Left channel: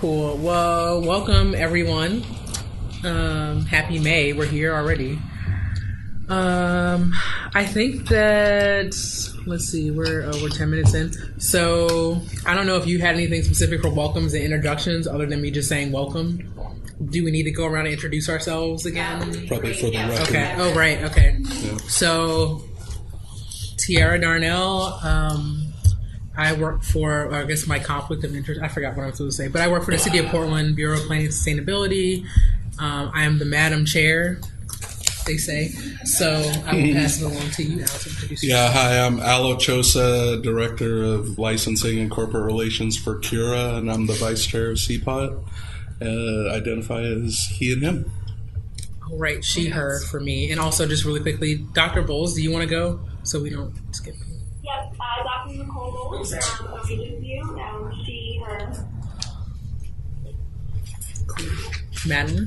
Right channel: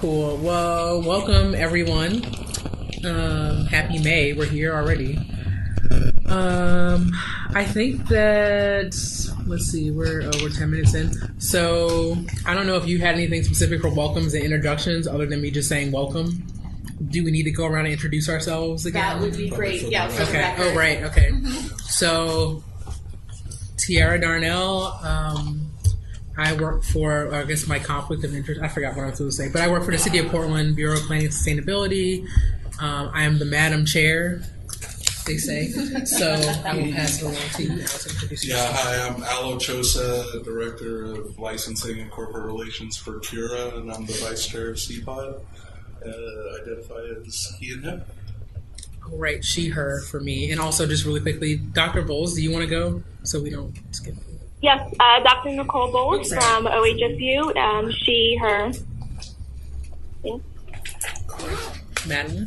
Cool. Well, welcome everyone. Happy May. We're here already. I think that, let's see, we're 10 minutes in. So I don't know if you had anything specific for welcomes and introductions other than me just saying welcome. Do we need to go around and introduce ourselves again? That would be great. Yeah. Okay. Oh, right. Okay. So Tiara Darnell, I work for, or I guess my conflict of interest, I forgot what I was supposed to say, but I work for the City of Portland Bureau of Planning and Sustainability. I am the Madam Chair, they say. So I will pass it along to you now to introduce yourself. Hi, I'm Alo Chosa, Director of Licensing and Corporate Relations for Cura, and I'm the Vice Chair of CPOT. Identify as he and him. All right, she, her for me. And also, just really quickly, Dr. Bowles, do you want to go so we don't skip? Yes, Dr. Nicole Bowles from OHSU, she, her. Madeline?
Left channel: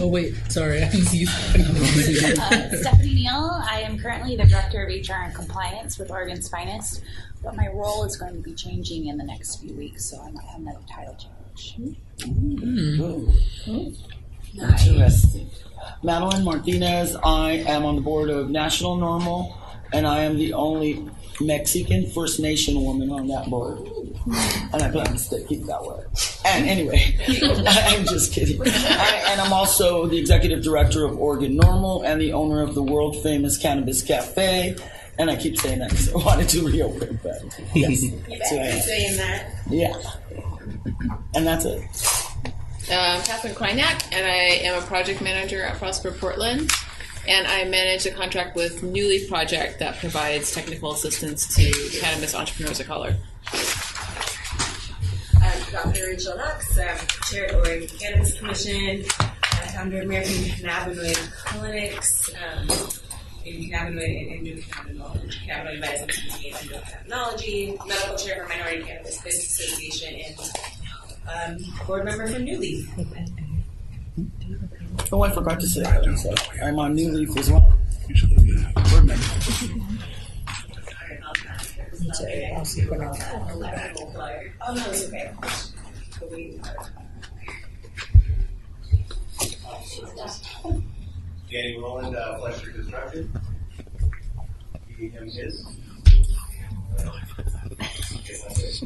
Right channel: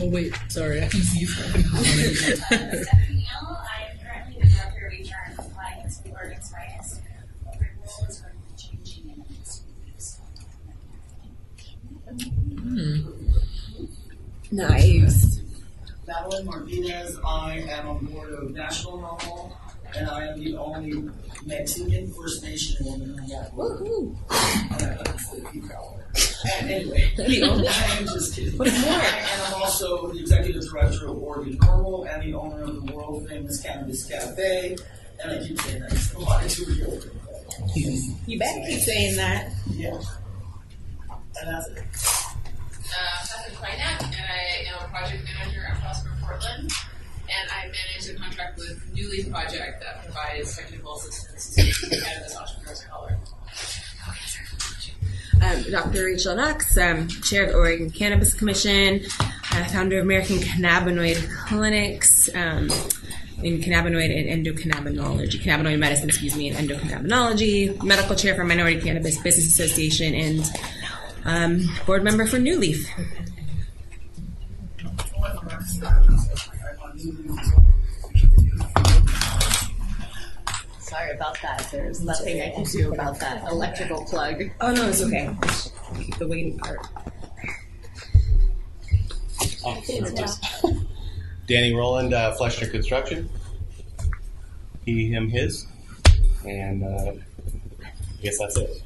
Oh, wait, sorry, I just used Stephanie Neal, I am currently the Director of HR and Compliance with Oregon's Finest, but my role is going to be changing in the next few weeks, so I might have another title change. Nice. Madeline Martinez, I am on the board of National Normal, and I am the only Mexican First Nation woman on that board. And I plan to keep that way. And anyway, I'm just kidding. And I'm also the Executive Director of Oregon Normal and the owner of the world famous Cannabis Cafe. And I keep saying that because I wanted to reopen that. Yes. You better keep saying that. Yeah. And that's it. Catherine Kleinak, and I am a project manager at Prosper Portland, and I manage a contract with New Leaf Project that provides technical assistance to cannabis entrepreneurs of color. Dr. Rachel Knox, Chair of the Oregon Cannabis Commission, founder of American Cannabinoid Clinics, in cannabinoid and endocannabinology, cannabinoid medicine, and endocannabinology, medical chair for Minority Cannabis Business Association, and board member for New Leaf. Oh, I forgot to say that. I'm on New Leaf as well. Sorry about that. There's nothing I can do about that electrical plug. Oh, no, it's okay. The waiting part. Danny Rowland, Fleshner Construction. He, him, his. And I guess that's it.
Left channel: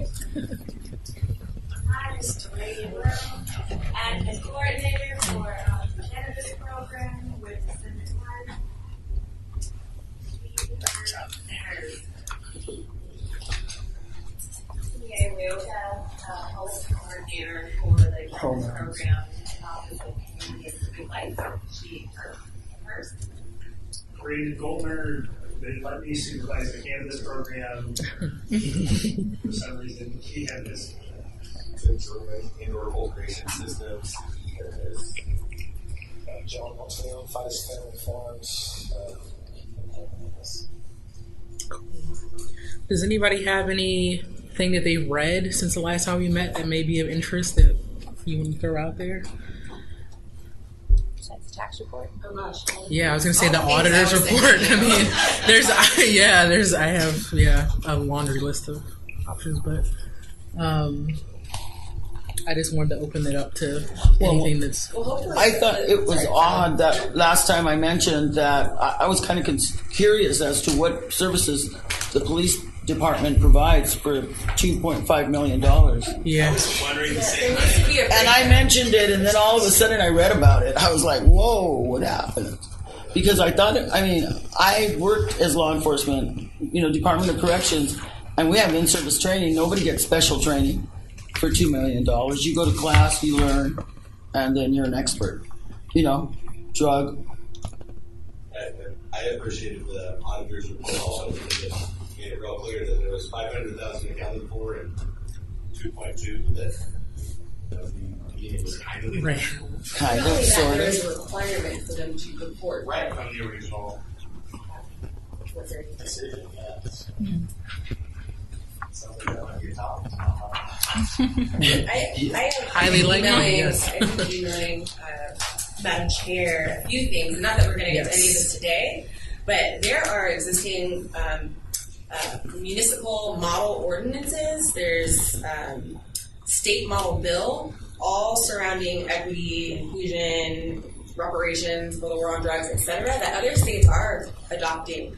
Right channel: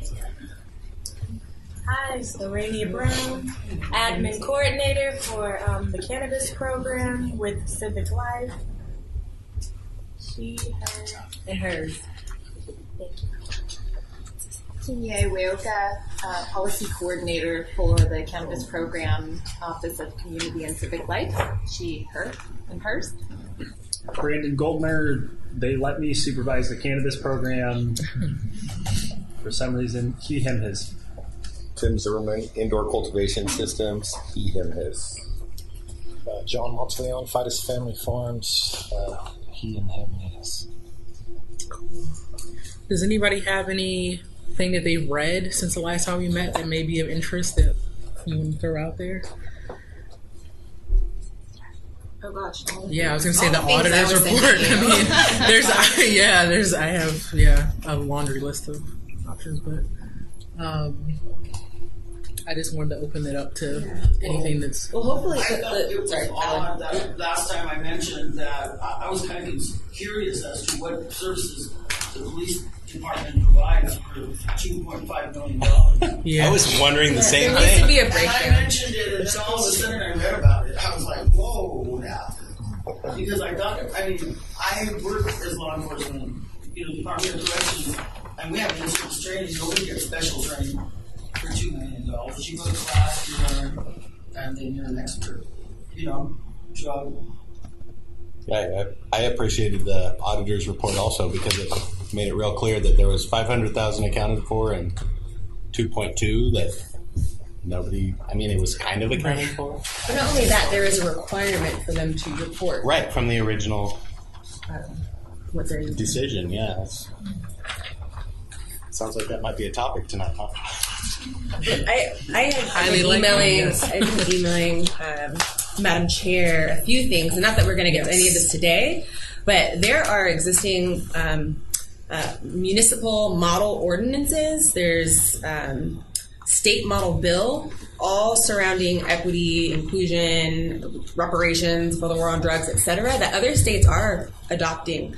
Hi, Serenia Brown, admin coordinator for the cannabis program with Civic Life. She, her, and hers. Tinye Weoka, policy coordinator for the cannabis program, Office of Community and Civic Life. She, her, and hers. Brandon Goldner, they let me supervise the cannabis program. For some reason, he, him, his. Tim Zimmerman, Indoor Cultivation Systems, he, him, his. John Monteleone, Fidus Family Farms, he, and him, his. Does anybody have anything that they've read since the last time we met that may be of interest that you want to throw out there? Tax report. Oh gosh. Yeah, I was going to say the auditor's report. I mean, I have a laundry list of options, but I just wanted to open it up to anything that's... Well, hopefully... I thought it was odd that last time I mentioned that I was kind of curious as to what services the police department provides for $2.5 million. Yeah. I was wondering the same There needs to thing. be a And breakdown. I mentioned it, and then all of a sudden I read about it. I was like, whoa, what happened? Because I thought, I worked as law enforcement, Department of Corrections, and we have in-service training. Nobody gets special training for $2 million. You go to class, you learn, and then you're an expert. Drug. I appreciated the auditor's report also because it made it real clear that there was $500,000 accounted for and 2.2 that nobody. I mean, it was kind of accounted for. Not only that, there is a requirement for them to report Right from the original what they're doing. decision. Yeah. Sounds like that might be a topic tonight, huh? I have Highly been likely, emailing, yes. I've been emailing Madam Chair a few things, and not that we're going to get to any of this today, but there are existing municipal model ordinances. There's state model bill, all surrounding equity, inclusion, reparations for the war on drugs, etc., that other states are adopting.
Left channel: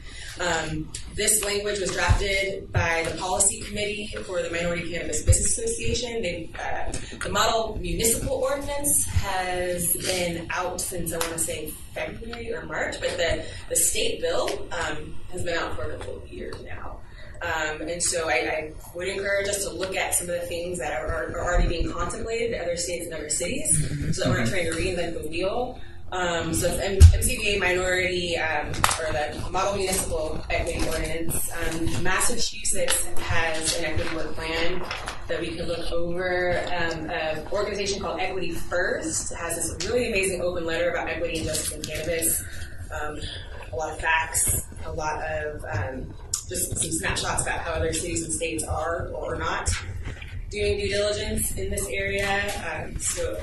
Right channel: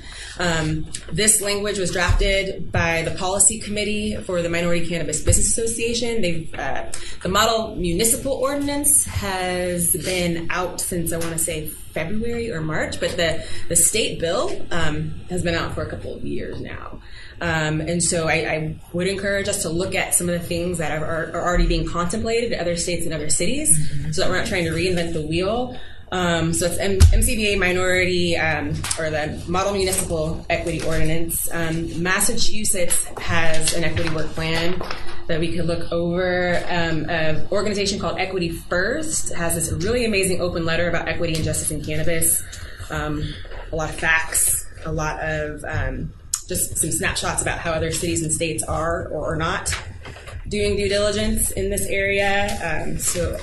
This language was drafted by the policy committee for the Minority Cannabis Business Association. The model municipal ordinance has been out since, I want to say, February or March, but the state bill has been out for a couple of years now. And so I would encourage us to look at some of the things that are already being contemplated in other states and other cities, so that we're not trying to reinvent the wheel. So it's MCBA minority, or the Model Municipal Equity Ordinance. Massachusetts has an equity work plan that we could look over. An organization called Equity First has this really amazing open letter about equity and justice in cannabis. A lot of facts, a lot of just some snapshots about how other cities and states are or are not doing due diligence in this area. So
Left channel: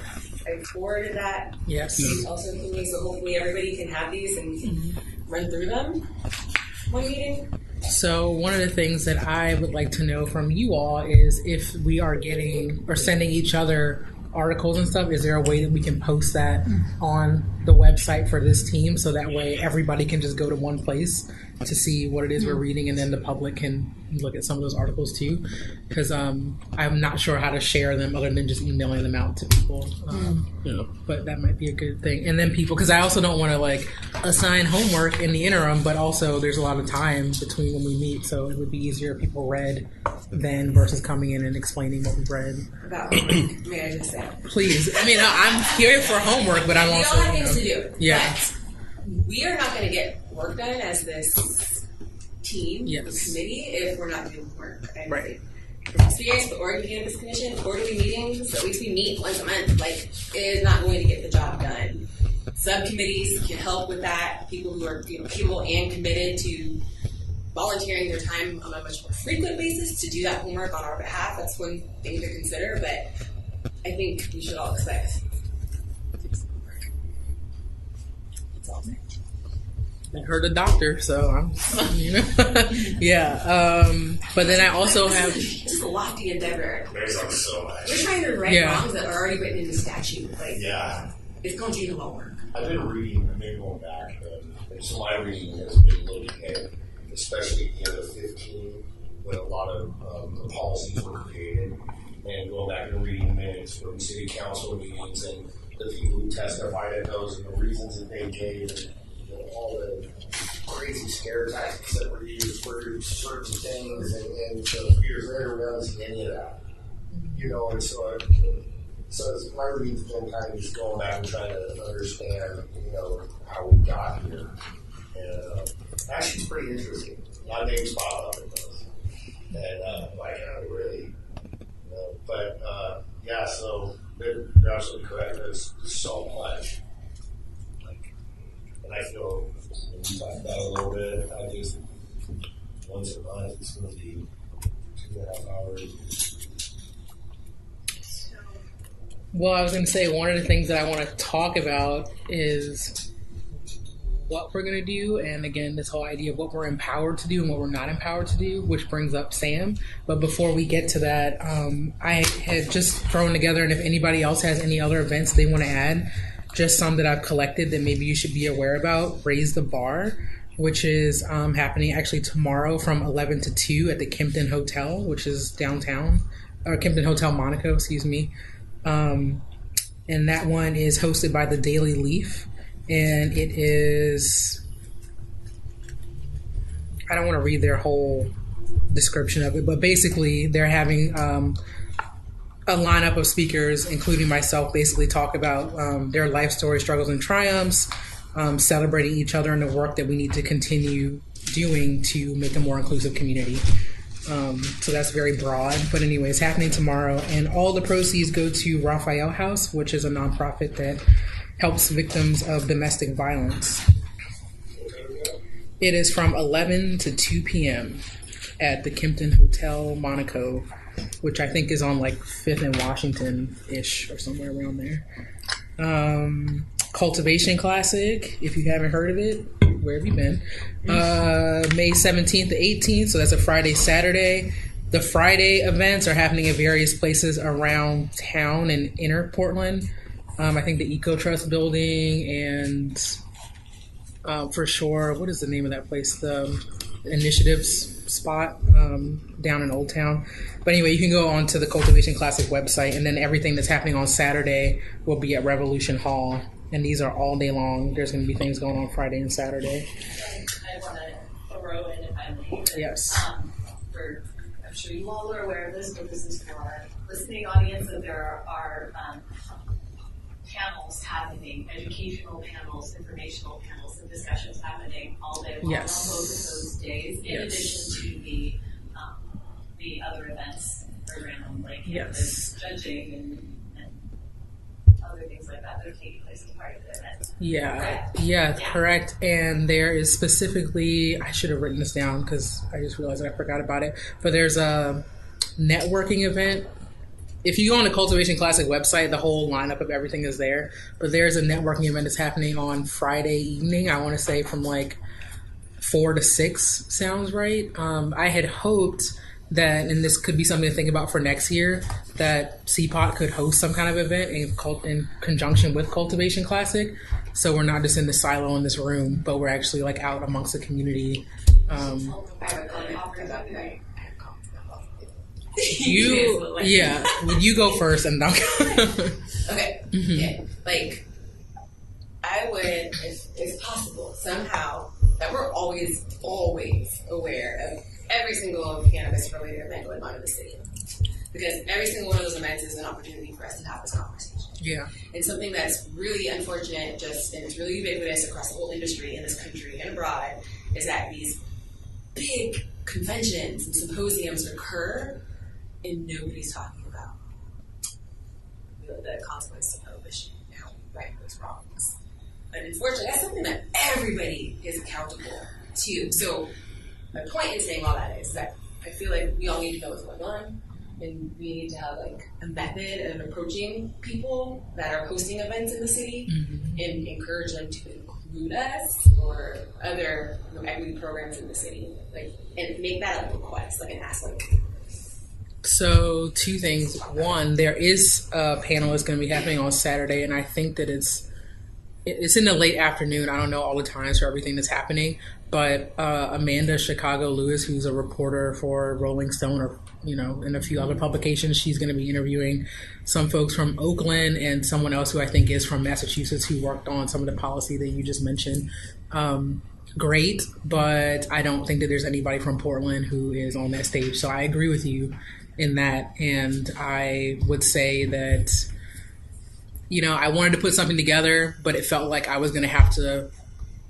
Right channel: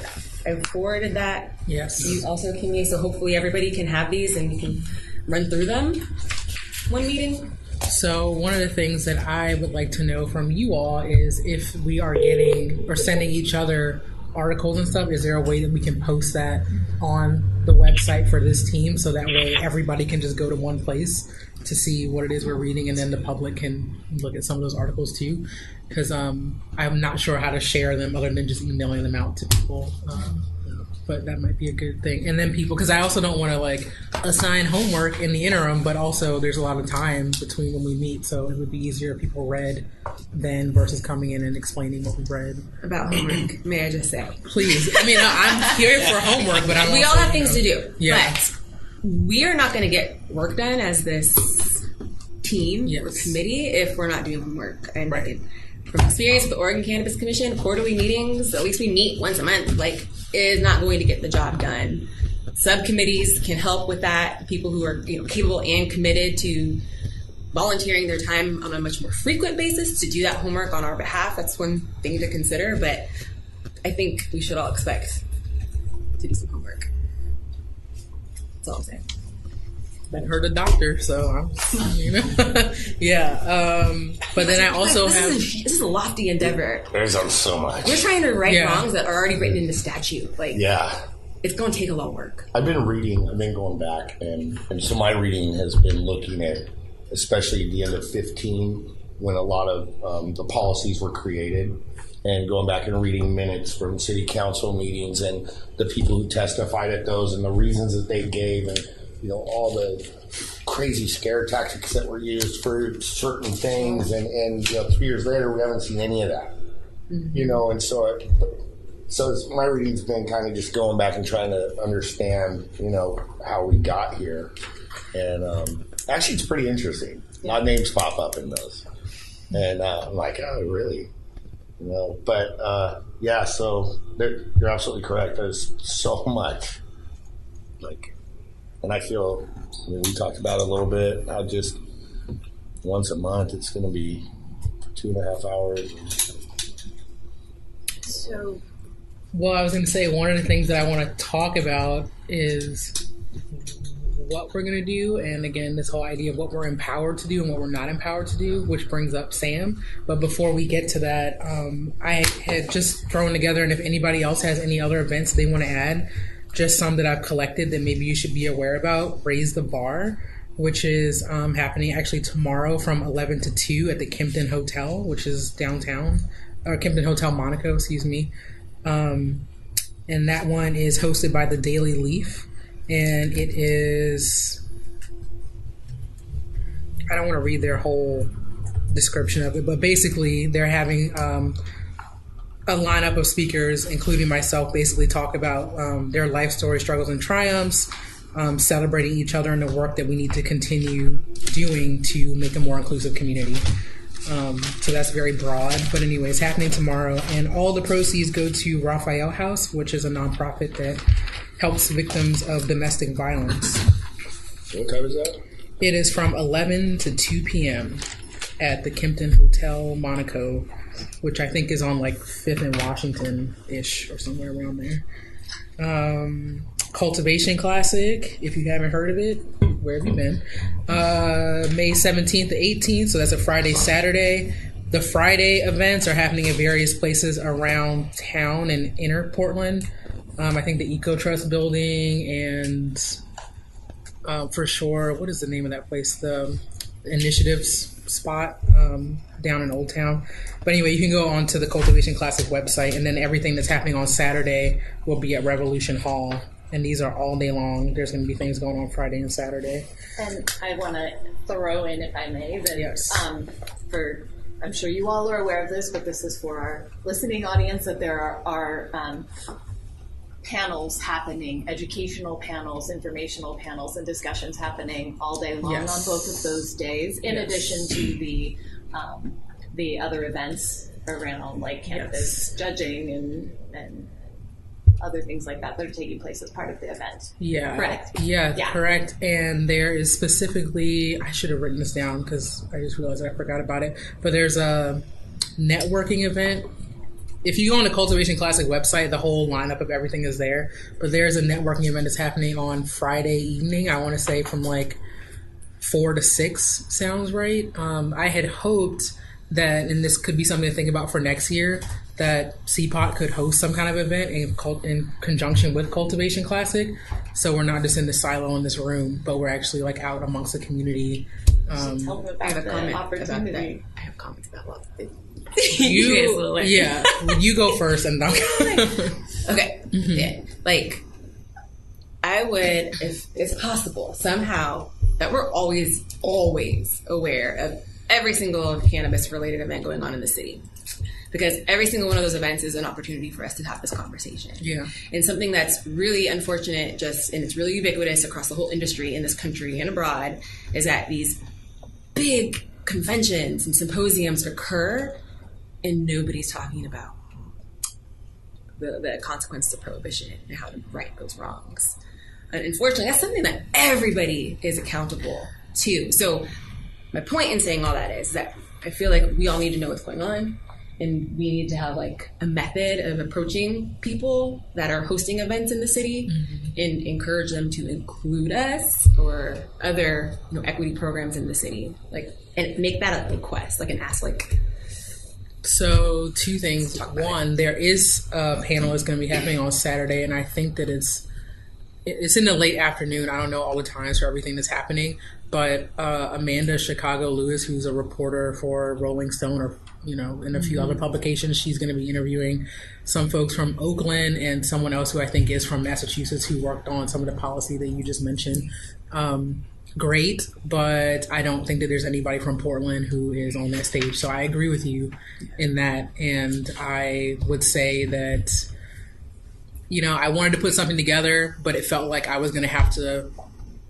I forwarded that. Yes. Also, can you? So hopefully everybody can have these and we can run through them one meeting. So one of the things that I would like to know from you all is if we are getting or sending each other articles and stuff, is there a way that we can post that on the website for this team so that way everybody can just go to one place to see what it is we're reading, and then the public can look at some of those articles too? Because I'm not sure how to share them other than just emailing them out to people. But that might be a good thing. And then people, because I also don't want to assign homework in the interim, but also there's a lot of time between when we meet, so it would be easier if people read then versus coming in and explaining what we read. About homework, may I just say? Please. I mean, I'm here for homework, but I'm we also... all have things to do. Yeah. But we are not going to get work done as this team or committee if we're not doing homework. And from experience with the Oregon Cannabis Commission, quarterly meetings, at least we meet once a month, is not going to get the job done. Subcommittees can help with that. People who are capable and committed to volunteering their time on a much more frequent basis to do that homework on our behalf. That's one thing to consider, but I think we should all expect to do some homework. That's all I'm saying. I heard a doctor, so I'm, yeah. But then I also have... This is a lofty endeavor. There's so much. We're trying to right wrongs that are already written into statute. It's going to take a lot of work. I've been going back, and so my reading has been looking at, especially at the end of 15, when a lot of the policies were created, and going back and reading minutes from city council meetings and the people who testified at those and the reasons that they gave, and all the crazy scare tactics that were used for certain things, and 3 years later we haven't seen any of that. And so my reading's been kind of just going back and trying to understand how we got here, and actually it's pretty interesting. A lot of names pop up in those, and I'm like, oh really? But so you're absolutely correct. There's so much, and I feel, we talked about it a little bit. I just, once a month, it's going to be 2.5 hours. So, well, I was going to say, one of the things that I want to talk about is what we're going to do, and again, this whole idea of what we're empowered to do and what we're not empowered to do, which brings up Sam. But before we get to that, I had just thrown together, and if anybody else has any other events they want to add, just some that I've collected that maybe you should be aware about. Raise the Bar, which is happening actually tomorrow from 11 to 2 at the Kempton Hotel, which is downtown, or Kempton Hotel Monaco, excuse me. And that one is hosted by the Daily Leaf. And it is, I don't want to read their whole description of it, but basically they're having a lineup of speakers, including myself, basically talk about their life story, struggles and triumphs, celebrating each other and the work that we need to continue doing to make a more inclusive community. So that's very broad, but anyway, it's happening tomorrow, and all the proceeds go to Raphael House, which is a nonprofit that helps victims of domestic violence. What time is that? It is from 11 to 2 p.m. at the Kempton Hotel Monaco, which I think is on 5th and Washington-ish or somewhere around there. Cultivation Classic, if you haven't heard of it, where have you been? May 17th to 18th, so that's a Friday, Saturday. The Friday events are happening at various places around town and inner Portland. I think the Eco Trust building and for sure, what is the name of that place? The Initiatives spot down in Old Town. But anyway, you can go on to the Cultivation Classic website, and then everything that's happening on Saturday will be at Revolution Hall. And these are all day long. There's going to be things going on Friday and Saturday. And I want to throw in, if I may, that yes. I'm sure you all are aware of this, but this is for our listening audience, that there are panels happening, educational panels, informational panels, and discussions happening all day long on both of those days, in addition to the other events around like cannabis judging and other things like that are taking place as part of the event. Yeah. Correct? Yeah, correct. And there is specifically, I should have written this down because I just realized I forgot about it, but there's a networking event. If you go on the Cultivation Classic website, the whole lineup of everything is there, but there's a networking event that's happening on Friday evening, I want to say from like 4 to 6 sounds right. I had hoped that, and this could be something to think about for next year, that CPOT could host some kind of event in conjunction with Cultivation Classic. So we're not just in the silo in this room, but we're actually like out amongst the community. I have a comment about that. I have comments about that. You go first and I'll Okay. Yeah. Like, I would, if it's possible, somehow, that we're always aware of every single cannabis-related event going on in the city. Because every single one of those events is an opportunity for us to have this conversation. Yeah. And something that's really unfortunate, and it's really ubiquitous across the whole industry in this country and abroad, is that these big conventions and symposiums occur and nobody's talking about the consequences of prohibition and how to right those wrongs. And unfortunately, that's something that everybody is accountable to. So my point in saying all that is that I feel like we all need to know what's going on, and we need to have like a method of approaching people that are hosting events in the city and encourage them to include us or other equity programs in the city, like, and make that a request, like an ask, like. So 2 things. One, there is a panel that's going to be happening on Saturday, and I think that it's in the late afternoon. I don't know all the times for everything that's happening, but Amanda Chicago Lewis, who's a reporter for Rolling Stone or and a few other publications, she's going to be interviewing some folks from Oakland and someone else who I think is from Massachusetts who worked on some of the policy that you just mentioned. Great, but I don't think that there's anybody from Portland who is on that stage. So I agree with you in that, and I would say that I wanted to put something together, but it felt like I was going to have to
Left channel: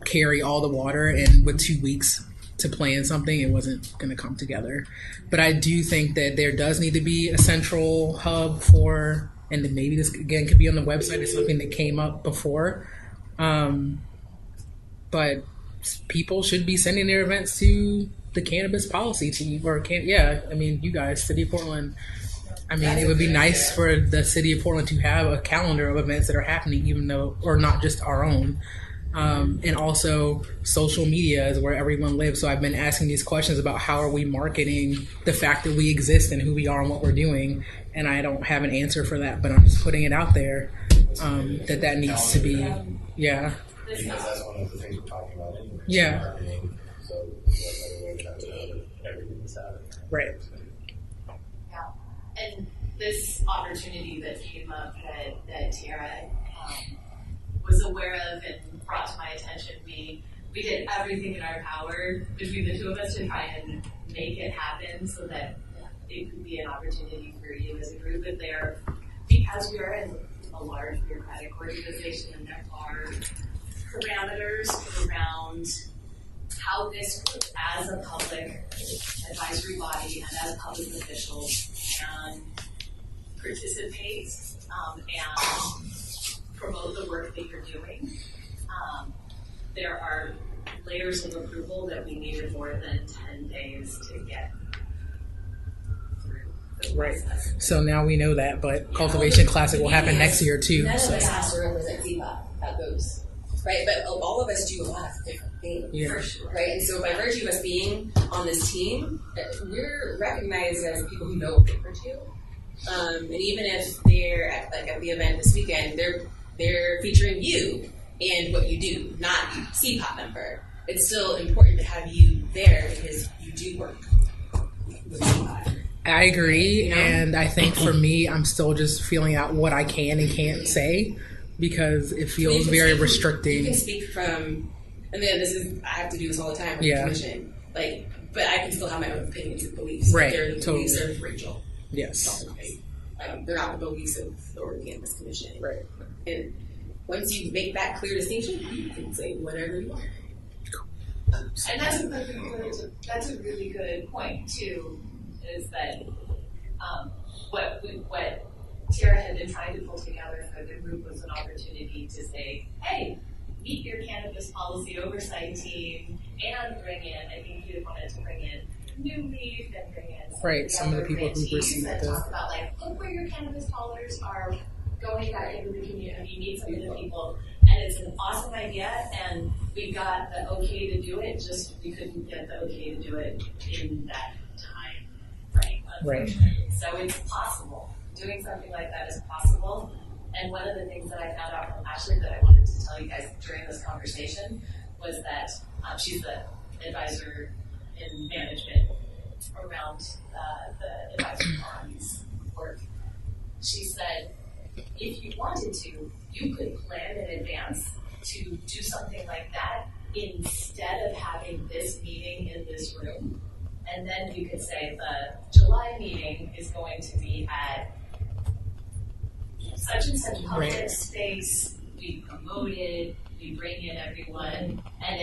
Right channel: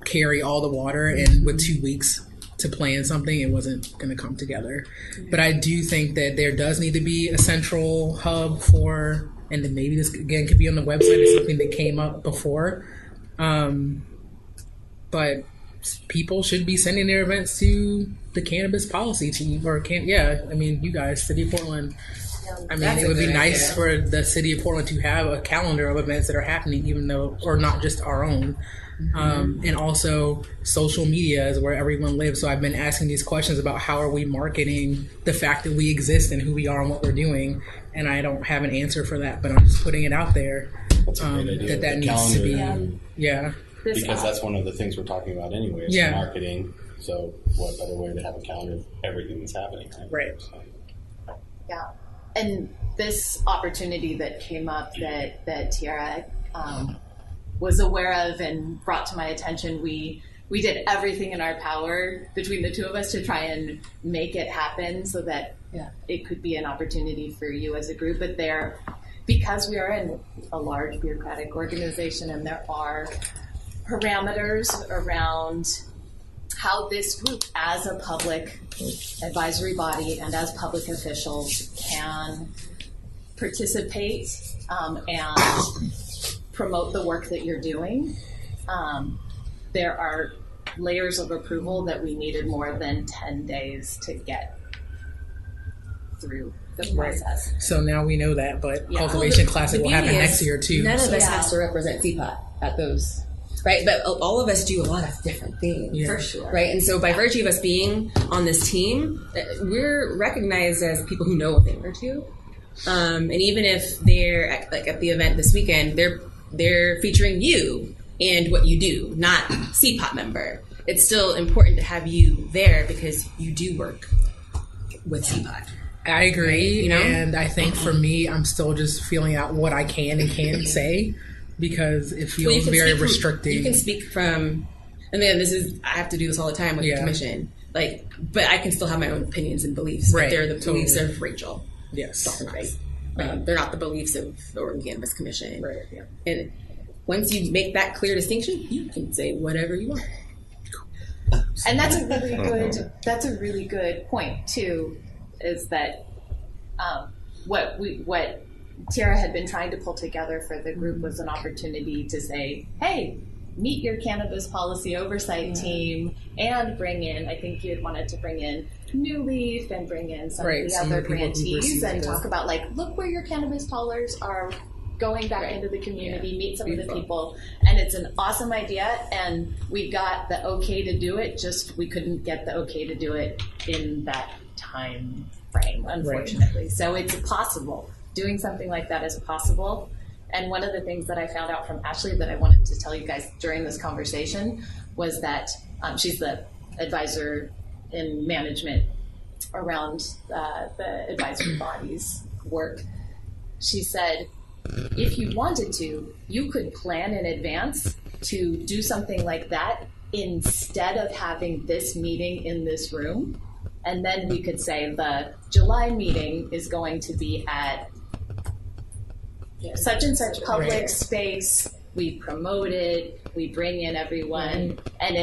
carry all the water, and with 2 weeks to plan something, it wasn't going to come together. But I do think that there does need to be a central hub for, and then maybe this again could be on the website. It's something that came up before, but people should be sending their events to the cannabis policy team, or you guys, City of Portland. I mean, it would be nice for the City of Portland to have a calendar of events that are happening, even though, or not just our own. And also social media is where everyone lives. So I've been asking these questions about how are we marketing the fact that we exist and who we are and what we're doing. And I don't have an answer for that, but I'm just putting it out there that needs to be, Because that's one of the things we're talking about anyway, is marketing. So what better way to have a calendar of everything that's happening? Right. So. Yeah. And this opportunity that came up that Tiara was aware of and brought to my attention, we did everything in our power between the two of us to try and make it happen so that it could be an opportunity for you as a group. But because we are in a large bureaucratic organization and there are parameters around how this group as a public advisory body and as public officials can participate and promote the work that you're doing. There are layers of approval that we needed more than 10 days to get through the process. Right. So now we know that, but Cultivation Classic will happen next year too. None of us has to represent CPOT at those right? But all of us do a lot of different things, Yeah. for sure, right? And so by virtue of us being on this team, we're recognized as people who know a thing or two. And even if they're at the event this weekend, they're featuring you and what you do, not CPOT member. It's still important to have you there because you do work with CPOT. I agree, You know? and I think for me, I'm still just feeling out what I can and can't say because it Well, you feels can very speak from- restricting. You can speak from, I mean, I have to do this all the time with Yeah. the commission. But I can still have my own opinions and beliefs. But Right, they're the beliefs totally. of Rachel. Yes. Right. They're not the beliefs of the Oregon Cannabis Commission. Right. Yeah. And once you make that clear distinction, you can say whatever you want. And that's a really good point too, is that what Tara had been trying to pull together for the group was an opportunity to say, hey, meet your cannabis policy oversight team and bring in, I think you had wanted to bring in New Leaf and bring in some Right, of the some of other the people who grantees received and the- talk about like, look where your cannabis dollars are going back into the community, meet some of the people. And it's an awesome idea, and we got the okay to do it, just we couldn't get the okay to do it in that time frame, unfortunately. So it's possible. Doing something like that is possible. And one of the things that I found out from Ashley that I wanted to tell you guys during this conversation was that she's the advisor in management around the advisory body's work. She said, if you wanted to, you could plan in advance to do something like that instead of having this meeting in this room. And then we could say the July meeting is going to be at such and such public space. We promote it, we bring in everyone, and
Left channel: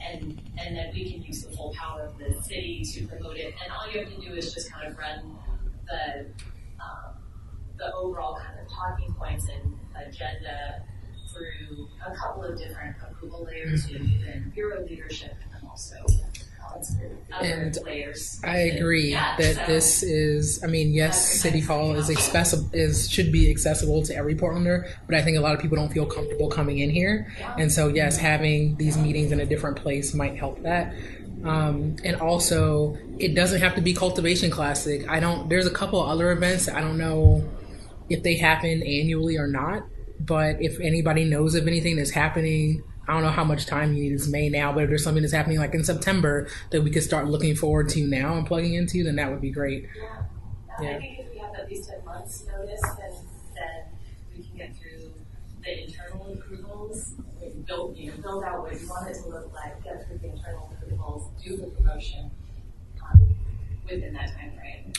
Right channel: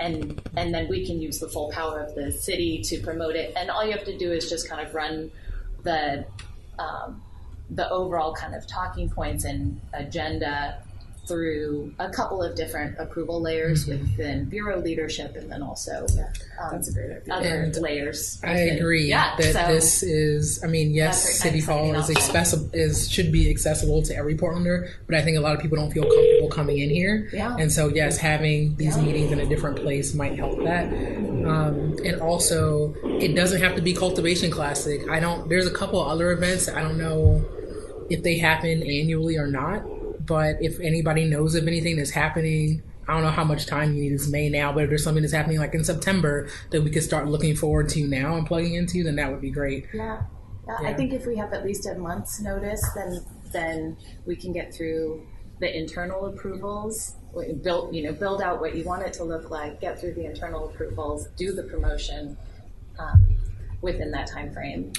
and then we can use the full power of the city to promote it. And all you have to do is just kind of run the overall kind of talking points and agenda through a couple of different approval layers within bureau leadership, and then also That's a great idea. other And layers. I agree that this is, I mean, yes, City Hall is should be accessible to every Portlander, but I think a lot of people don't feel comfortable coming in here. Yeah. And so, yes, having these meetings in a different place might help that. And also, it doesn't have to be Cultivation Classic. There's a couple other events, I don't know if they happen annually or not, but if anybody knows of anything that's happening, I don't know how much time you need. It's May now, but if there's something that's happening like in September that we could start looking forward to now and plugging into, then that would be great. Yeah. I think if we have at least a month's notice, then we can get through the internal approvals, build out what you want it to look like, get through the internal approvals, do the promotion within that time frame.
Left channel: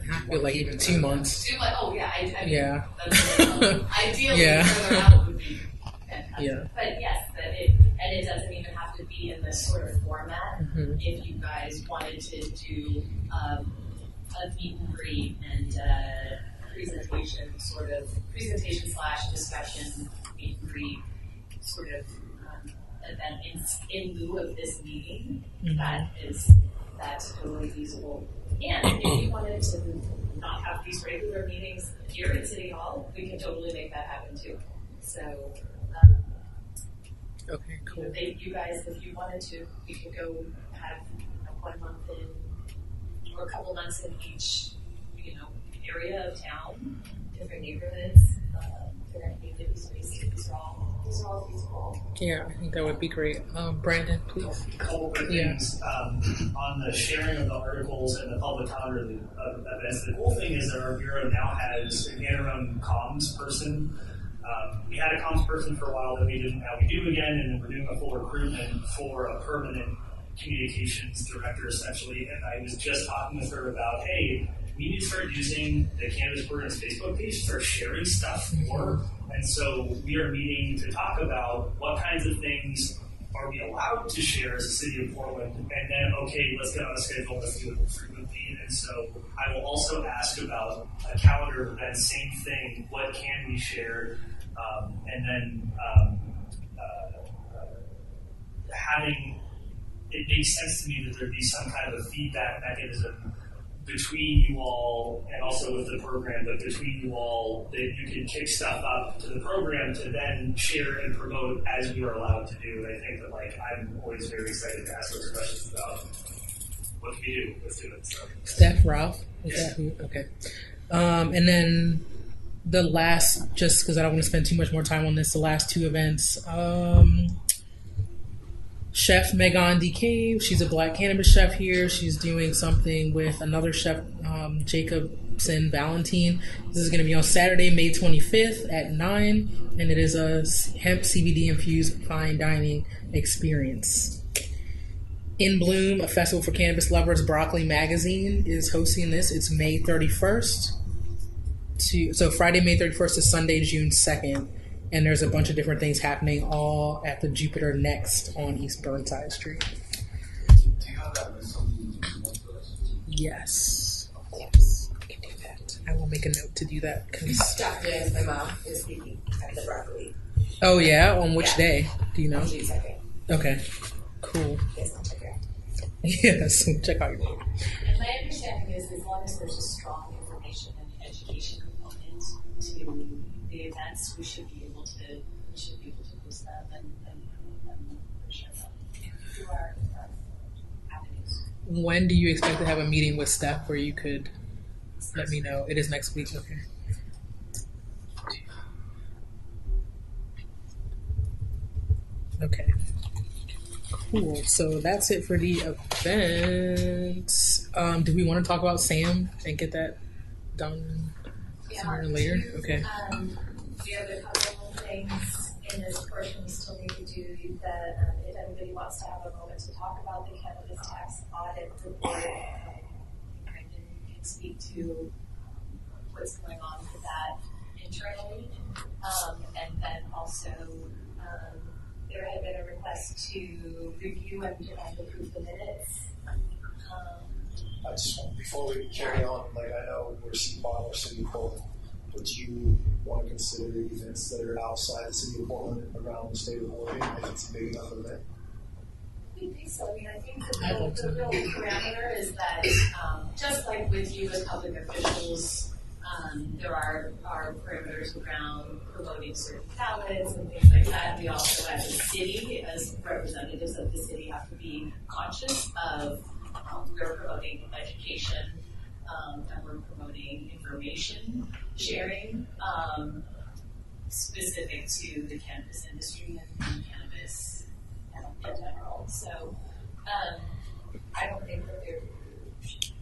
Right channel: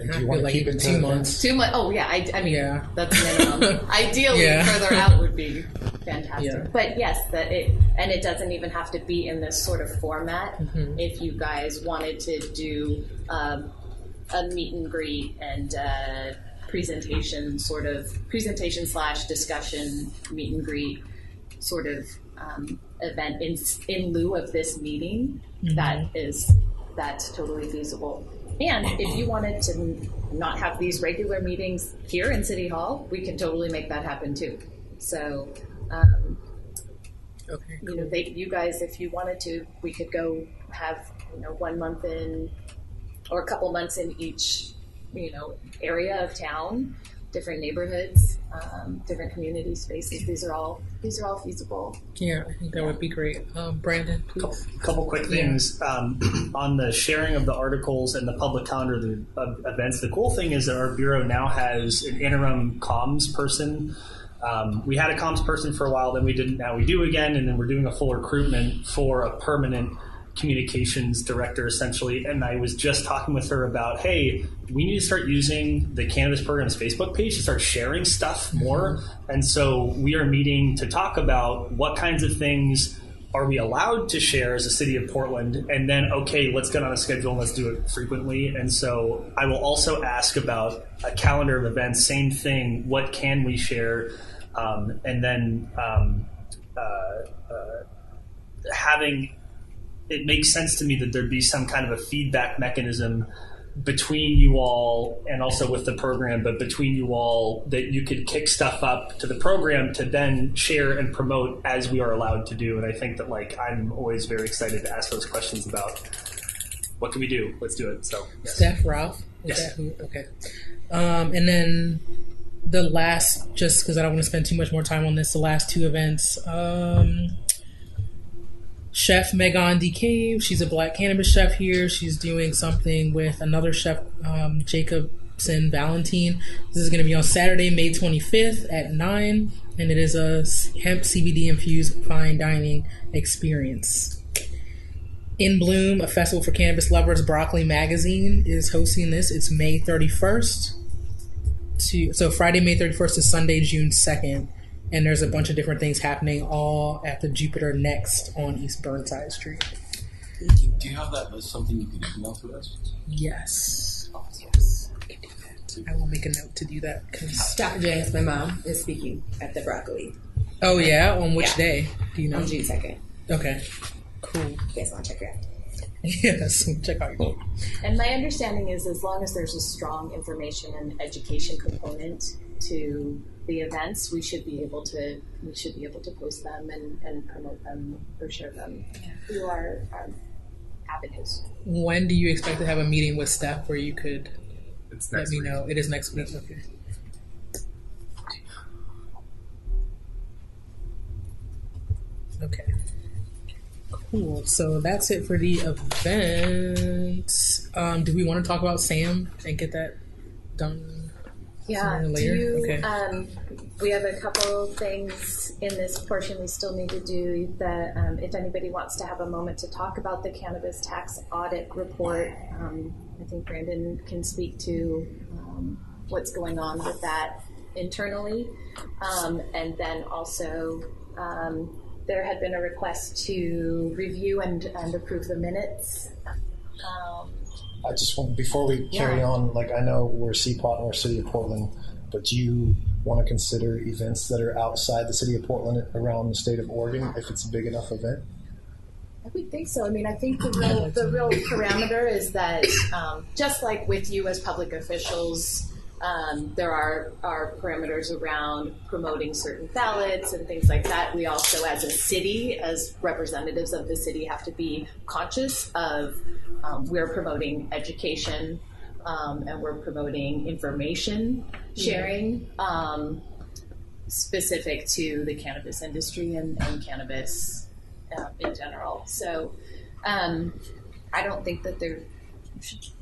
I feel like even 2 months. 2 months. Oh yeah, I mean, Yeah. that's minimum. Ideally, Yeah. further out would be fantastic. Yeah. But yes, it doesn't even have to be in this sort of format. If you guys wanted to do a meet and greet and presentation / discussion meet and greet sort of event in lieu of this meeting, that's totally feasible. And if you wanted to not have these regular meetings here in City Hall, we can totally make that happen too. So, Okay, cool. you guys, if you wanted to, we could go have 1 month in, or a couple months in each area of town, different neighborhoods, different community spaces. These are all feasible. Yeah, I think that would be great. Brandon, please. A couple quick things on the sharing of the articles and the public calendar of events. The cool thing is that our bureau now has an interim comms person. We had a comms person for a while, then we didn't. Now we do again, and then we're doing a full recruitment for a permanent communications director, essentially. And I was just talking with her about, hey, we need to start using the Cannabis Program's Facebook page to start sharing stuff more. And so we are meeting to talk about what kinds of things are we allowed to share as a city of Portland, and then, okay, let's get on a schedule and let's do it frequently. And so I will also ask about a calendar of events, same thing, what can we share? And then having, it makes sense to me that there'd be some kind of a feedback mechanism between you all and also with the program, but between you all, that you could kick stuff up to the program to then share and promote as we are allowed to do. And I think that like I'm always very excited to ask those questions about what can we do? Let's do it. So yes. Steph, Ralph, is Yes. that who? Okay. And then the last, just because I don't want to spend too much more time on this, the last two events. Chef Megan DeCave, she's a black cannabis chef here. She's doing something with another chef, Jacobson Valentine. This is going to be on Saturday, May 25th at 9, and it is a hemp CBD infused fine dining experience. In Bloom, a festival for cannabis lovers, Broccoli Magazine is hosting this. It's May 31st. So Friday, May 31st to Sunday, June 2nd. And there's a bunch of different things happening all at the Jupiter Next on East Burnside Street. Do you have that list, something you can email to us? Yes. Yes, I can do that. I will make a note to do that. Dr. James, my mom, is speaking at the Broccoli. Oh, yeah? On which day? Do you know? On June 2nd. Okay. Cool. You guys want to check it out? Yes, check out your book. And my understanding is as long as there's a strong information and education component to the events, we should be able to post them and promote them or share them through our avenues. When do you expect to have a meeting with Steph where you could let me know? It is next week. Okay. Okay. Cool. So that's it for the events. Do we want to talk about Sam and get that done sooner or later? Okay. We have a couple things in this portion we still need to do. That if anybody wants to have a moment to talk about the cannabis tax audit report, I think Brandon can speak to what's going on with that internally, and then also. There had been a request to review and approve the minutes. I just want, before we carry on, like I know we're CPOT and we're City of Portland, but do you want to consider events that are outside the City of Portland around the state of Oregon if it's a big enough event? I would think so. I mean, I think the real parameter is that just like with you as public officials, there are parameters around promoting certain ballots and things like that. We also, as a city, as representatives of the city, have to be conscious of we're promoting education and we're promoting information sharing specific to the cannabis industry and cannabis in general. So I don't think that there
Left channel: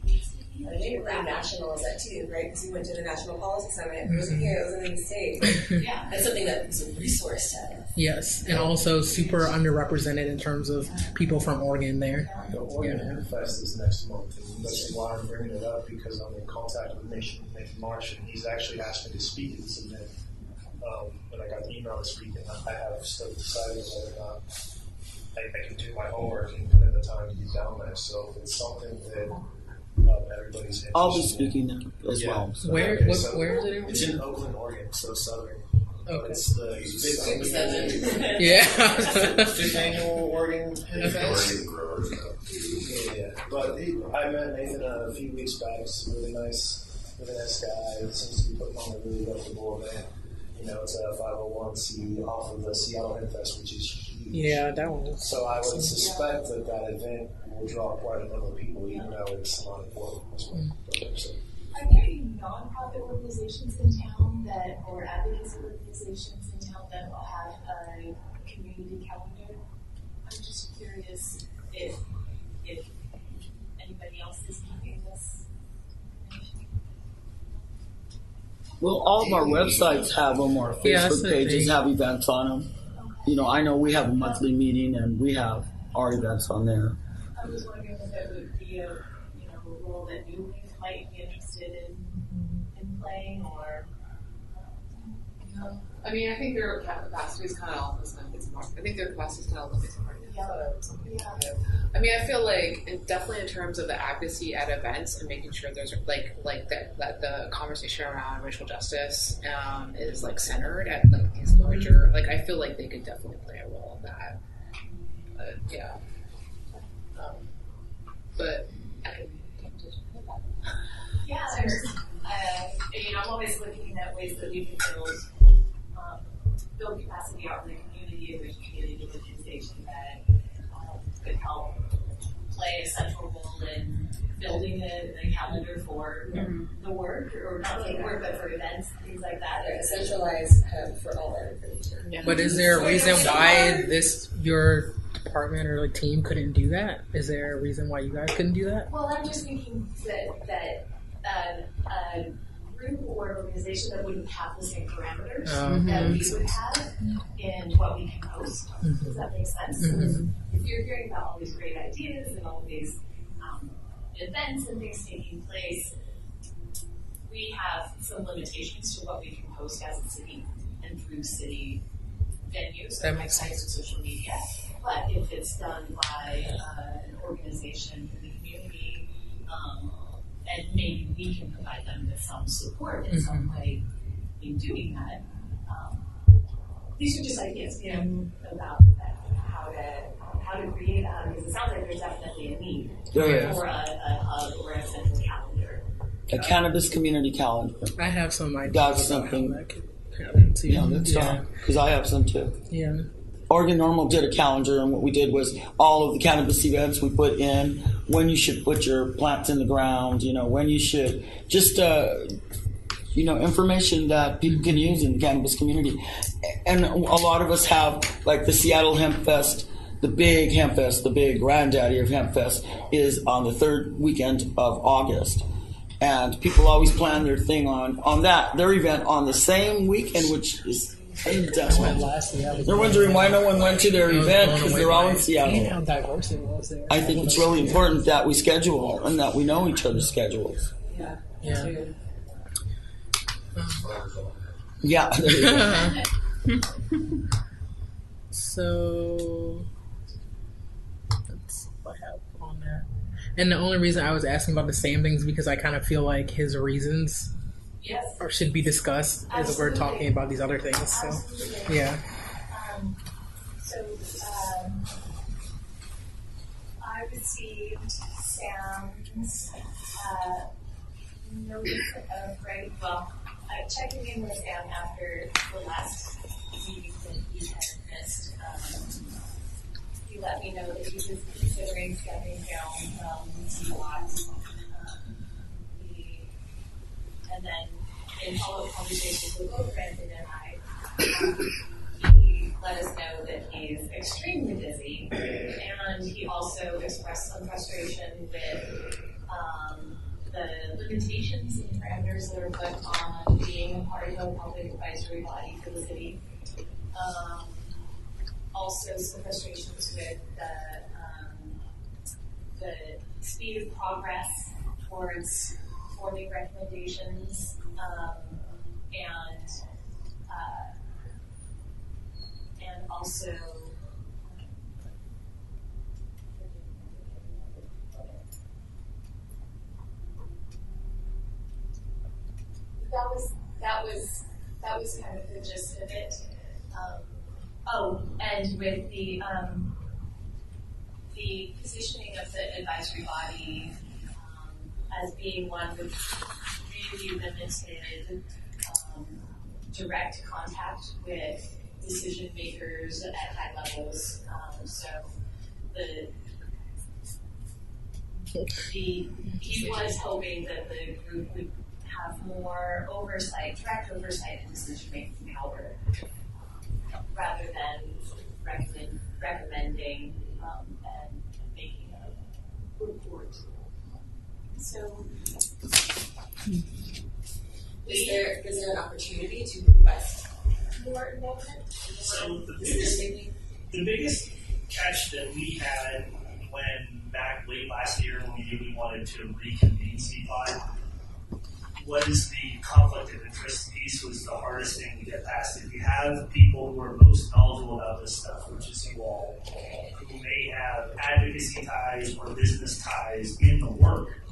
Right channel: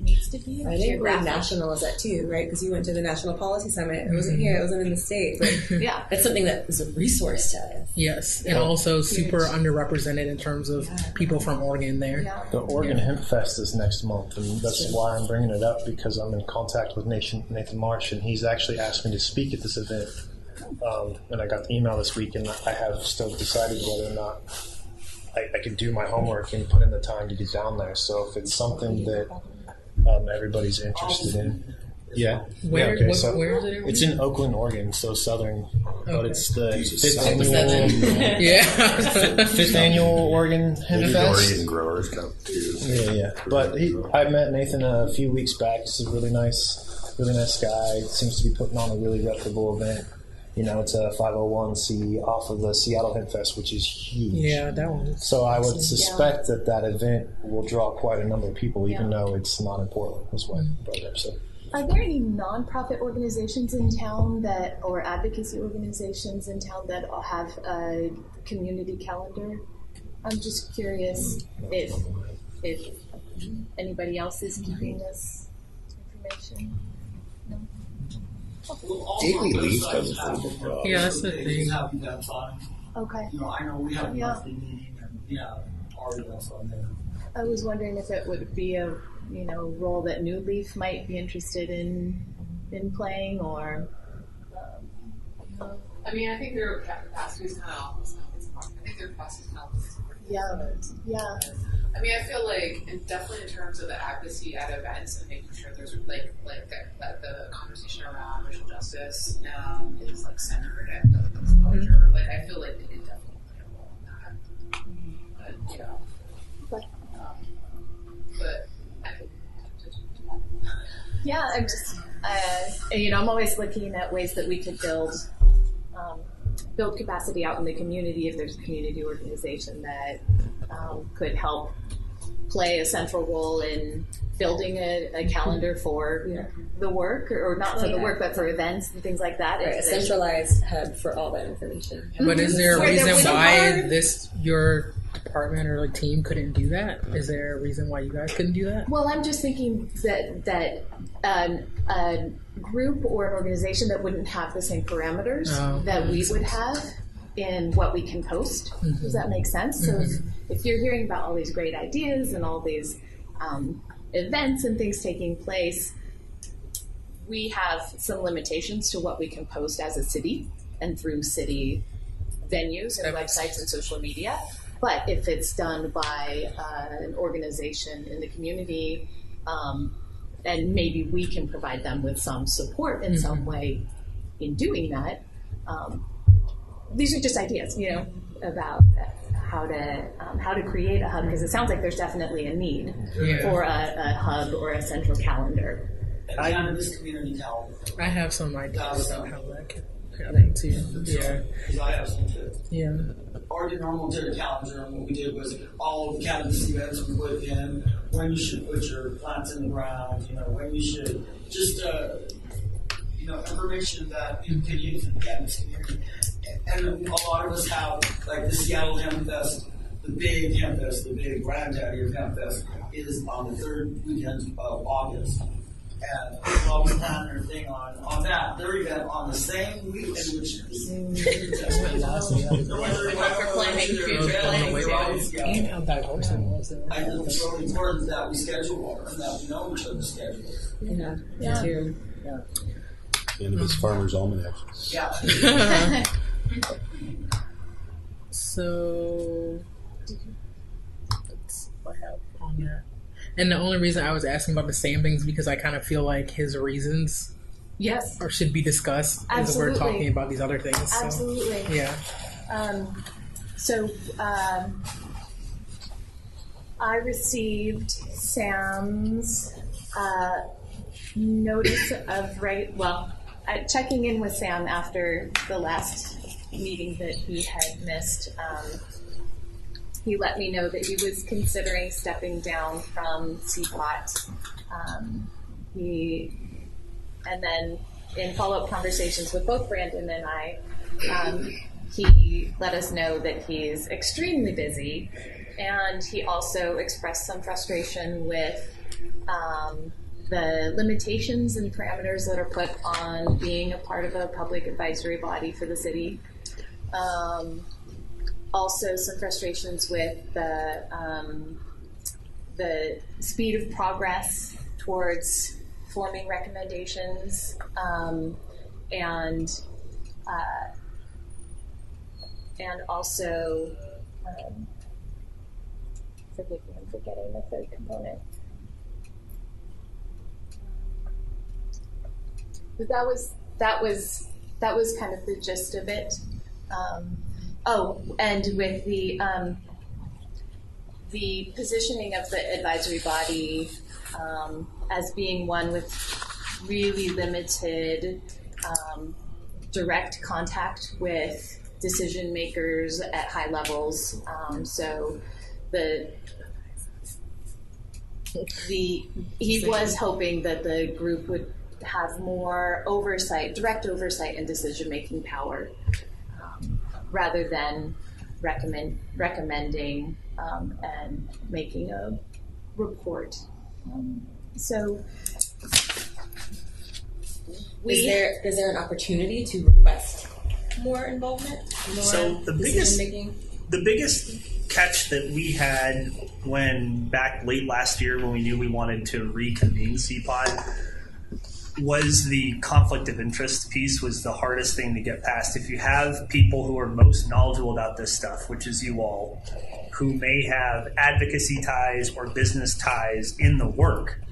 needs to be. I think national is that too, right? Because you went to the National Policy Summit. It wasn't here. It wasn't in the state. But yeah, that's something that is a resource to us. Yes, and also super underrepresented in terms of people from Oregon there. The Oregon Hemp Fest is next month, and that's why I'm bringing it up, because I'm in contact with Nathan March, and he's actually asked me to speak at this event. And I got the email this week, and I have still decided whether or not I can do my homework and put in the time to get down there. So if it's something that everybody's interested I'll be speaking in, there as well. Where is it? It's in Oakland, Oregon, so southern. But it's the fifth annual Oregon Hemp Fest. Oregon growers come too. Yeah. But I met Nathan a few weeks back. He's a really nice guy. Seems to be putting on a really reputable event. You know, it's a 501c off of the Seattle Hemp Fest, which is huge. Yeah, that one. So I would suspect that event will draw quite a number of people, even though it's not in Portland. That's what I brought up. So. Are there any nonprofit organizations in town or advocacy organizations in town that have a community calendar? I'm just curious if anybody else is keeping this information. Well, all of our websites have them, our Facebook pages have events on them. Okay. You know, I know we have a monthly meeting and we have our events on there. I was wondering if it would be a role that New Leaf might be interested in playing, or. I mean, I think their capacity is kind of I think their capacity is kind of limited. Yeah. I mean, I feel like definitely in terms of the advocacy at events and making sure there's that the conversation around racial justice is like centered at these larger. Like, I feel like they could definitely play a role in that. Yeah. But I Yeah, I'm just, I'm always looking at ways that we could build capacity out in the community if there's a community organization that could help play a central role in building a calendar for the work, or not for the work, but for events and things like that. Right, a centralized hub for all that information. Yeah. But is there a reason why your department or team couldn't do that? Is there a reason why you guys couldn't do that? Well, I'm just thinking that a group or an organization that wouldn't have the same parameters that we would have in what we can post. Does that make sense? So if you're hearing about all these great ideas and all these events and things taking place, we have some limitations to what we can post as a city and through city venues and websites and social media. But if it's done by an organization in the community, and maybe we can provide them with some support in some way in doing that. These are just ideas, about how to create a hub, because it sounds like there's definitely a need for a hub or a central calendar. A cannabis community calendar. I have some ideas about how that could happen too. Because I have some too. Yeah. Oregon Normal did a calendar, and what we did was all of the cannabis events we put in, when you should put your plants in the ground, when you should, just information that people can use in the cannabis community. And a lot of us have, like the Seattle Hemp Fest, the big Hemp Fest, the big granddaddy of Hemp Fest is on the third weekend of August. And people always plan their thing on their event on the same weekend, which is they're wondering why no one went to their event because they're all in Seattle. And how diverse it was there. I think it's really important that we schedule and that we know each other's schedules. Yeah. Cannabis Farmers Almanac. Yeah. So that's what I have on that. And the only reason I was asking about the same things because I kind of feel like his reasons or should be discussed as we're talking about these other things. So, absolutely. Yeah. I received Sam's notice of checking in with Sam after the last meeting that he had missed. He let me know that he was considering stepping down from CPOT. And then in follow-up conversations with both Brandon and I, he let us know that he's extremely busy, and he also expressed some frustration with the limitations and parameters that are put on being a part of a public advisory body for the city. Also, some frustrations with the speed of progress towards forming recommendations, and also forgive me, I'm forgetting the third component. But that was kind of the gist of it. And with the positioning of the advisory body as being one with really limited direct contact with decision makers at high levels. So he was hoping that the group would have more direct oversight and decision making power. Rather than recommending and making a report. So, is there an opportunity to request more involvement? So the biggest catch that we had when back late last year when we knew we wanted to reconvene CPOT was the conflict of interest piece was the hardest thing to get past. If you have people who are most knowledgeable about this stuff, which is you all, who may have advocacy ties or business ties in the work,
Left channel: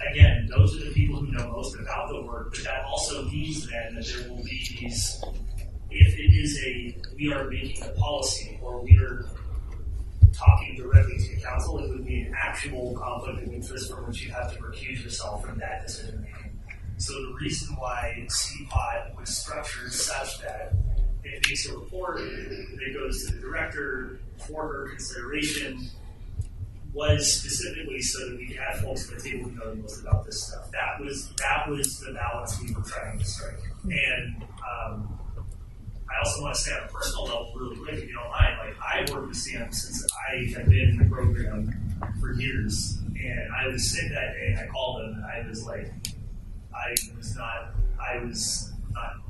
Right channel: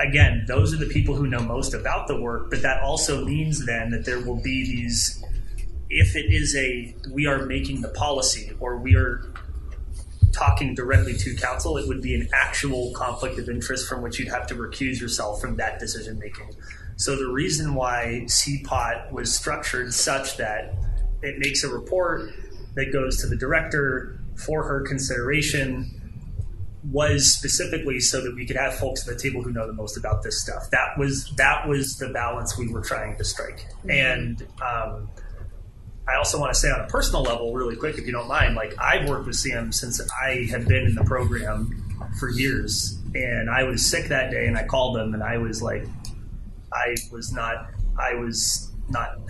again, those are the people who know most about the work, but that also means then that there will be these, if it is we are making the policy or we are talking directly to council, it would be an actual conflict of interest from which you'd have to recuse yourself from that decision making. So the reason why CPOT was structured such that it makes a report that goes to the director for her consideration was specifically so that we could have folks at the table who know the most about this stuff. That was the balance we were trying to strike. And I also want to say on a personal level, really quick, if you don't mind, like I've worked with Sam since I have been in the program for years, and I was sick that day, and I called him, and I was like, I was not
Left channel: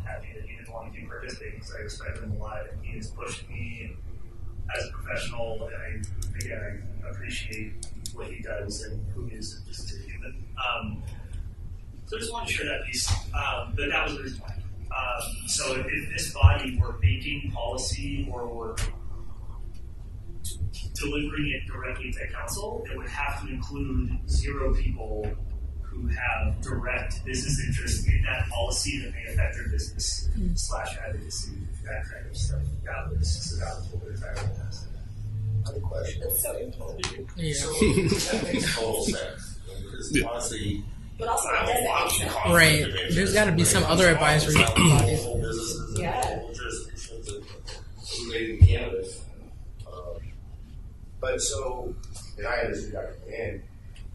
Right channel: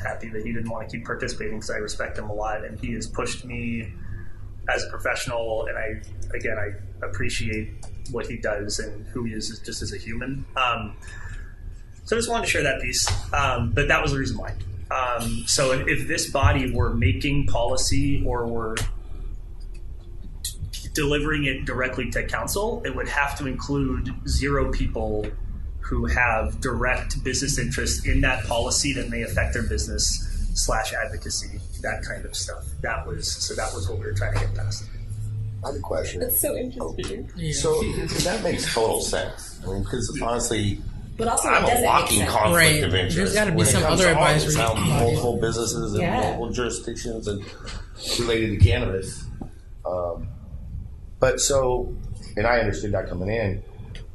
happy that he didn't want to keep participating because I respect him a lot, and he has pushed me as a professional, and I appreciate what he does and who he is just as a human. So I just wanted to share that piece, but that was the reason why. So if this body were making policy or were delivering it directly to council, it would have to include 0 people who have direct business interest in that policy that may affect their business / advocacy, that kind of stuff. That was what we were trying to get past. I have a question. That's so interesting. Yeah. So that makes total sense. I mean, because honestly, But also, I'm a walking conflict Right. of interest. There's got to be when it some comes other to all advisory this, multiple businesses and multiple jurisdictions and related to cannabis. But so, and I understood that coming in.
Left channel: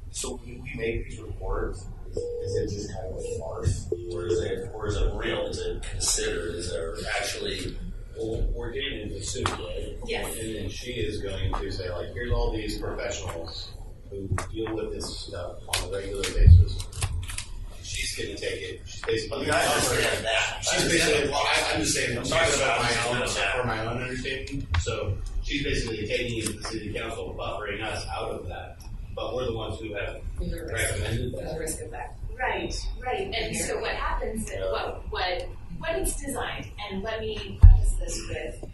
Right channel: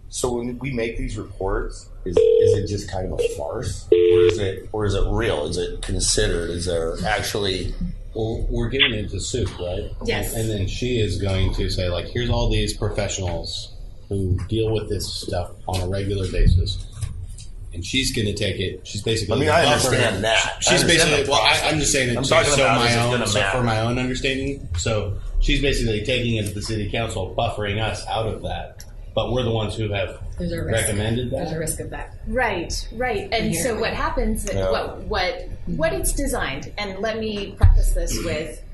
So when we make these reports, is it just kind of a farce, or is it real? Is it considered? Is there actually? Well, we're giving it to Sue, right? Yes. And then she is going to say, like, here's all these professionals who deal with this stuff on a regular basis. And she's going to take it. She's basically. I mean, I understand that. She's basically. Well, I'm just saying. I'm talking about for my own understanding. So she's basically taking it to the city council, buffering us out of that. But we're the ones who have recommended that. There's a risk of that. Right. And so what happens, Yeah. what it's designed, and let me preface this with,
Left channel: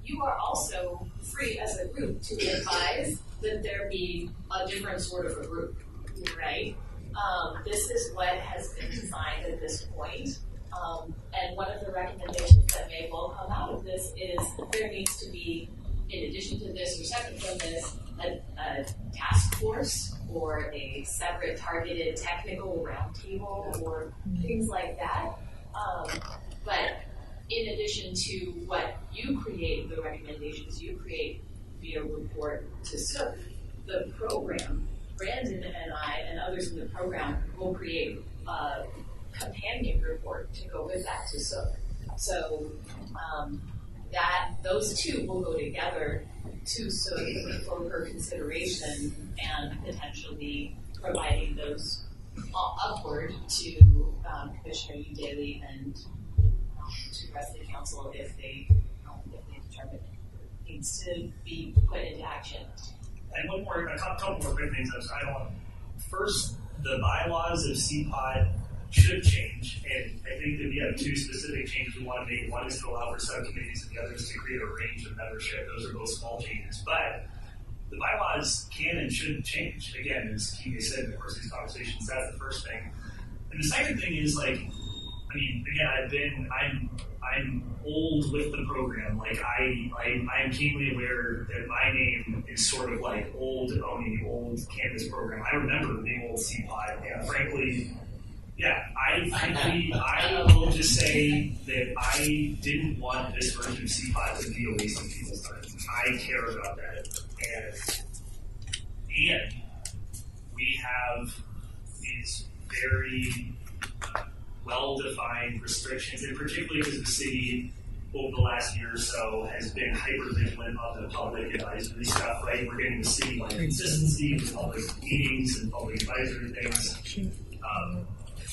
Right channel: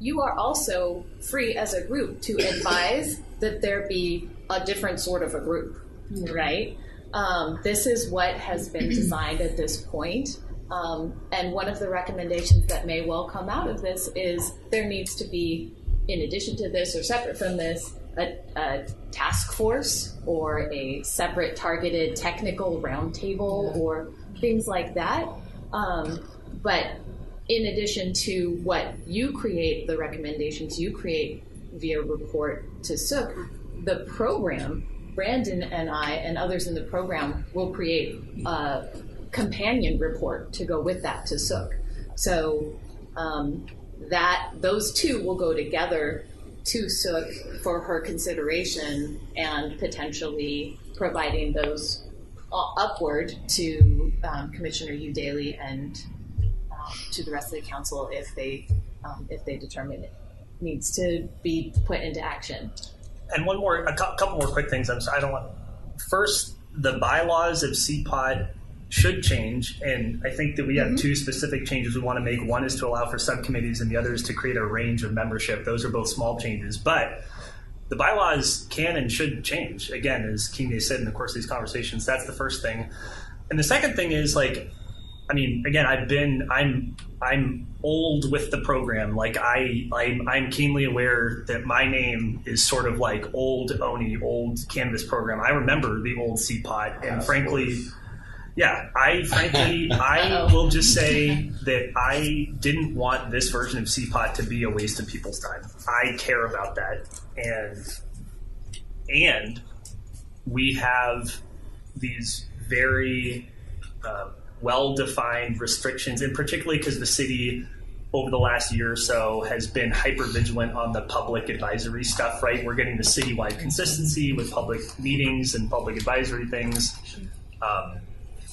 you are also free as a group to advise that there be a different sort of a group, right? This is what has been designed at this point. And one of the recommendations that may well come out of this is there needs to be, in addition to this or separate from this, a task force or a separate targeted technical roundtable or things like that. But in addition to what you create, the recommendations you create via report to Sook, the program, Brandon and I and others in the program will create a companion report to go with that to Sook. So that those two will go together to Sook for her consideration and potentially providing those upward to Commissioner Hugh Daly and to the rest of the council if they determine it needs to be put into action. And a couple more quick things. First, the bylaws of CPOT should change, and I think that we have 2 specific changes we want to make. One is to allow for subcommittees, and the other is to create a range of membership. Those are both small changes, but the bylaws can and should change. Again, as Kine said in the course of these conversations, that's the first thing. And the second thing is, again, I'm old with the program. Like I'm keenly aware that my name is sort of like old ONI, old cannabis program. I remember the old CPOT, and frankly, I will just say that I didn't want this version of CPOT to be a waste of people's time. I care about that, and we have these very well-defined restrictions, and particularly because the city over the last year or so has been hyper-vigilant on the public advisory stuff, right? We're getting the citywide consistency with public meetings and public advisory things.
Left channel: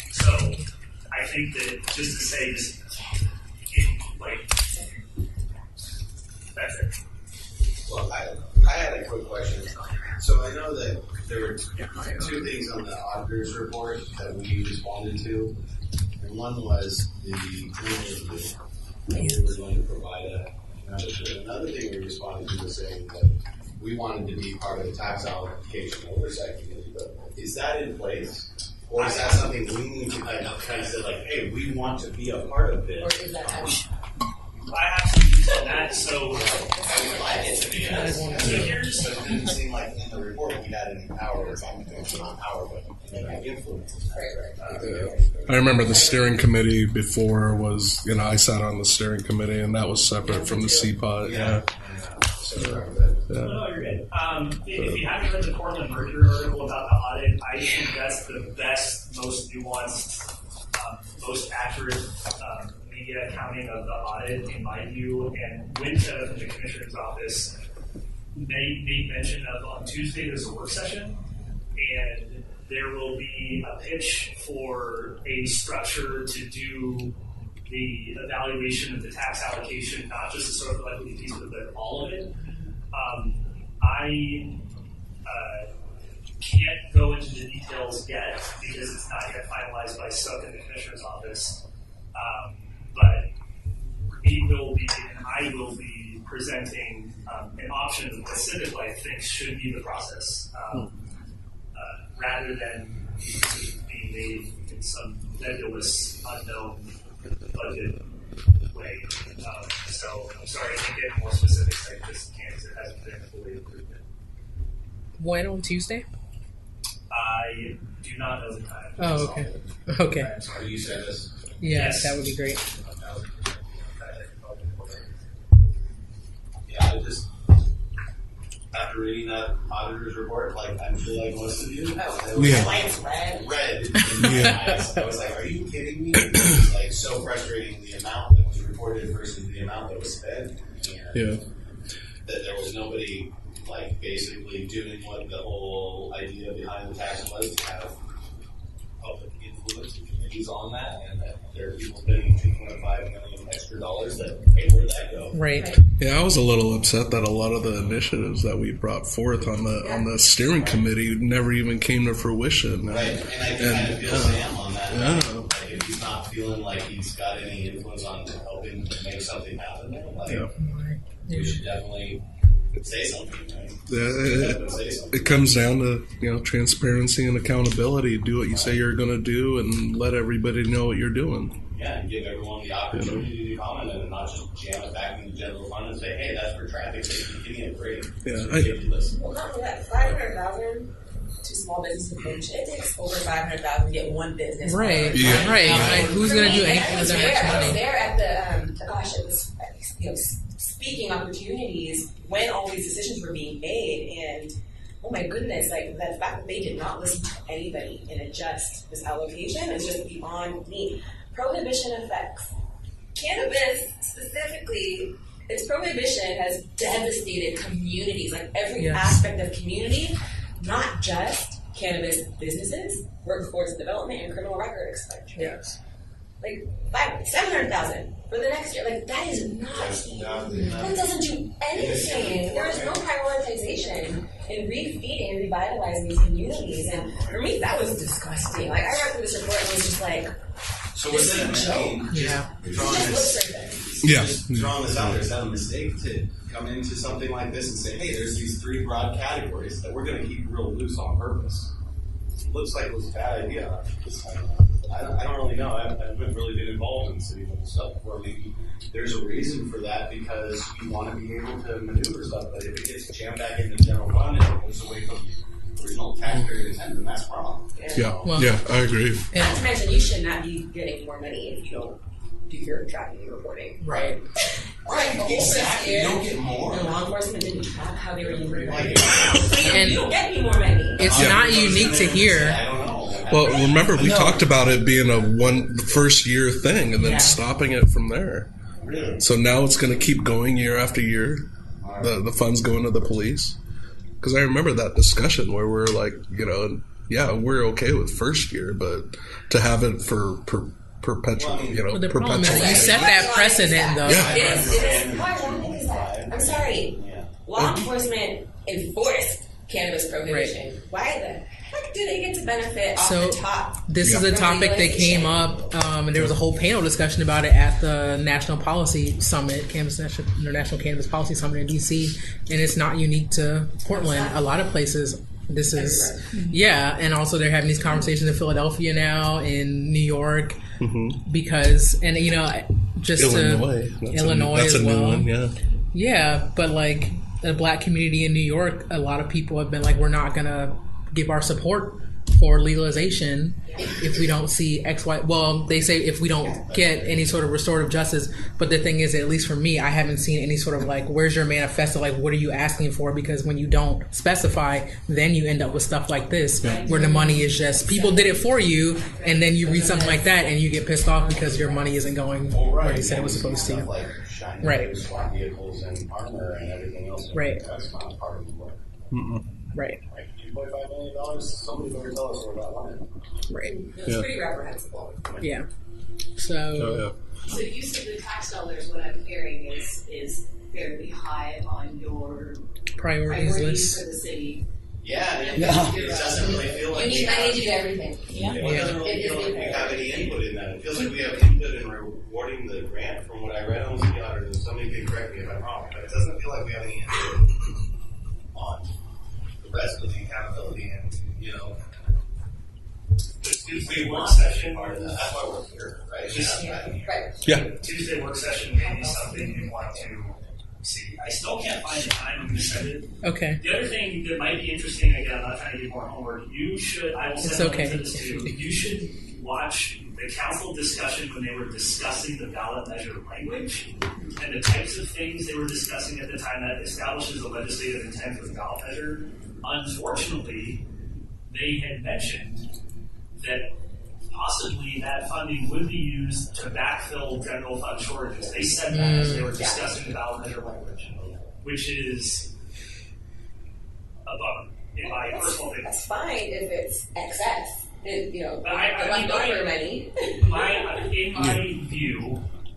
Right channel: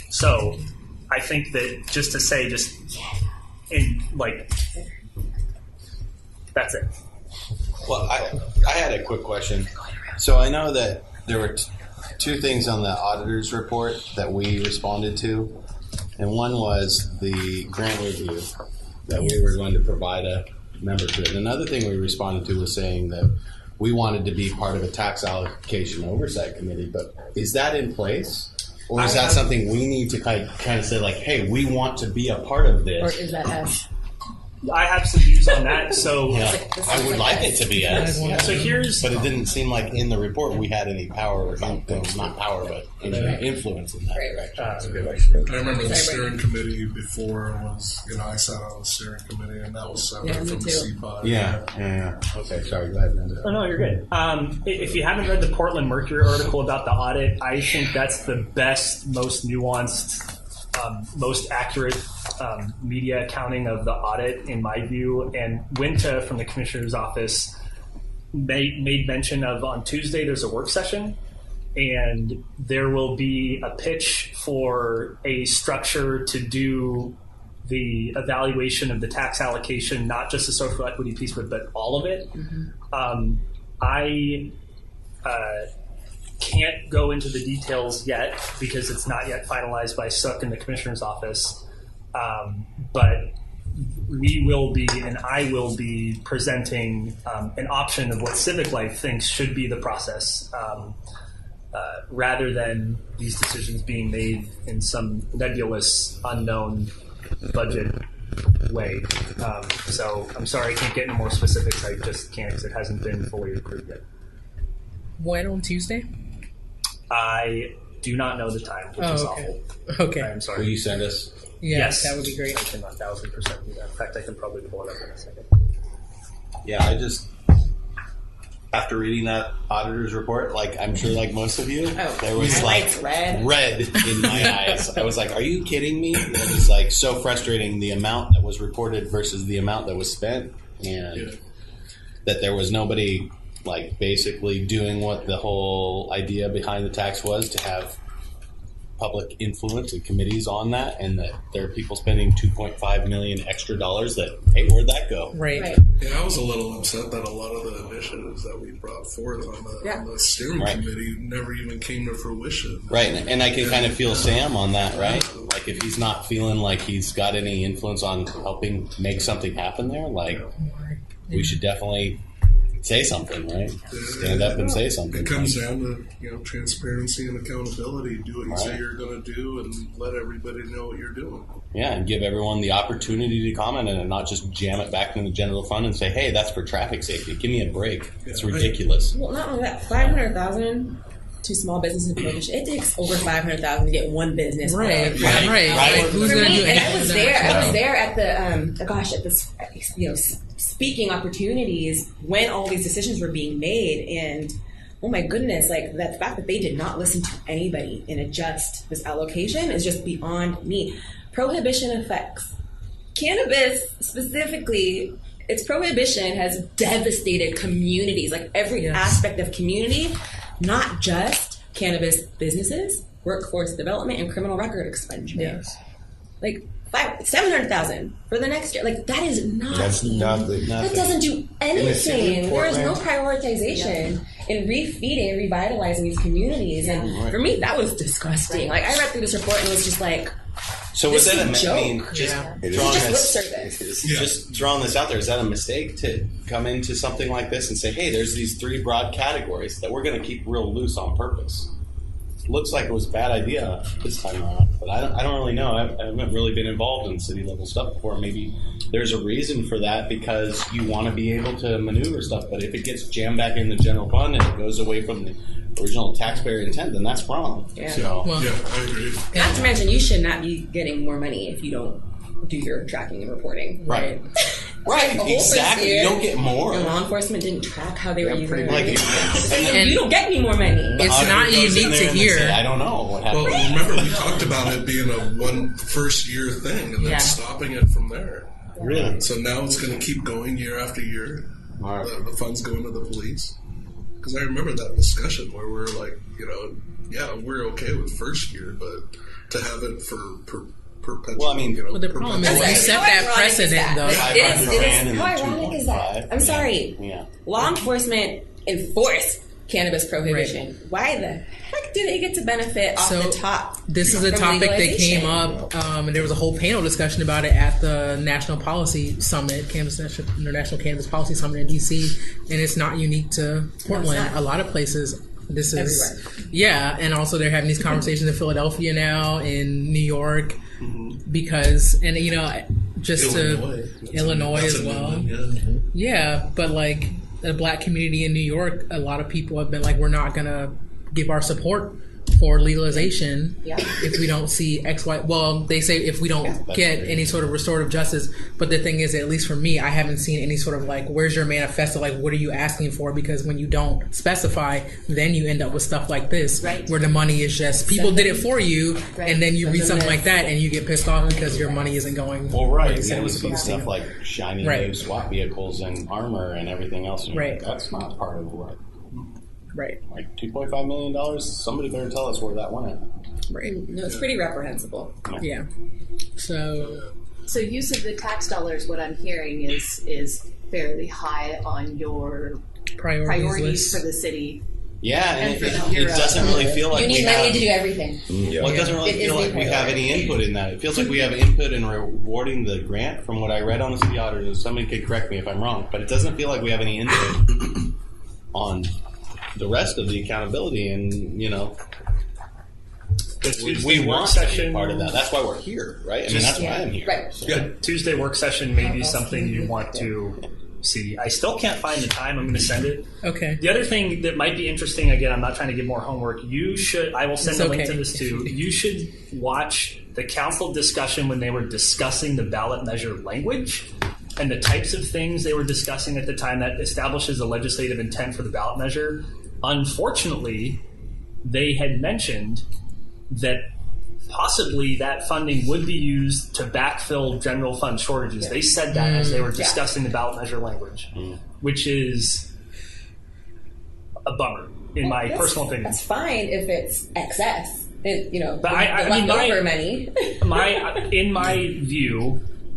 So I think that just to say, that's it. Well, I had a quick question. So I know that there were 2 things on the auditor's report that we responded to. And one was the grant review that we were going to provide a member to. And another thing we responded to was saying that we wanted to be part of a tax allocation oversight committee. But is that in place? Or is that something we need to kind of say, like, hey, we want to be a part of this? Or is that as? I have some views on that. So I would like it to be yes. So here's, but it didn't seem like in the report we had any power or something. Not power, but influence in that. I remember the steering committee before was, I sat on the steering committee, and that was separate from the CPOT. Yeah. Okay, sorry, go ahead. Oh, no, you're good. If you haven't read the Portland Mercury article about the audit, I think that's the best, most nuanced, most accurate media accounting of the audit, in my view. And Winta from the Commissioner's Office made mention of on Tuesday there's a work session, and there will be a pitch for a structure to do the evaluation of the tax allocation, not just the social equity piece, but all of it. I can't go into the details yet because it's not yet finalized by Sook in the Commissioner's Office, but we will be, and I will be presenting an option of what Civic Life thinks should be the process, rather than these decisions being made in some nebulous, unknown budget way. So I'm sorry I can't get into more specifics. I just can't because it hasn't been fully approved yet. When on Tuesday? I do not know the time. Oh, okay. Okay. I'm sorry. Will you send us? Yes, that would be great. I can 1,000% do that. In fact, I can probably pull it up in a second. Yeah, I just, after reading that auditor's report, I'm sure like most of you, there was red in my eyes. I was like, are you kidding me? It was so frustrating, the amount that was reported versus the amount that was spent, and that there was nobody basically doing what the whole idea behind the tax was, to have public influence and committees on that, and that there are people spending $2.5 million extra dollars that, hey, where'd that go? Right. Yeah, I was a little upset that a lot of the initiatives that we brought forth on the steering committee never even came to fruition. Right, and I can kind of feel Sam on that, right? If he's not feeling like he's got any influence on helping make something happen there, we should definitely say something, right? Stand up and say something. It comes down to transparency and accountability. Do what you say you're going to do, and let everybody know what you're doing. Yeah, and give everyone the opportunity to comment on it, and not just jam it back in the general fund and say, "Hey, that's for traffic safety. Give me a break." It's ridiculous. Well, not only that, $500,000 to small business and prohibition. It takes over $500,000 to get one business. Right. Who's going to do anything with that much money? I was there at the speaking opportunities when all these decisions were being made, and oh my goodness, that fact that they did not listen to anybody and adjust this allocation is just beyond me. Prohibition effects. Cannabis specifically, its prohibition has devastated communities, every aspect of community, not just cannabis businesses, workforce development, and criminal record expungement. Yes. $700,000 for the next year. That is not. That's nothing. That doesn't do anything. There is no prioritization in refeeding and revitalizing these communities. And for me, that was disgusting. I read through this report and was just like, so was that a joke? Just throwing this out there, is that a mistake to come into something like this and say, hey, there's these three broad categories that we're going to keep real loose on purpose? Looks like it was a bad idea this time around, but I don't really know. I haven't really been involved in city level stuff before. Maybe there's a reason for that because you want to be able to maneuver stuff, but if it gets jammed back in the general fund and it goes away from the original taxpayer intent, then that's wrong. I agree. Not to mention, you should not be getting more money if you don't do your tracking and reporting. Right. Exactly. You don't get more. And law enforcement didn't track how they were using money. And you don't get any more money. It's not unique to here. I don't know. Well, remember we talked about it being a first year thing and then stopping it from there. Really? So now it's going to keep going year after year. The funds going to the police. Because I remember that discussion where we're like, we're okay with first year, but to have it for perpetual, the problem is you set that precedent, though. How ironic is that? I'm sorry. Law enforcement enforced cannabis prohibition. Right. Why the heck do they get to benefit off the top? This is a topic that came up, and there was a whole panel discussion about it at the National Policy Summit, International Cannabis Policy Summit in D.C., and it's not unique to Portland. A lot of places. This is, and also they're having these conversations in Philadelphia now, in New York, because, and just Illinois. to Illinois That's as a new well. one, yeah. Yeah, but like the black community in New York, a lot of people have been like, we're not gonna give our support for legalization if we don't see X, Y. Well, they say if we don't get any sort of restorative justice. But the thing is, at least for me, I haven't seen any sort of like, where's your manifesto? Like, what are you asking for? Because when you don't specify, then you end up with stuff like this, where the money is just people did it for you, and then you read something like that and you get pissed off because your money isn't going where you said it was supposed to. Stuff like shiny new SWAT vehicles and armor and everything else. Right. That's not part of the work. Right. Like $2.5 million. Somebody better tell us where that went. Right. No, it's pretty reprehensible. Yeah. So. So use of the tax dollars, what I'm hearing is fairly high on your priorities list for the city. Yeah, and it doesn't really feel like you need money to do everything. Well, it doesn't really feel like we have any input in that. It feels like we have input in rewarding the grant from what I read on the city auditors, and somebody could correct me if I'm wrong, but it doesn't feel like we have any input on the rest of the accountability, and we want to be part of that. That's why we're here, right? I mean, that's why I'm here. Right. So. Yeah. Tuesday work session may be something you want to see. I still can't find the time. I'm going to send it. Okay. The other thing that might be interesting, again, I'm not trying to give more homework. I will send a link to this too. You should watch the council discussion when they were discussing the ballot measure language and the types of things they were discussing at the time that establishes a legislative intent for the ballot measure. Unfortunately, they had mentioned that possibly that funding would be used to backfill general fund shortages. They said that as they were discussing the ballot measure language, which is a bummer, in my personal opinion. That's fine if it's excess. But I mean, leftover money.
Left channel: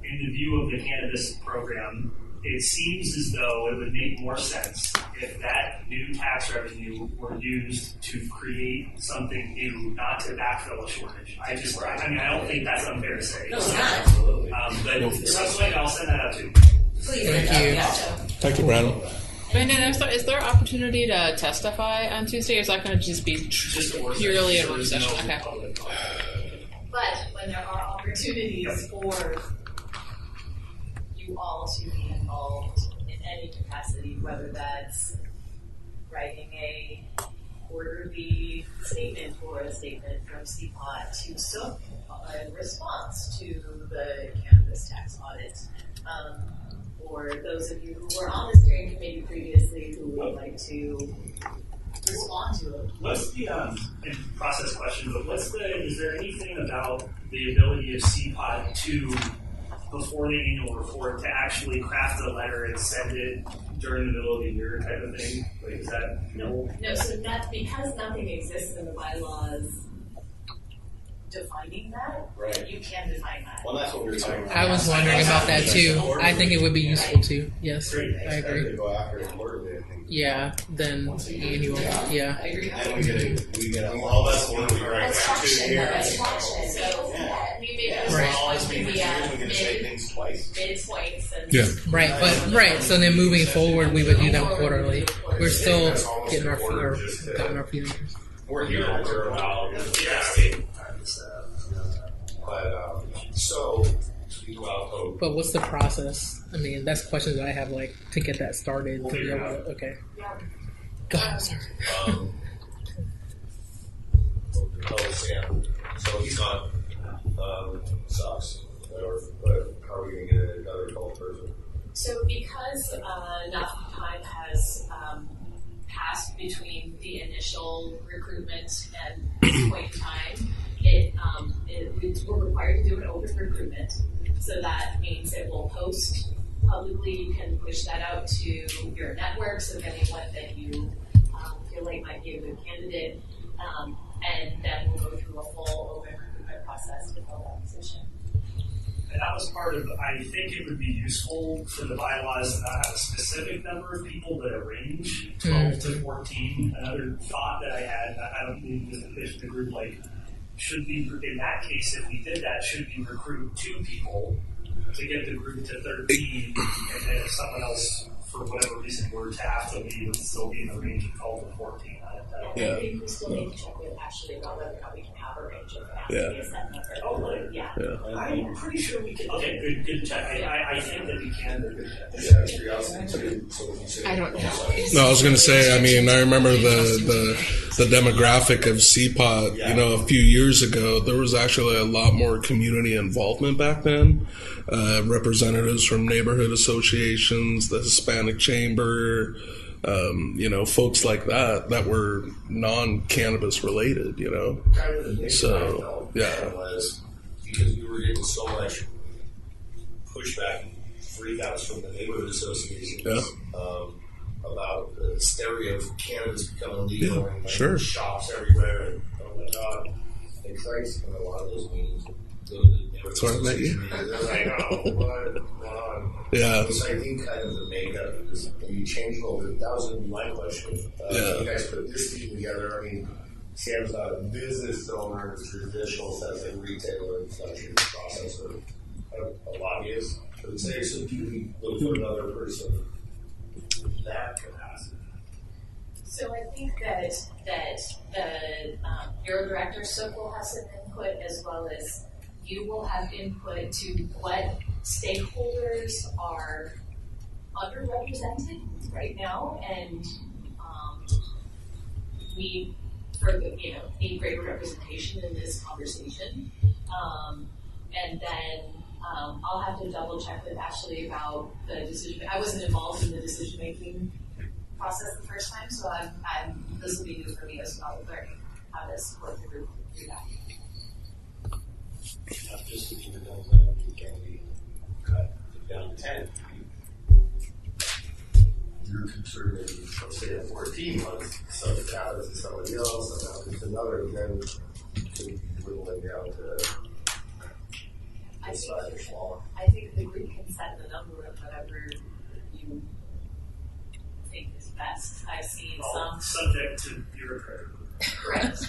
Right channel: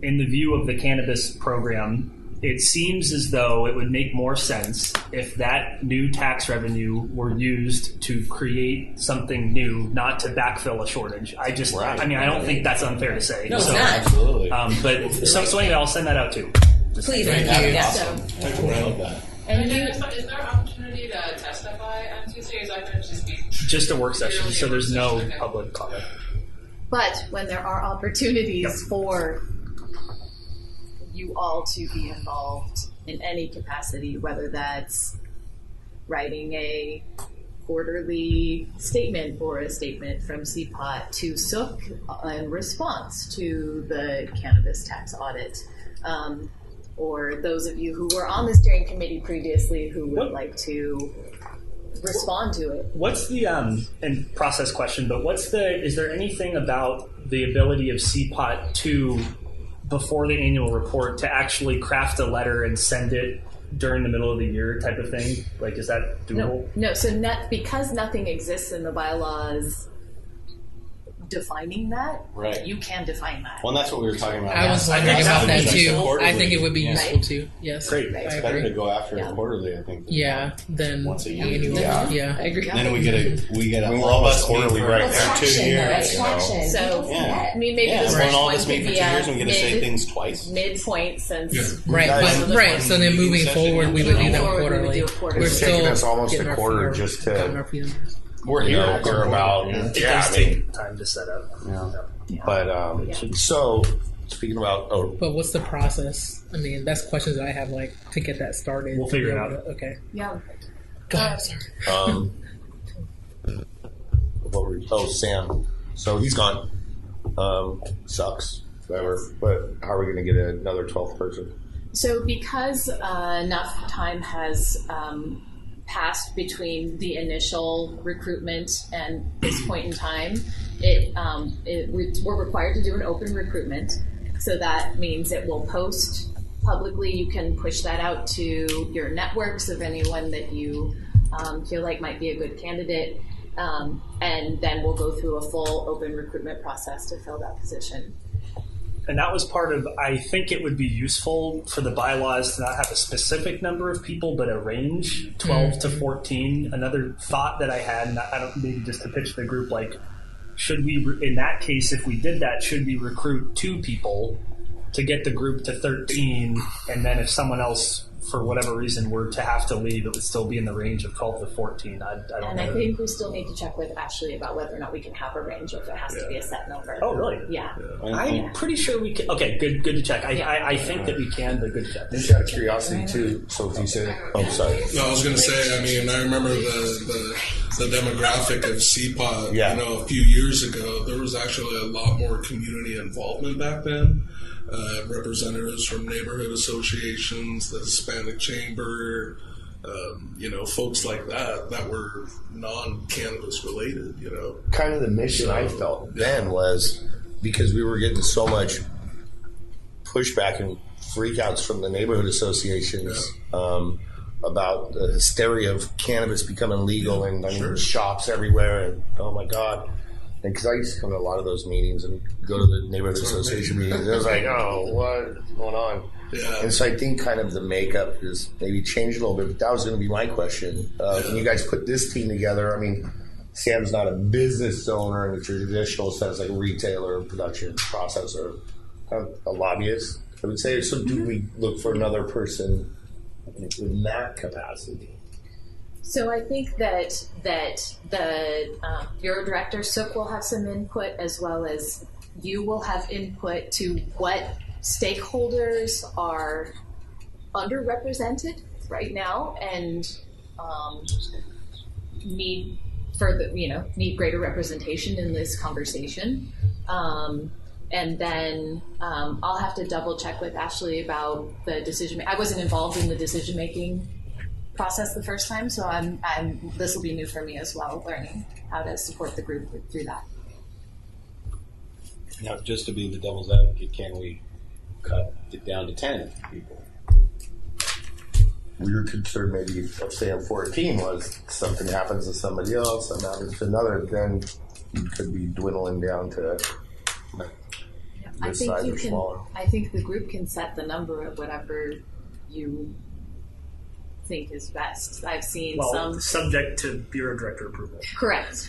In the view of the cannabis program, it seems as though it would make more sense if that new tax revenue were used to create something new, not to backfill a shortage. I don't think that's unfair to say. No, it's not. Absolutely. So anyway, I'll send that out too. Please. Thank you. Awesome. Thank you, Brandon. And then is there opportunity to testify on Tuesday, or is that going to just be just a work session? purely So a work there's no session? Okay. public comment. But when there are opportunities for you all to be involved in any capacity, whether that's writing a quarterly statement or a statement from CPOT to Sook in response to the cannabis tax audit, or those of you who were on the steering committee previously who would like to respond to it. What's the and process question? But is there anything about the ability of CPOT to, before the annual report, to actually craft a letter and send it during the middle of the year type of thing? Like, is that doable? No. So because nothing exists in the bylaws defining that, right? You can define that. Well, that's what we were talking about. I was wondering about that too. I think it would be useful too. Yes, great. I It's better agree. to go after it quarterly, I think. Yeah, then Once a year. annual. Yeah, I agree. Then we get a We all of want us quarterly right That's now. 2 traction, years. though. That's traction. So, Yeah. I mean, maybe Yeah, the so first all one this could meeting for be 2 years, we get to say mid- things twice. midpoint since. Yeah. Right, but right. So then moving forward, we would do them quarterly. We're It's still taken us almost getting a our quarter feet, just to- gotten our feet. We're here. We're about. It Yeah, does I mean, take time to set up. but so speaking about But what's the process? I mean, that's questions that I have, like, to get that started. We'll to be figure it able out. to- Okay. Yeah. Go ahead, sorry. Sam. So he's gone. Sucks. Whatever. But how are we going to get another 12th person? So because enough time has passed between the initial recruitment and this point in time, we're required to do an open recruitment. So that means it will post publicly. You can push that out to your networks of anyone that you feel like might be a good candidate. And then we'll go through a full open recruitment process to fill that position. And that was part of, I think it would be useful for the bylaws to not have a specific number of people, but a range, 12 to 14. Another thought that I had, and I don't, maybe just to pitch the group, like, should we, in that case, if we did that, should we recruit 2 people to get the group to 13, and then if someone else for whatever reason, were to have to leave, it would still be in the range of 12 to 14. I don't And know. I think we still need to check with Ashley about whether or not we can have a range if it has to be a set number. Oh, really? Yeah. I'm pretty sure we can. Okay, good to check. I think that we can, but good to check. Just out of curiosity too. So if you said, sorry. No, I was going to say. I mean, I remember the demographic of CPOT. You know, a few years ago, there was actually a lot more community involvement back then. Representatives from neighborhood associations, the Hispanic Chamber, you know, folks like that were non-cannabis related. You know, Kind of the mission I felt then was because we were getting so much pushback and freakouts from the neighborhood associations about the hysteria of cannabis becoming legal and shops everywhere, and oh my god. Because I used to come to a lot of those meetings and go to the neighborhood association meetings. I was like, oh, what's going on? Yeah. And so I think kind of the makeup is maybe changed a little bit. But that was going to be my question. When you guys put this team together, I mean, Sam's not a business owner in the traditional sense, like a retailer, production processor, a lobbyist, I would say. So do we look for another person in that capacity? So I think that the bureau director, Sook, will have some input, as well as you will have input to what stakeholders are underrepresented right now and need greater representation in this conversation. And then I'll have to double check with Ashley about the decision. I wasn't involved in the decision making process the first time, so this will be new for me as well, learning how to support the group through that. Now, just to be the devil's advocate, can we cut it down to 10 people? We were concerned maybe of saying 14 was something happens to somebody else, something happens to another, then you could be dwindling down to this size or smaller. I think the group can set the number of whatever you think is best. I've seen some subject to bureau director approval. Correct.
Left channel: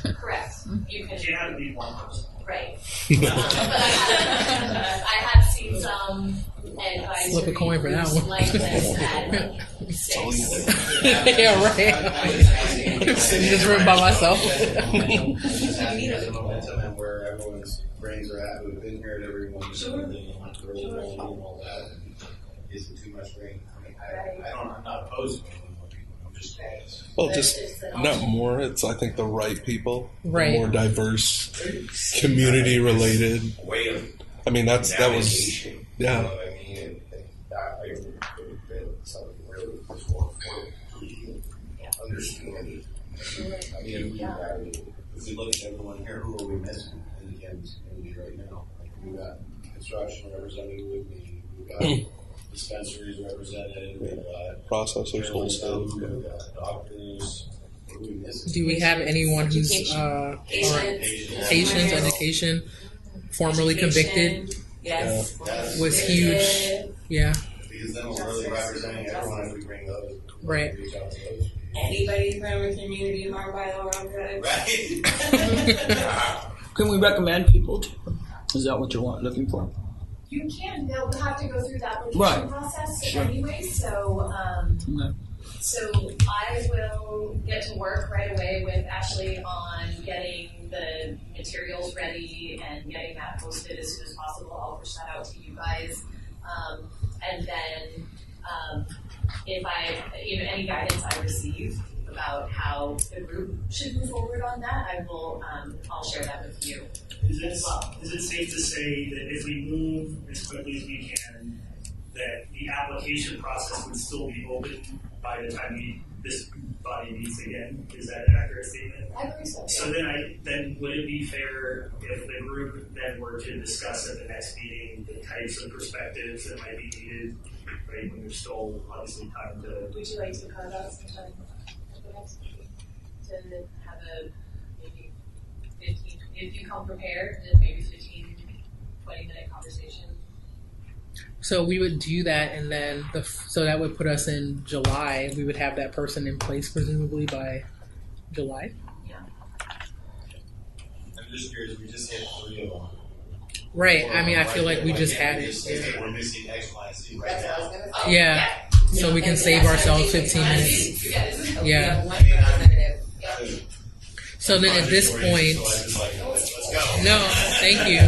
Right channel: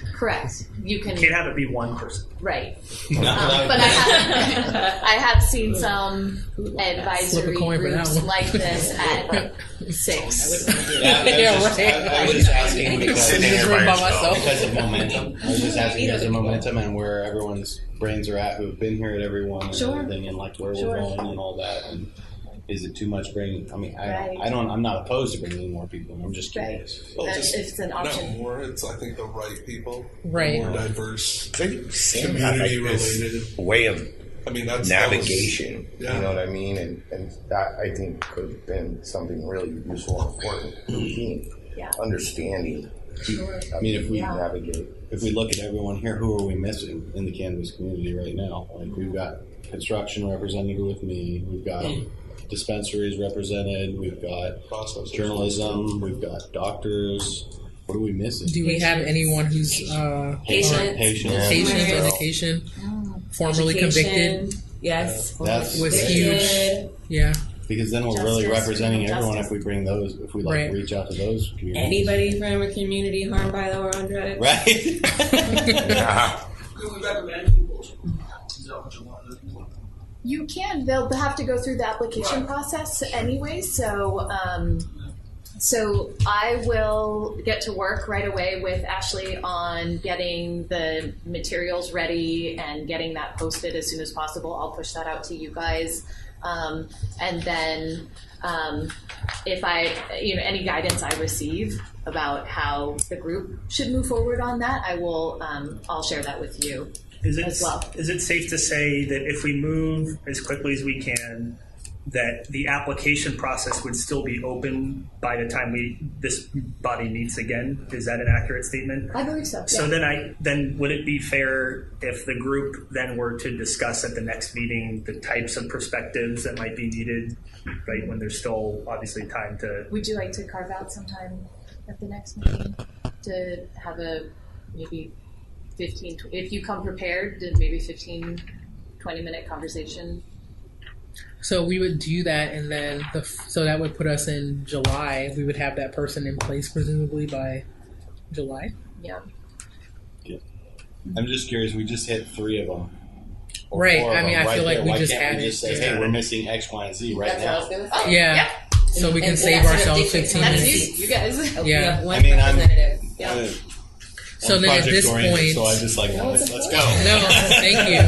You can't have it be one person. Right. But I have seen some advisory groups like this at 6. Yeah, right. I was asking sitting in this room by myself. I was just asking as a momentum and where everyone's brains are at, who've been here at every one and everything, and like where we're going and all that. And is it too much bringing? I mean, I'm not opposed to bringing more people. I'm just curious. Well, just not more. It's I think the right people, right? More diverse, community related way of. I mean, navigation. That was, you know what I mean, and that I think could have been something really useful and important for the team. Understanding. I mean, if we look at everyone here, who are we missing in the cannabis community right now? Like we've got construction represented with me. We've got dispensaries represented. We've got processors, journalism. We've got doctors. What are we missing? Do we have anyone who's patients, education, formerly convicted? Yes, was huge. Yeah. Because then we're really representing everyone if we bring those, if we reach out to those communities. Anybody from a community harmed by the war on drugs. Right. Can we recommend people to? Is that what you're looking for? You can. They'll have to go through the application process anyway. So, so I will get to work right away with Ashley on getting the materials ready and getting that posted as soon as possible. I'll push that out to you guys. And then if any guidance I receive about how the group should move forward on that, I will I'll share that with you as well. Is it safe to say that if we move as quickly as we can, that the application process would still be open by the time this body meets again? Is that an accurate statement? I believe so. So then would it be fair if the group then were to discuss at the next meeting the types of perspectives that might be needed, right, when there's still obviously time to... Would you like to carve out some time at the next meeting to have a maybe 15, if you come prepared, to maybe 15, 20-minute conversation? So we would do that, and then so that would put us in July. We would have that person in place presumably by July. Yeah. I'm just curious. We just hit 3 of them. Right. I mean, I feel like we just had it. Hey, we're missing X, Y, and Z right now. Yeah. So we can And save that's ourselves what they 15 take minutes. You guys. We Yeah. have one I mean, I'm- representative. So then at this point, so I just like, I'm like, let's go. no, thank you.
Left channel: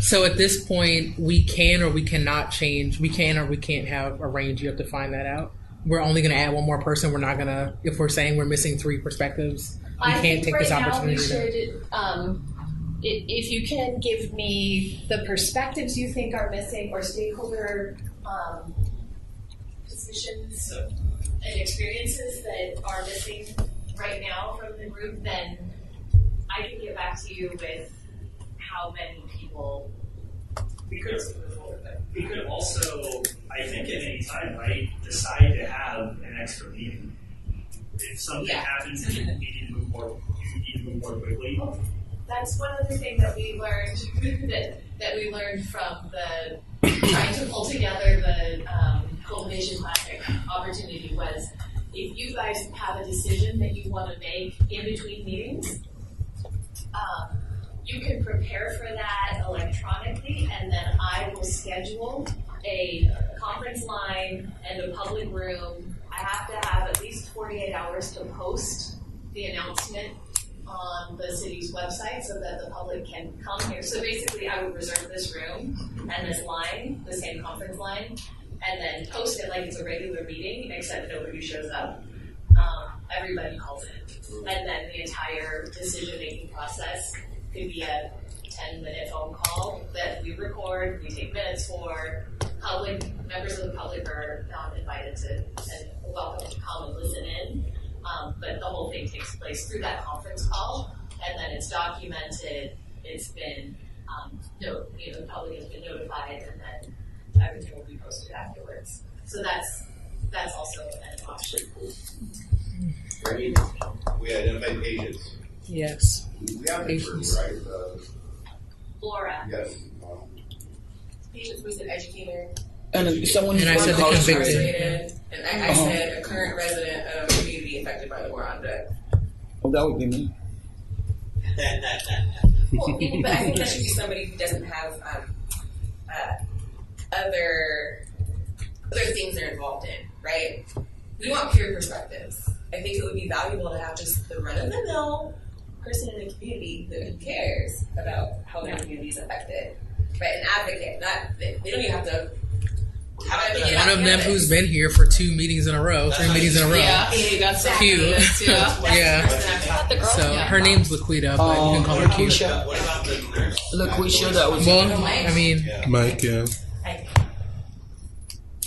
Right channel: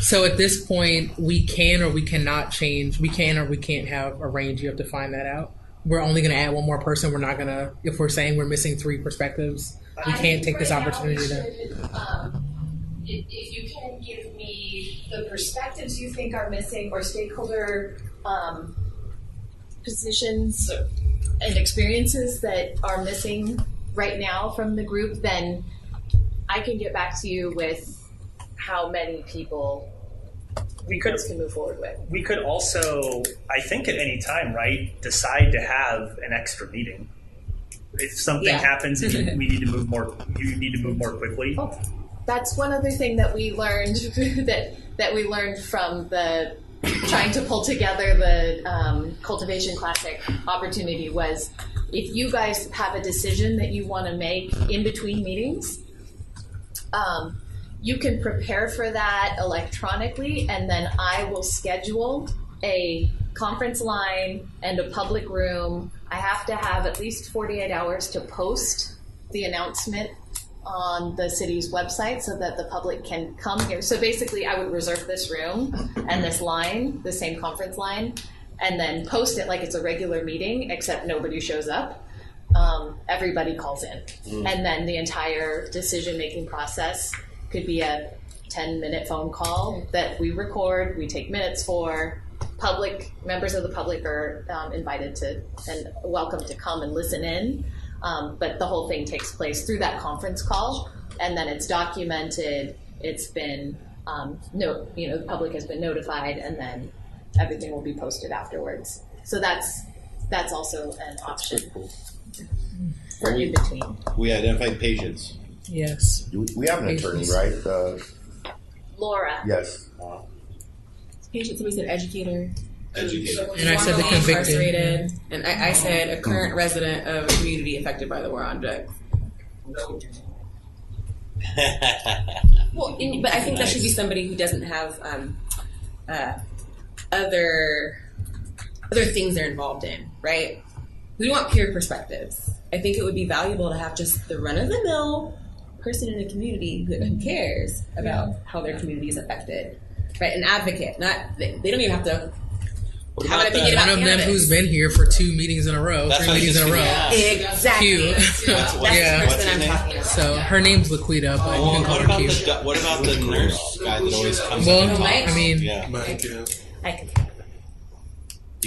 So at this point, we can or we cannot change. We can or we can't have a range. You have to find that out. We're only going to add one more person. We're not going to, if we're saying we're missing 3 perspectives, we can't take this opportunity to. If you can give me the perspectives you think are missing or stakeholder positions and experiences that are missing right now from the group, then I can get back to you with how many people we can move forward with. We could also, I think at any time, right, decide to have an extra meeting. If something happens and we need to move more, you need to move more quickly. That's one other thing that we learned that we learned from the trying to pull together the Cultivation Classic opportunity was, if you guys have a decision that you want to make in between meetings, you can prepare for that electronically, and then I will schedule a conference line and a public room. I have to have at least 48 hours to post the announcement on the city's website so that the public can come here. So basically, I would reserve this room and this line, the same conference line, and then post it like it's a regular meeting, except nobody shows up. Everybody calls in. And then the entire decision-making process could be a 10-minute phone call that we record, we take minutes for. Members of the public are invited to and welcome to come and listen in. But the whole thing takes place through that conference call, and then it's documented. It's been, the public has been notified, and then everything will be posted afterwards. So that's also an option for in between. We identified patients. Yes. We have an attorney, right? Laura. Yes. Patients, we said educator. And someone And I said the convicted. And I said a current resident of a community affected by the war on drugs. Well, that would be me. Well, but I think that should be somebody who doesn't have other things they're involved in, right? We want peer perspectives. I think it would be valuable to have just the run-of-the-mill person in a community who cares about how their community is affected, right? An advocate, not they don't even have to. One of them who's been here for 2 meetings in a row, 3 meetings in a row. Yeah, exactly. Q. Yeah. So her name's Laquita, but you can call her Q. What about the nurse? Well, I mean, Mike, yeah.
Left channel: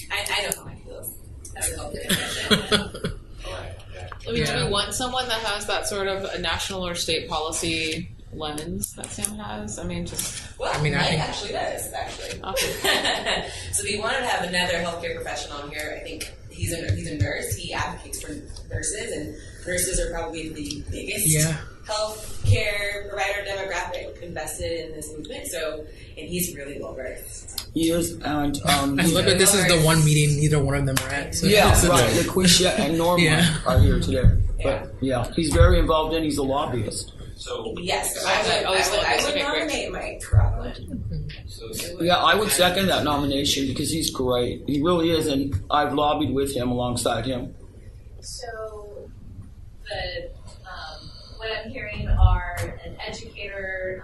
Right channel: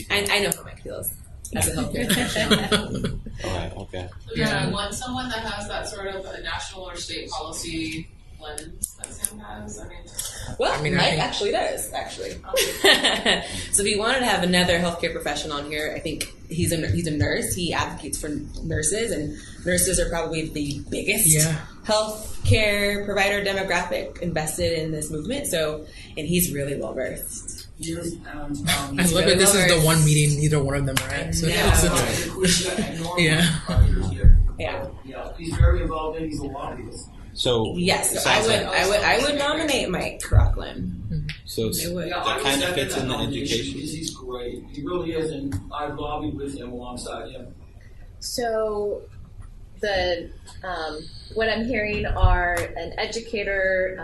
I know how Mike feels as a healthcare professional. Alright, okay. We want someone that has that sort of a national or state policy lens that Sam has. I mean, Mike actually does, Okay. So we wanted to have another healthcare professional on here. I think he's a nurse. He advocates for nurses, and nurses are probably the biggest healthcare provider demographic invested in this movement. So, and he's really well versed. Years and I love it. This is the one meeting neither one of them are at. So Laquisha and Norma are here today. Yeah, he's very involved in. He's a lobbyist. So yes, I would nominate Mike Rockland. So I would second that nomination because he's great. He really is, and I've lobbied with him alongside him. So the what I'm hearing are an educator,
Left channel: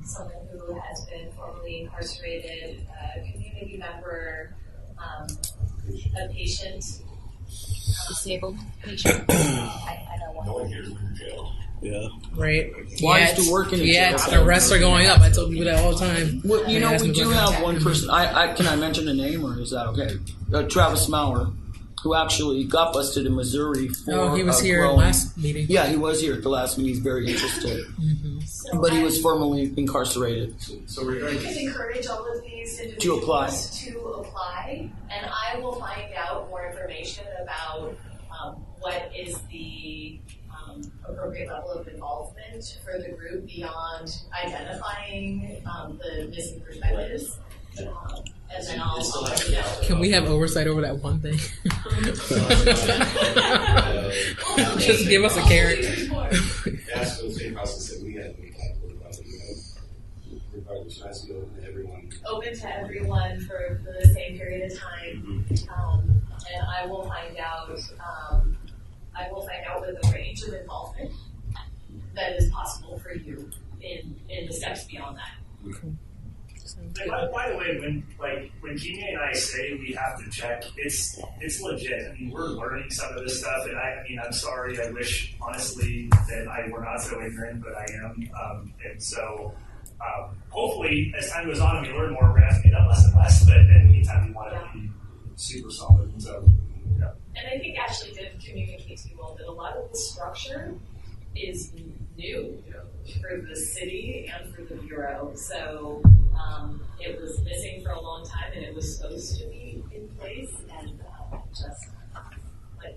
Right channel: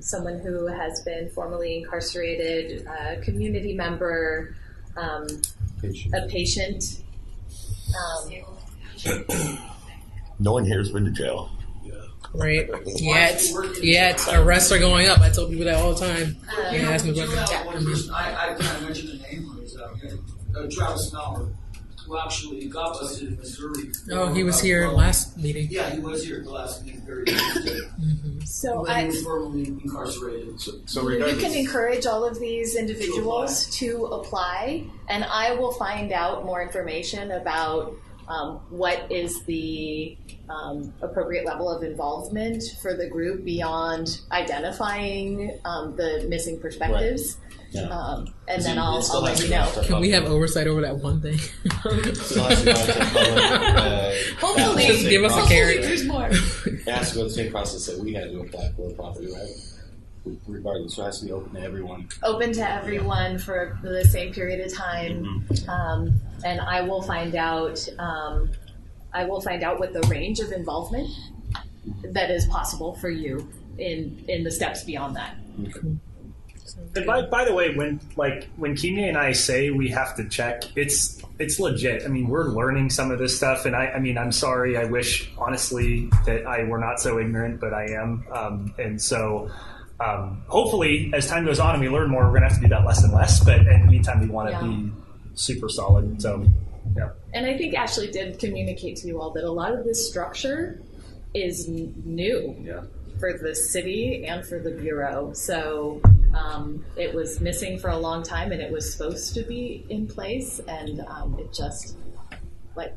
someone who has been formerly incarcerated, a community member, a patient, disabled patient. No one here has been to jail. Yeah. Right. Yet arrests are going up. I tell people that all the time. Well, we do have one person. Can I mention the name, or is that okay? Travis Maurer, who actually got busted in Missouri. He was here last meeting. Yeah, he was here at the last meeting. He's very interested. But he was formerly incarcerated. So you can encourage all of these individuals to apply, and I will find out more information about what is the appropriate level of involvement for the group beyond identifying the missing perspectives. And then I'll let you know. Can we have oversight over that one thing? Just give us a carrot. It has to go the same process that we had to apply for a property, right? Regardless, so it has to be open to everyone. Open to everyone for the same period of time, and I will find out. I will find out what the range of involvement that is possible for you in the steps beyond that. And by the way, when Kimi and I say we have to check, it's legit. I mean, we're learning some of this stuff, and I'm sorry. I wish honestly that I were not so ignorant, but I am, and so. Hopefully, as time goes on and we learn more, we're going to have to do that less and less. But in the meantime, we want to be super solid. So, yeah. And I think Ashley did communicate to you all that a lot of this structure is new for the city and for the Bureau. So it was missing for a long time, and it was supposed to be in place, and it just, like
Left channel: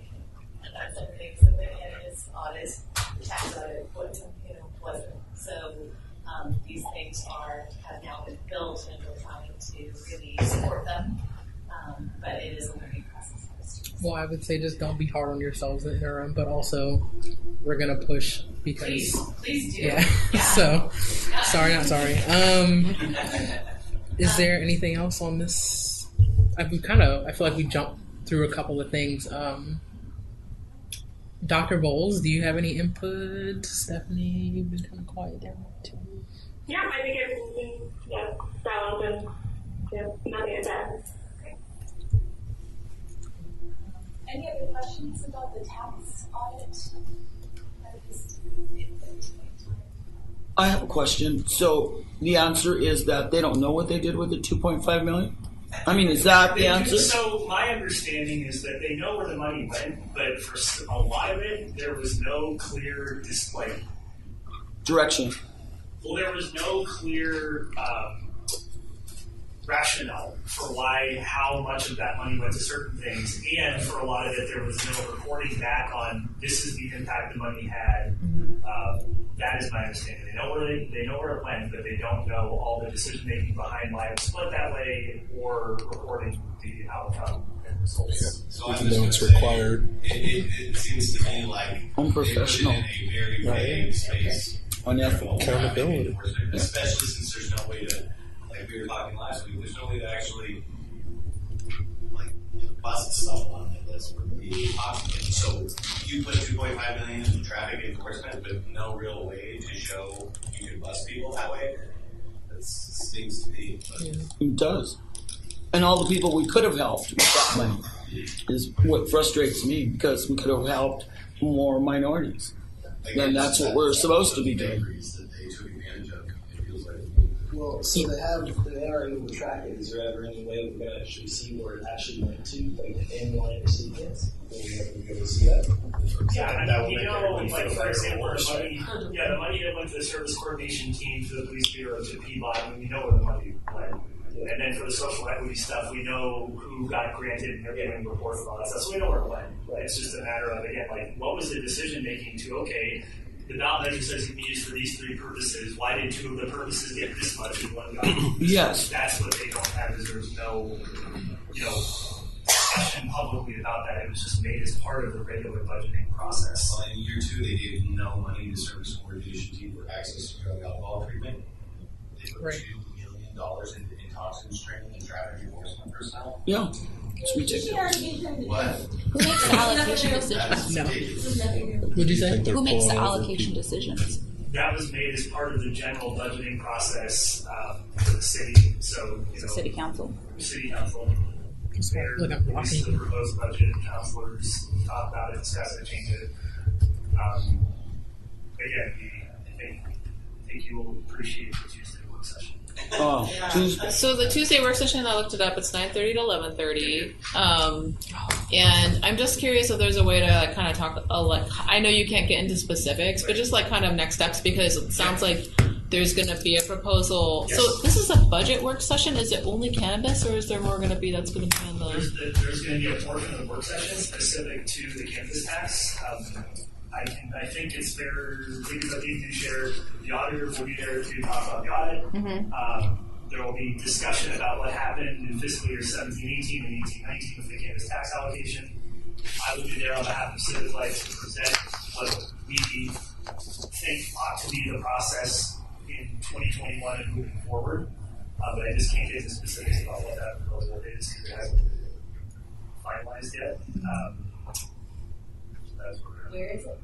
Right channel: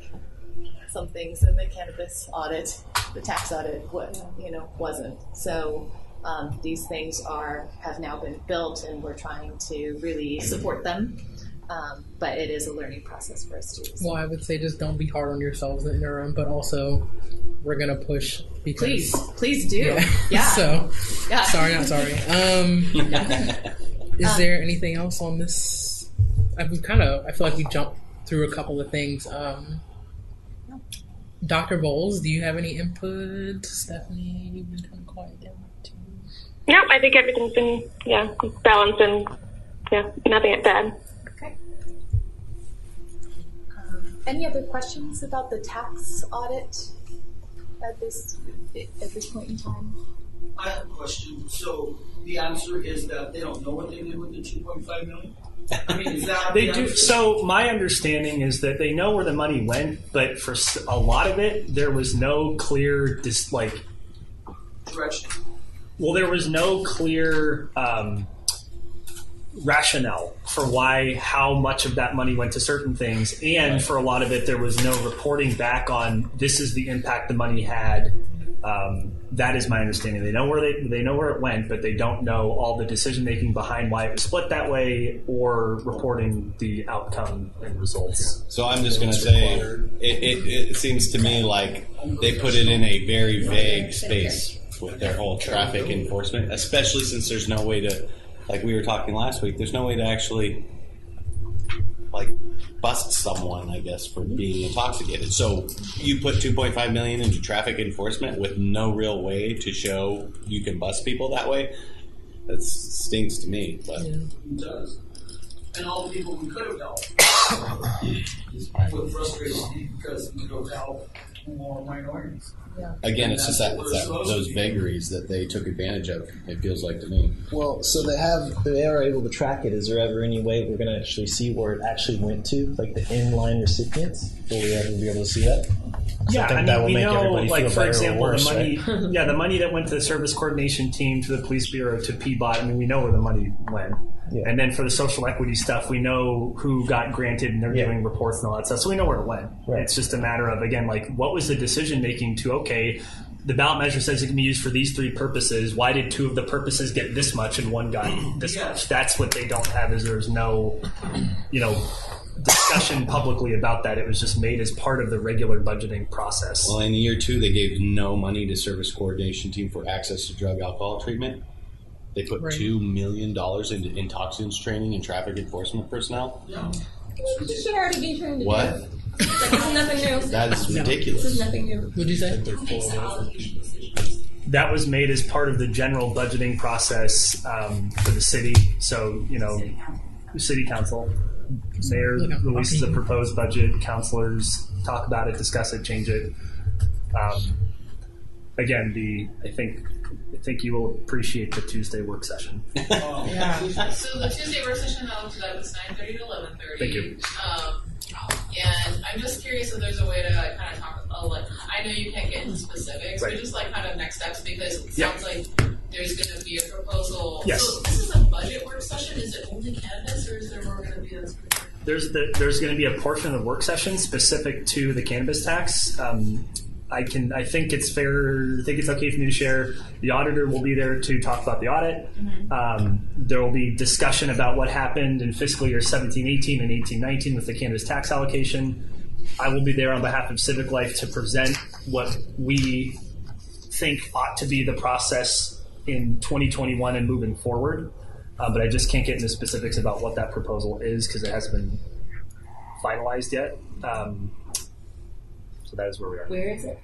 some things in the cannabis audit, the tax audit, wasn't. So these things have now been built, and we're trying to really support them. But it is a learning process for us too. Well, I would say just don't be hard on yourselves in the interim, but also we're gonna push because please do. Yeah. So sorry, not sorry. Is there anything else on this? I feel like we jumped through a couple of things. Dr. Bowles, do you have any input? Stephanie, you've been kind of quiet down too. No, I think everything's been balanced and nothing bad. Okay. Any other questions about the tax audit at this point in time? I have a question. So the answer is that they don't know what they did with the $2.5 million? I mean, is that the answer? So my understanding is that they know where the money went, but for a lot of it, there was no clear direction. Well, there was no clear rationale for how much of that money went to certain things, and for a lot of it, there was no reporting back on this is the impact the money had. That is my understanding. They know where it went, but they don't know all the decision making behind why it was split that way, or reporting the outcome and results. So I'm just going to say, it seems to me like they put it in a very vague space with their whole traffic enforcement, especially since there's no way to, like we were talking last week, there's no way to actually bust someone, I guess, for being intoxicated. So you put $2.5 million into traffic enforcement with no real way to show you can bust people that way. That stinks to me. But It does. And all the people we could have helped is what frustrates me, because we could have helped more minorities. Again, and that's what we're supposed to those be doing. vagaries that they took advantage of, it feels like to me. Well, so they are able to track it. Is there ever any way we're going to actually see where it actually went to, like the inline recipients? Will we ever be able to see that? Yeah, I think that will we make know, everybody feel for better example, or worse, the money. right? Yeah, the money that went to the service coordination team, to the police bureau, to PBOT. I mean, we know where the money went. Yeah. And then for the social equity stuff, we know who got granted, and they're giving reports and all that stuff. So we know where it went. Right. It's just a matter of, again, what was the decision making to, the ballot measure says it can be used for these three purposes. Why did two of the purposes get this much and one got this much? That's what they don't have, is there's no, discussion publicly about that. It was just made as part of the regular budgeting process. Well, in year 2, they gave no money to service coordination team for access to drug alcohol treatment. They put $2 million into intoxicants training and traffic enforcement personnel. Yeah. This should already be turned to What? Who makes the allocation? That's ridiculous. This is nothing new. What'd you say? Who makes the allocation decisions? That was made as part of the general budgeting process for the city. So, City council. City council. Mayor releases the proposed budget. Councilors talk about it, discuss it, change it. Again, I think you will appreciate the Tuesday work session. So the Tuesday work session, I looked it up. It's 9:30 to 11:30. And I'm just curious if there's a way to kind of talk. I know you can't get into specifics, but just kind of next steps, because it sounds like there's going to be a proposal. Yes. So this is a budget work session. Is it only cannabis, or is there more going to be that's going to be in the? There's going to be a portion of the work session specific to the cannabis tax. I think it's fair. I think it's okay for me to share. The auditor will be there to talk about the audit. Mm-hmm. There will be discussion about what happened in fiscal year 17-18 and 18-19 with the cannabis tax allocation. I will be there on behalf of Civic Life to present what we think ought to be the process in 2021 and moving forward. But I just can't get into specifics about what that proposal is because it hasn't been finalized yet. So that is where we are. Where is it?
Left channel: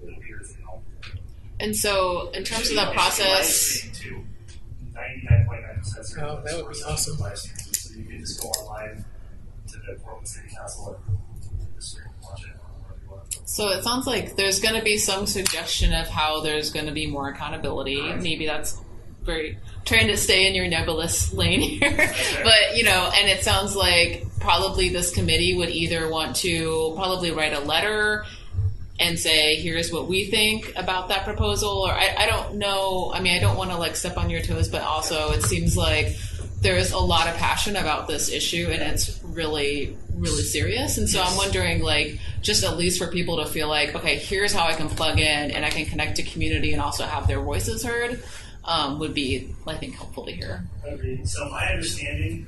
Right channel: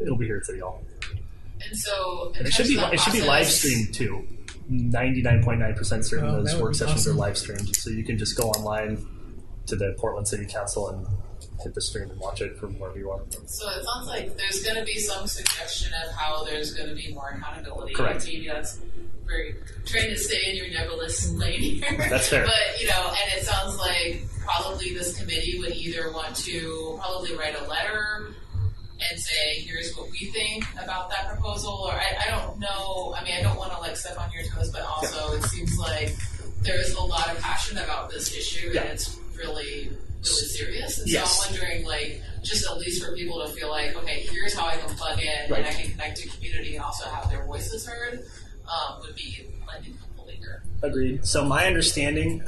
It'll be here at City Hall. And so, in It terms should of be, that it should be live process, streamed too. 99.9% certain Oh, those that would work be sessions awesome. are live streamed. So you can just go online to the Portland City Council and hit the stream and watch it from wherever you are. so it sounds like there's going to be some suggestion of how there's going to be more accountability. Correct. Maybe that's very trying to stay in your nebulous lane here. That's fair. But, and it sounds like probably this committee would either want to probably write a letter and say, here's what we think about that proposal, or I don't know. I mean, I don't want to step on your toes, but also it seems like there's a lot of passion about this issue and it's really, really serious. And so Yes. I'm wondering, just at least for people to feel like, okay, here's how I can plug in and I can connect to community and also have their voices heard, would be, I think, helpful to hear. Agreed. So my understanding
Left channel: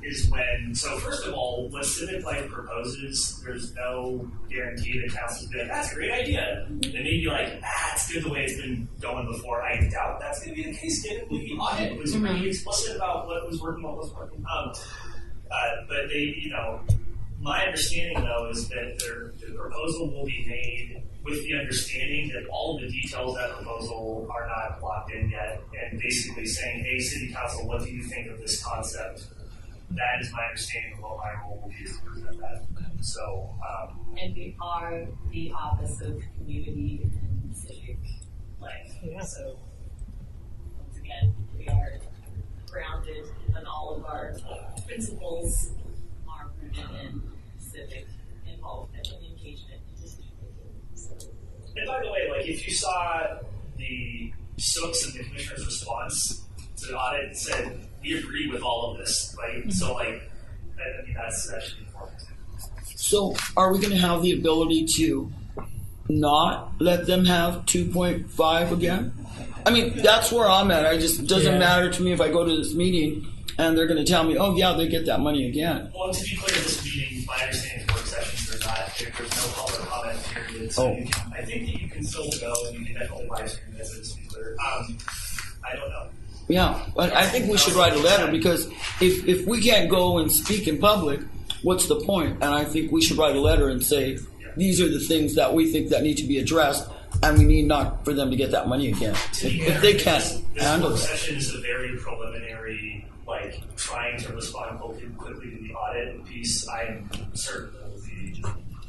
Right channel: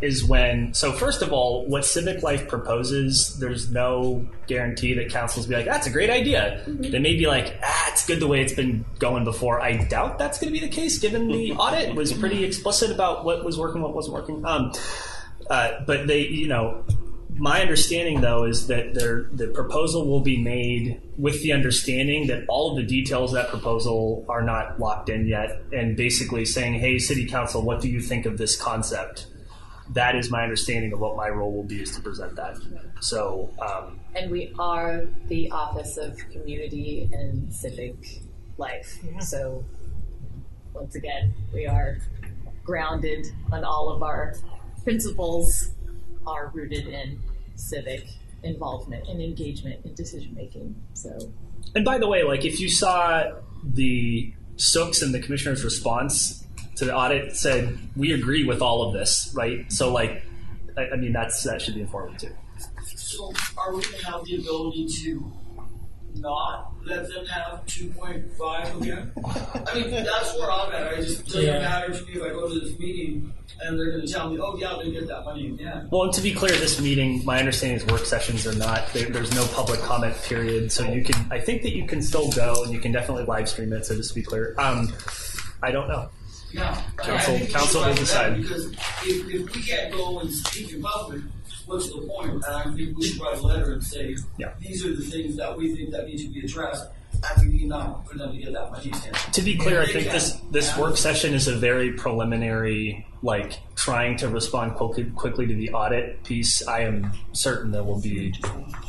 is so first of all, what Civic Life proposes, there's no guarantee that councils be like, that's a great idea. They may be like, it's good the way it's been going before. I doubt that's going to be the case given the audit was pretty explicit about what was working, what wasn't working. But they, my understanding though is that the proposal will be made with the understanding that all of the details of that proposal are not locked in yet, and basically saying, hey, City Council, what do you think of this concept? That is my understanding of what my role will be, is to present that. So, And we are the Office of Community and Civic Life. Yeah. So once again, we are grounded on all of our principles are rooted in civic involvement and engagement in decision making. So, and by the way, if you saw the SOOKs and the commissioner's response to the audit, it said we agree with all of this, right? So, I mean, that should be informative too. So, are we going to have the ability to not let them have 2.5 again? I mean, that's where I'm at. It just doesn't matter to me if I go to this meeting and they're going to tell me, oh yeah, they get that money again. Well, and to be clear, this meeting, my understanding is work sessions are not, there's no public comment period, so you can, I think that you can still go and you can definitely live stream it, so just to be clear. I don't know. Yeah, but I think we should write a letter, because if we can't go and speak in public, what's the point? And I think we should write a letter and say, these are the things that we think that need to be addressed, and we need not for them to get that money again. To be clear, I think this work session is a very preliminary, trying to respond quickly to the audit piece. I am certain there will be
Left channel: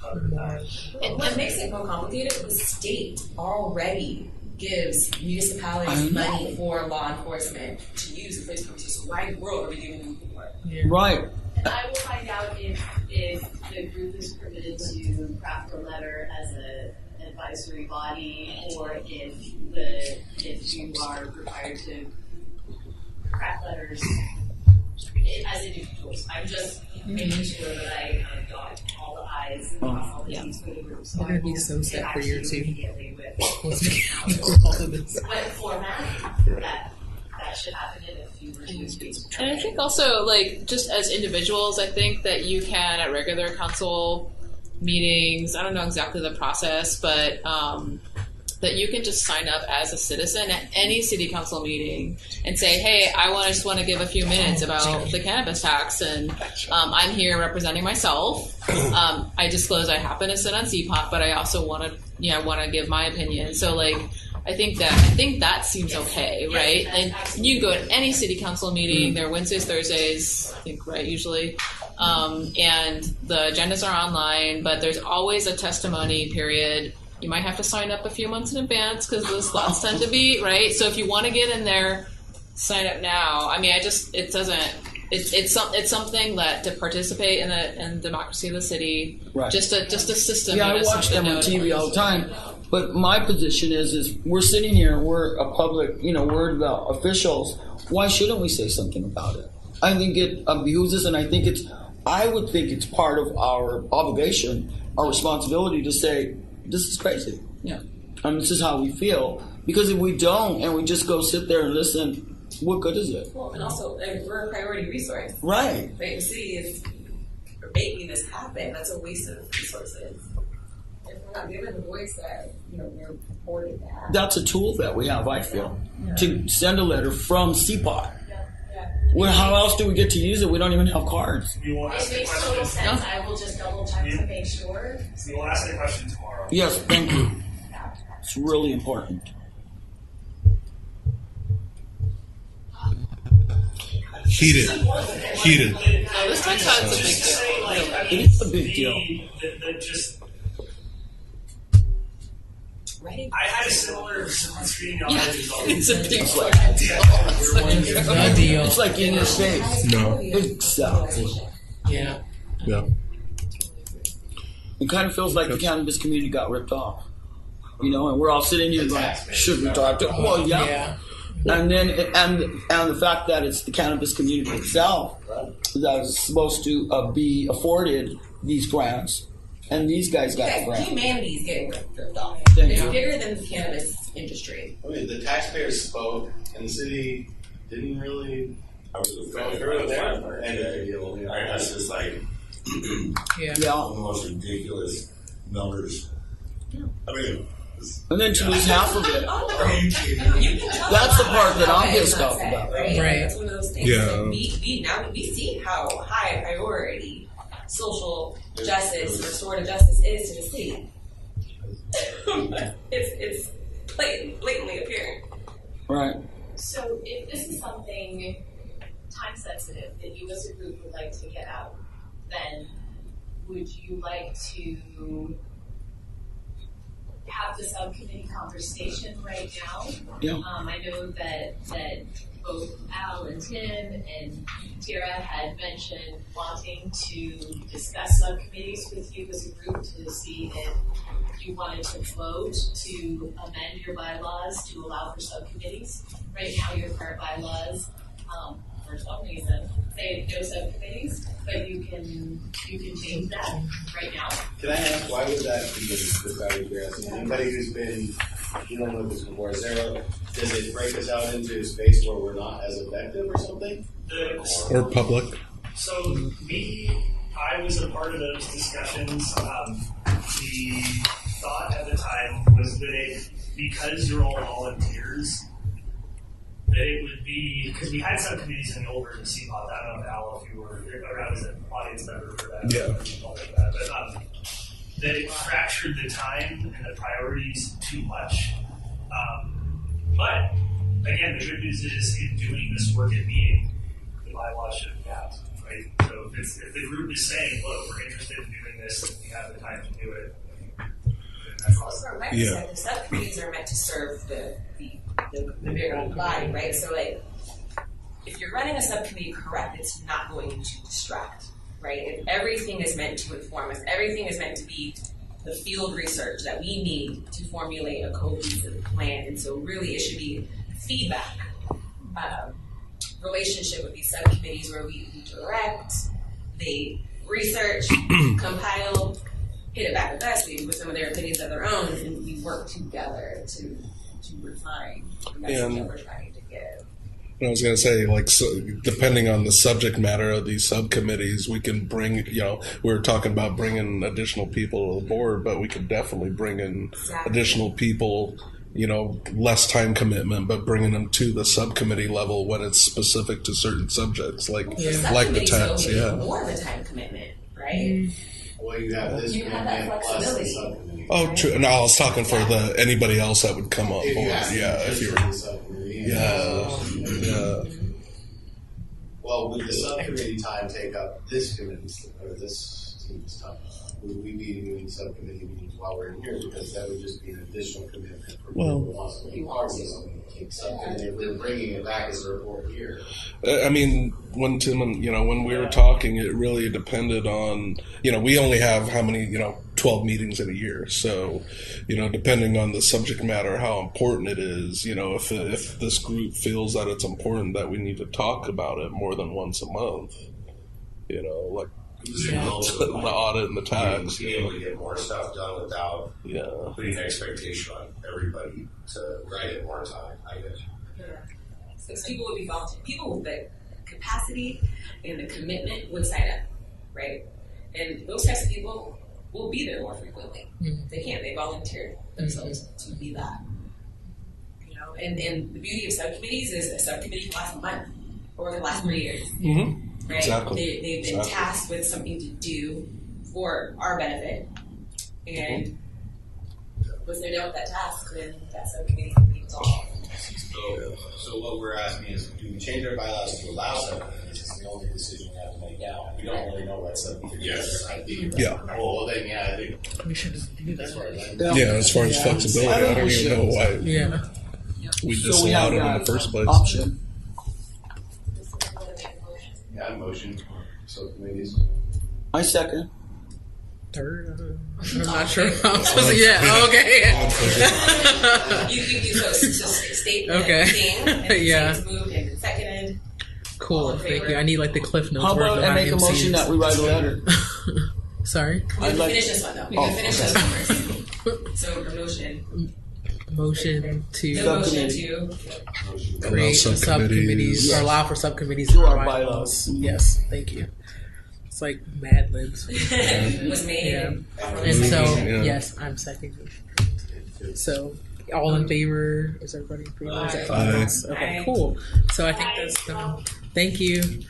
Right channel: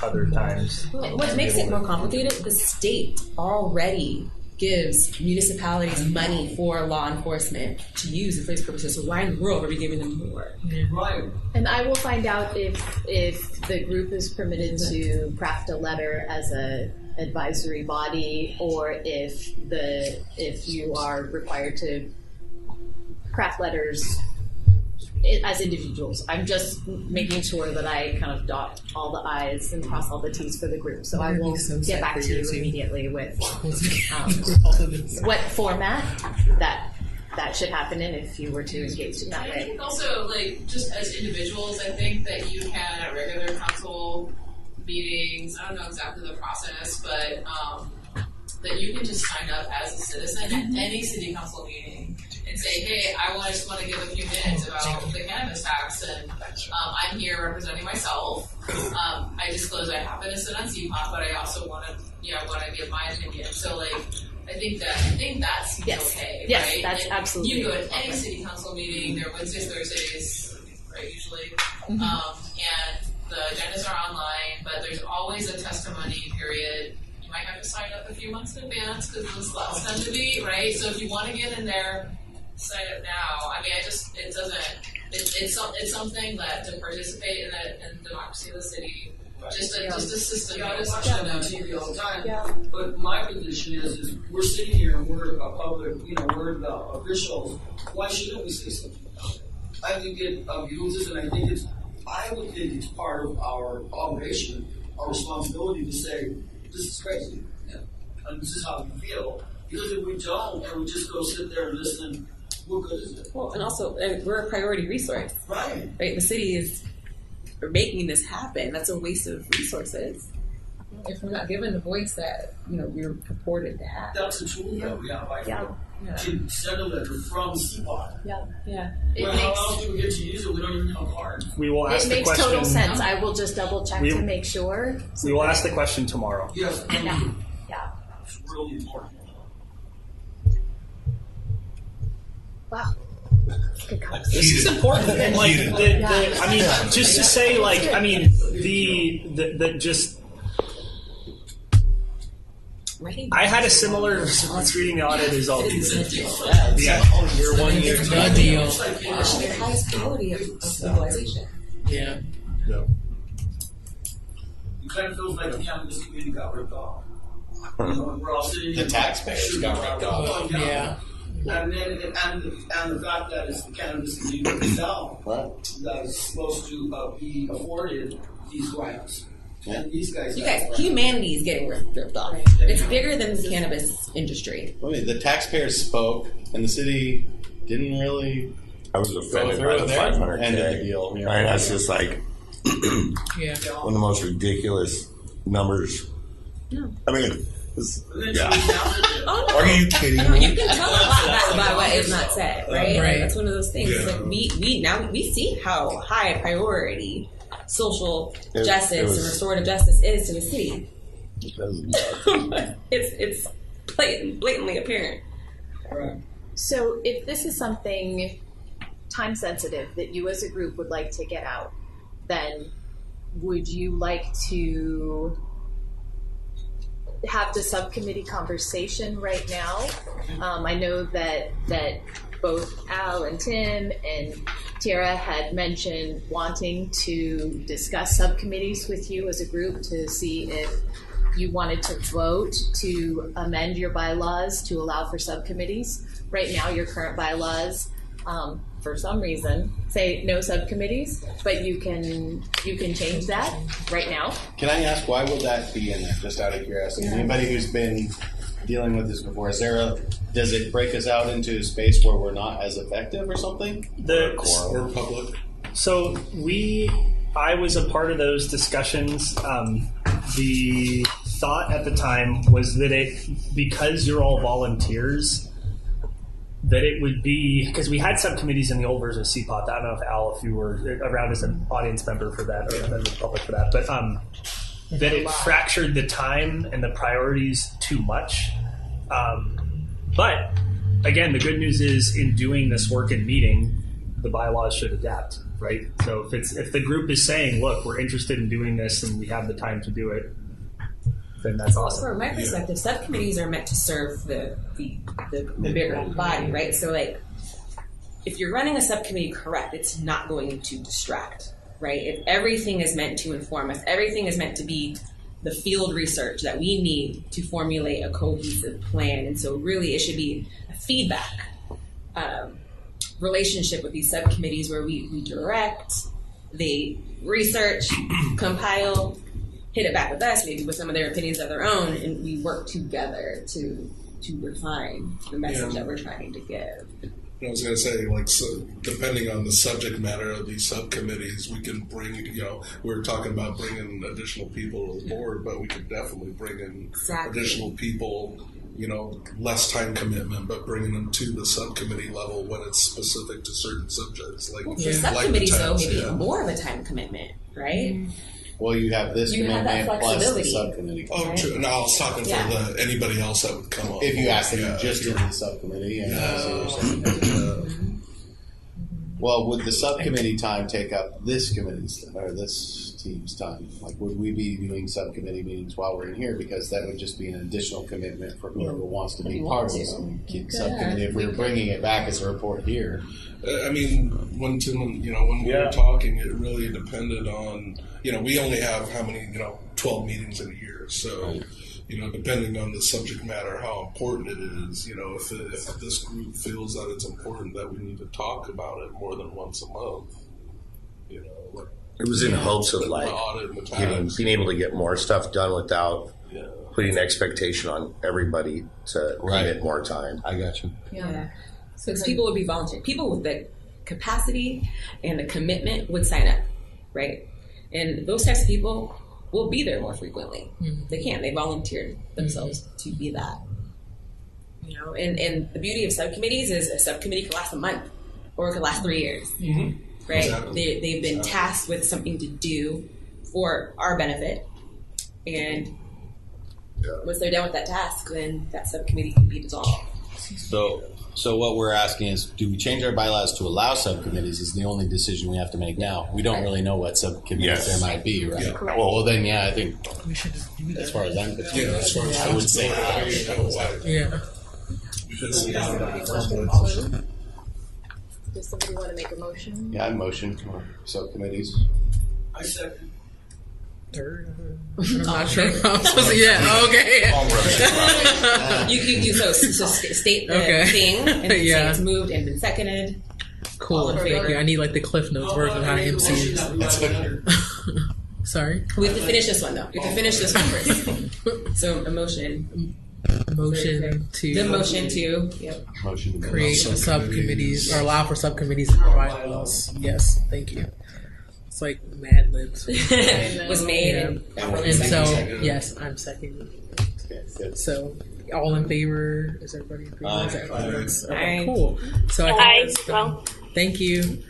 other times. And what makes it more complicated, the state already gives municipalities money for law enforcement to use for these purposes. So why in the world are we giving them more? Right. And I will find out if the group is permitted to craft a letter as a advisory body, or if you are required to craft letters as individuals. I'm just making sure that I kind of dot all the I's and cross all the T's for the group. So I That'd will be so get sad back for to you you too. immediately with all of this. what format that should happen in if you were to engage in that. And I think also, just as individuals, I think that you can, at regular council meetings, I don't know exactly the process, but that you can just sign up as a citizen at any city council meeting and say, hey, I just want to give a few minutes about the cannabis tax, and I'm here representing myself. I disclose I happen to sit on CPOT, but I also want to give my opinion. So I think that seems okay, Yes, right? that's And absolutely you can go to any city council meeting. They're Wednesdays, Thursdays, I think, right, usually. And the agendas are online, but there's always a testimony period. You might have to sign up a few months in advance because those slots tend to be, right? So if you want to get in there, sign up now. I mean, it's something that to participate in the democracy of the city, Right. just a system. Yeah, I watch them on TV all the time. But my position is we're sitting here, we're a public, we're the officials. Why shouldn't we say something about it? I think it abuses, and I would think it's part of our obligation, our responsibility to say, this is crazy. Yeah. And this is how we feel. Because if we don't, and we just go sit there and listen, what good is it? Well, and also, we're a priority resource. Right. Right? The city is making this happen. That's a waste of resources. if we're not given the voice that we're purported to have. That's a tool that we have, I feel, Yeah. to send a letter from CPOT. Yeah. Well, how else do we get to use it? We don't even have cards. We will ask It the makes question. total sense. I will just double check to make sure. We will ask the question tomorrow. Yes, thank you. Yeah. It's really important. Wow. Heated. This is important. And like, Heated. I mean, just to say, like, I mean, the just. I had a similar response reading the audit results. It's a deal. The deal. It's like in the States. No. Yeah. Yeah. It kind of feels like the cannabis community got ripped off. And we're all sitting here like, should be talked to. Well, yeah. And then, and the fact that it's the cannabis community itself that is supposed to be afforded these grants. And these guys got grants. Humanity is getting ripped off. It's bigger than the cannabis industry. I mean, the taxpayers spoke, and the city didn't really. I was offended by the 500K. End of the deal. Right? That's just like one of the most ridiculous numbers. I mean, and then to use half of it. Are you kidding me? You can tell That's the a part lot that about what I'm is pissed not off said, about. right? Right. That's one of those things. Yeah. Like we see how high a priority social justice and restorative justice is to the city. it's blatantly apparent. Right. So if this is something time sensitive that you as a group would like to get out, then would you like to have the subcommittee conversation right now? Yeah. I know that both Al and Tim and Tara had mentioned wanting to discuss subcommittees with you as a group to see if you wanted to vote to amend your bylaws to allow for subcommittees. Right now, your current bylaws, for some reason, say no subcommittees, but you can change that right now. Can I ask why would that be in there? Just out of curiosity. Anybody who's been dealing with this before, does it break us out into a space where we're not as effective or something? Or public. So I was a part of those discussions. The thought at the time was that because you're all volunteers, that it would be, because we had subcommittees in the old version of CPOT. I don't know if Al, if you were around as an audience member for that, or member of the public for that, but that it fractured the time and the priorities too much. But again, the good news is in doing this work and meeting, the bylaws should adapt, right? So if the group is saying, look, we're interested in doing this and we have the time to do it, then that's awesome. From my perspective, subcommittees are meant to serve the bigger body, right? So like, if you're running a subcommittee correct, it's not going to distract, right? If everything is meant to inform us, everything is meant to be the field research that we need to formulate a cohesive plan. And so really it should be a feedback relationship with these subcommittees where we direct, they research, compile, hit it back with us, maybe with some of their opinions of their own, and we work together to refine the message that we're trying to give. I was going to say, like, so depending on the subject matter of these subcommittees, we can bring, we were talking about bringing additional people to the board, but we could definitely bring in additional people, less time commitment, but bringing them to the subcommittee level when it's specific to certain subjects, like the tax. More of a time commitment, right? Well, you have this commitment plus the subcommittee. Oh, true. No, I was talking for anybody else that would come up. If you ask them just to the subcommittee. Well, would the subcommittee time take up this committee's or this team's time? Like, would we be doing subcommittee meetings while we're in here? Because that would just be an additional commitment for whoever wants to be part of the subcommittee. If we were bringing it back as a report here. I mean, when Tim, when we were talking, it really depended on, we only have how many, 12 meetings in a year. So, depending on the subject matter, how important it is, if this group feels that it's important that we need to talk about it more than once a month, like. It was in hopes of the audit and the tax. Being able to get more stuff done without putting expectation on everybody to get more time. I got you. Yeah. So people would be volunteer. People with the capacity and the commitment would sign up, right? And those types of people will be there more frequently. They can't. They volunteered themselves to be that. You know, and the beauty of subcommittees is a subcommittee can last a month or it can last 3 years. Right? Exactly. They've been tasked with something to do for our benefit, and once they're done with that task, then that subcommittee can be dissolved. So what we're asking is, do we change our bylaws to allow subcommittees? Is the only decision we have to make now. We don't really know what subcommittees there might be, right? Yeah. Well, then, I think we should just do that. As far as I'm concerned. Yeah, as far as flexibility, I don't even know why. Yeah. We just allowed it in the first place. Does somebody want to make a motion? Yeah, I motion for subcommittees. I second. Third, I'm not sure. I'm supposed to, yeah. Okay. You so state the thing and say it's moved and been seconded. Cool. Thank you. I need like the Cliff Notes version of how MCs. Sorry. We have to finish this one though. We have to finish this one first. So a motion. Motion to create subcommittees or allow for subcommittees in our bylaws. Yes, thank you. It's like Mad Libs was made, and so yes, I'm second. So all in favor? Is everybody in favor? Is that fine? Okay, cool. So I think that's done. Thank you.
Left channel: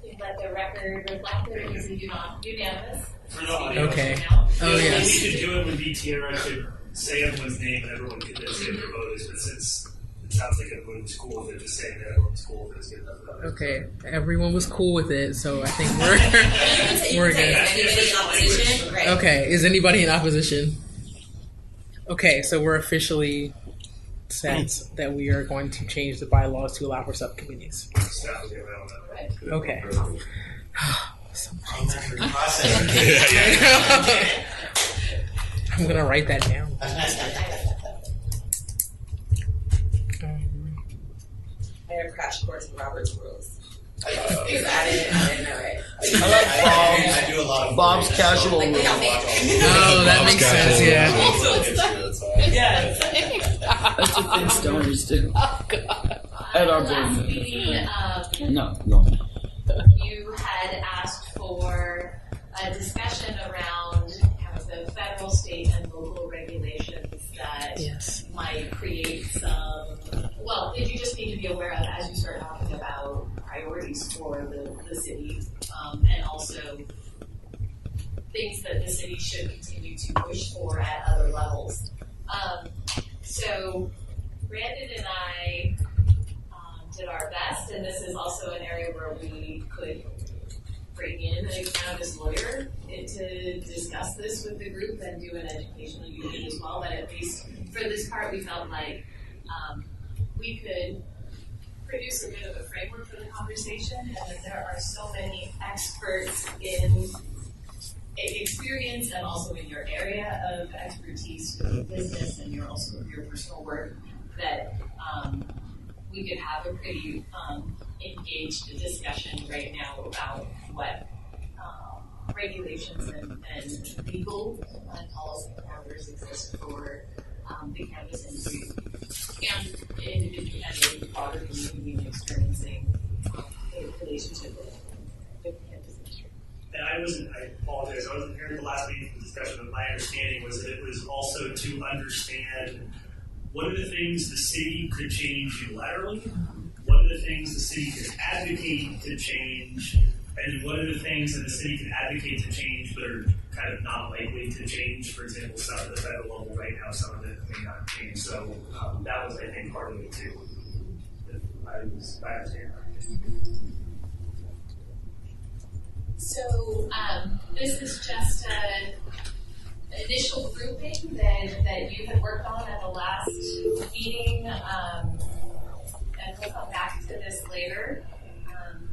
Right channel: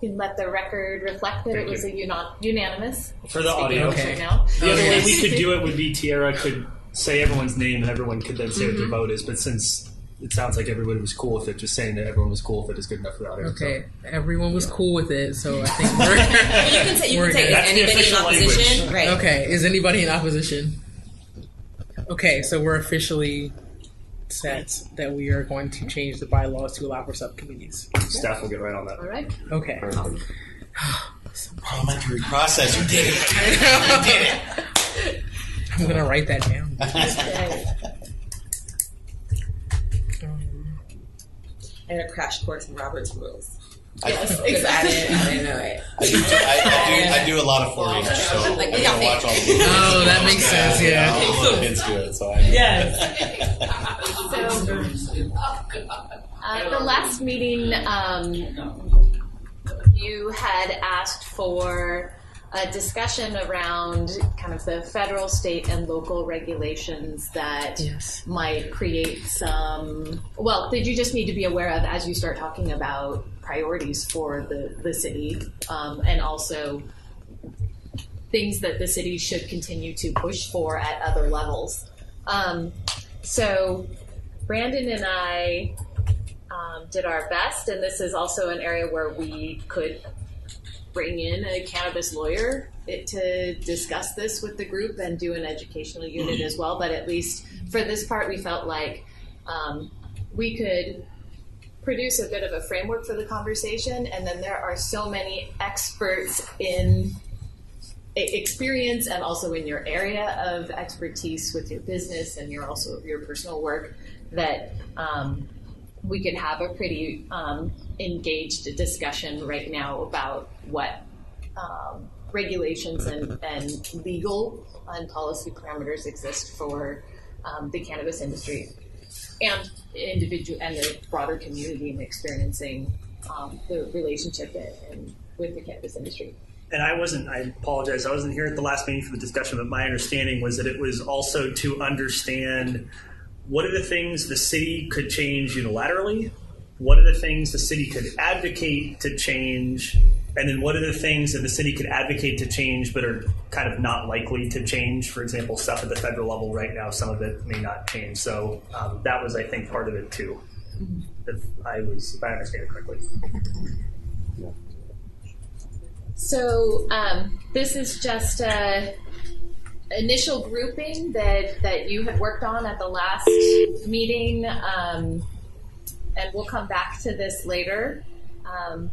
You can let the record reflect that it was a unanimous. For the audio. Okay. The only way we could do it would be Tiara could say everyone's name and everyone could then say what their vote is. But since it sounds like everybody was cool with it, just saying that everyone was cool with it is good enough for the audio. Okay, everyone was cool with it, so I think we're good. Is anybody in opposition? Right. Okay, is anybody in opposition? Okay, so we're officially set that we are going to change the bylaws to allow for subcommittees. Staff will get right on that. All right. Okay. Parliamentary process. I'm going to write that down. I had a crash course in Robert's rules. I didn't know it. I do a lot of Bombs casual. Oh, that makes sense. Yeah. That's stories too. The last meeting, No. you had asked for a discussion around kind of the federal, state, and local regulations that might create some. Well, that you just need to be aware of as you start talking about priorities for the city, and also things that the city should continue to push for at other levels. So Brandon and I did our best, and this is also an area where we could bring in a cannabis lawyer to discuss this with the group and do an educational unit as well. But at least for this part, we felt like we could produce a bit of a framework for the conversation, and then there are so many experts in experience and also in your area of expertise with your business and your personal work that we could have a pretty engaged discussion right now about what regulations and legal and policy parameters exist for the cannabis industry and individual and the broader community in experiencing the relationship with the cannabis industry. And I apologize, I wasn't here at the last meeting for the discussion, but my understanding was that it was also to understand what are the things the city could change unilaterally, what are the things the city could advocate to change, and then what are the things that the city could advocate to change but are kind of not likely to change. For example, stuff at the federal level right now, some of it may not change. So that was, I think, part of it too, if I understand it correctly. So this is just an initial grouping that you had worked on at the last meeting, and we'll come back to this later.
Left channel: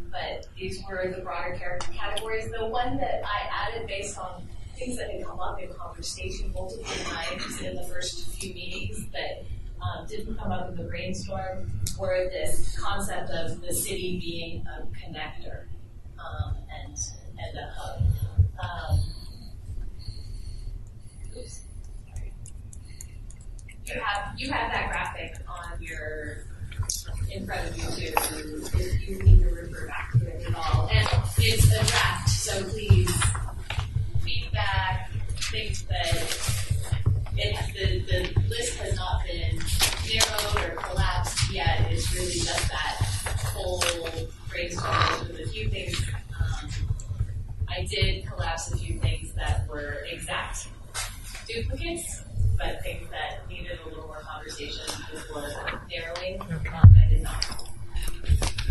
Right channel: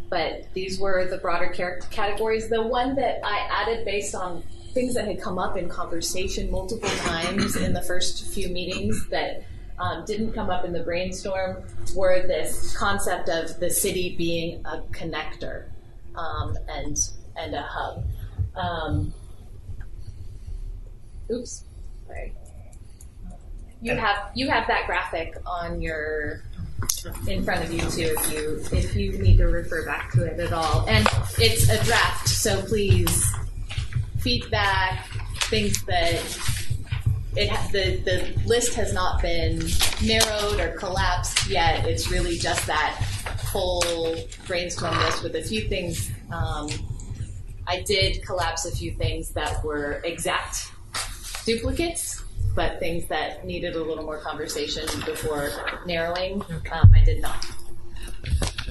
But these were the broader categories. The one that I added based on things that had come up in conversation multiple times in the first few meetings that didn't come up in the brainstorm were this concept of the city being a connector. And a hub. Oops, sorry. You have that graphic on in front of you too. If you need to refer back to it at all, and it's a draft, so please feedback, things that the list has not been narrowed or collapsed yet. It's really just that full brainstorm list with a few things. I did collapse a few things that were exact duplicates, but things that needed a little more conversation before narrowing, I did not.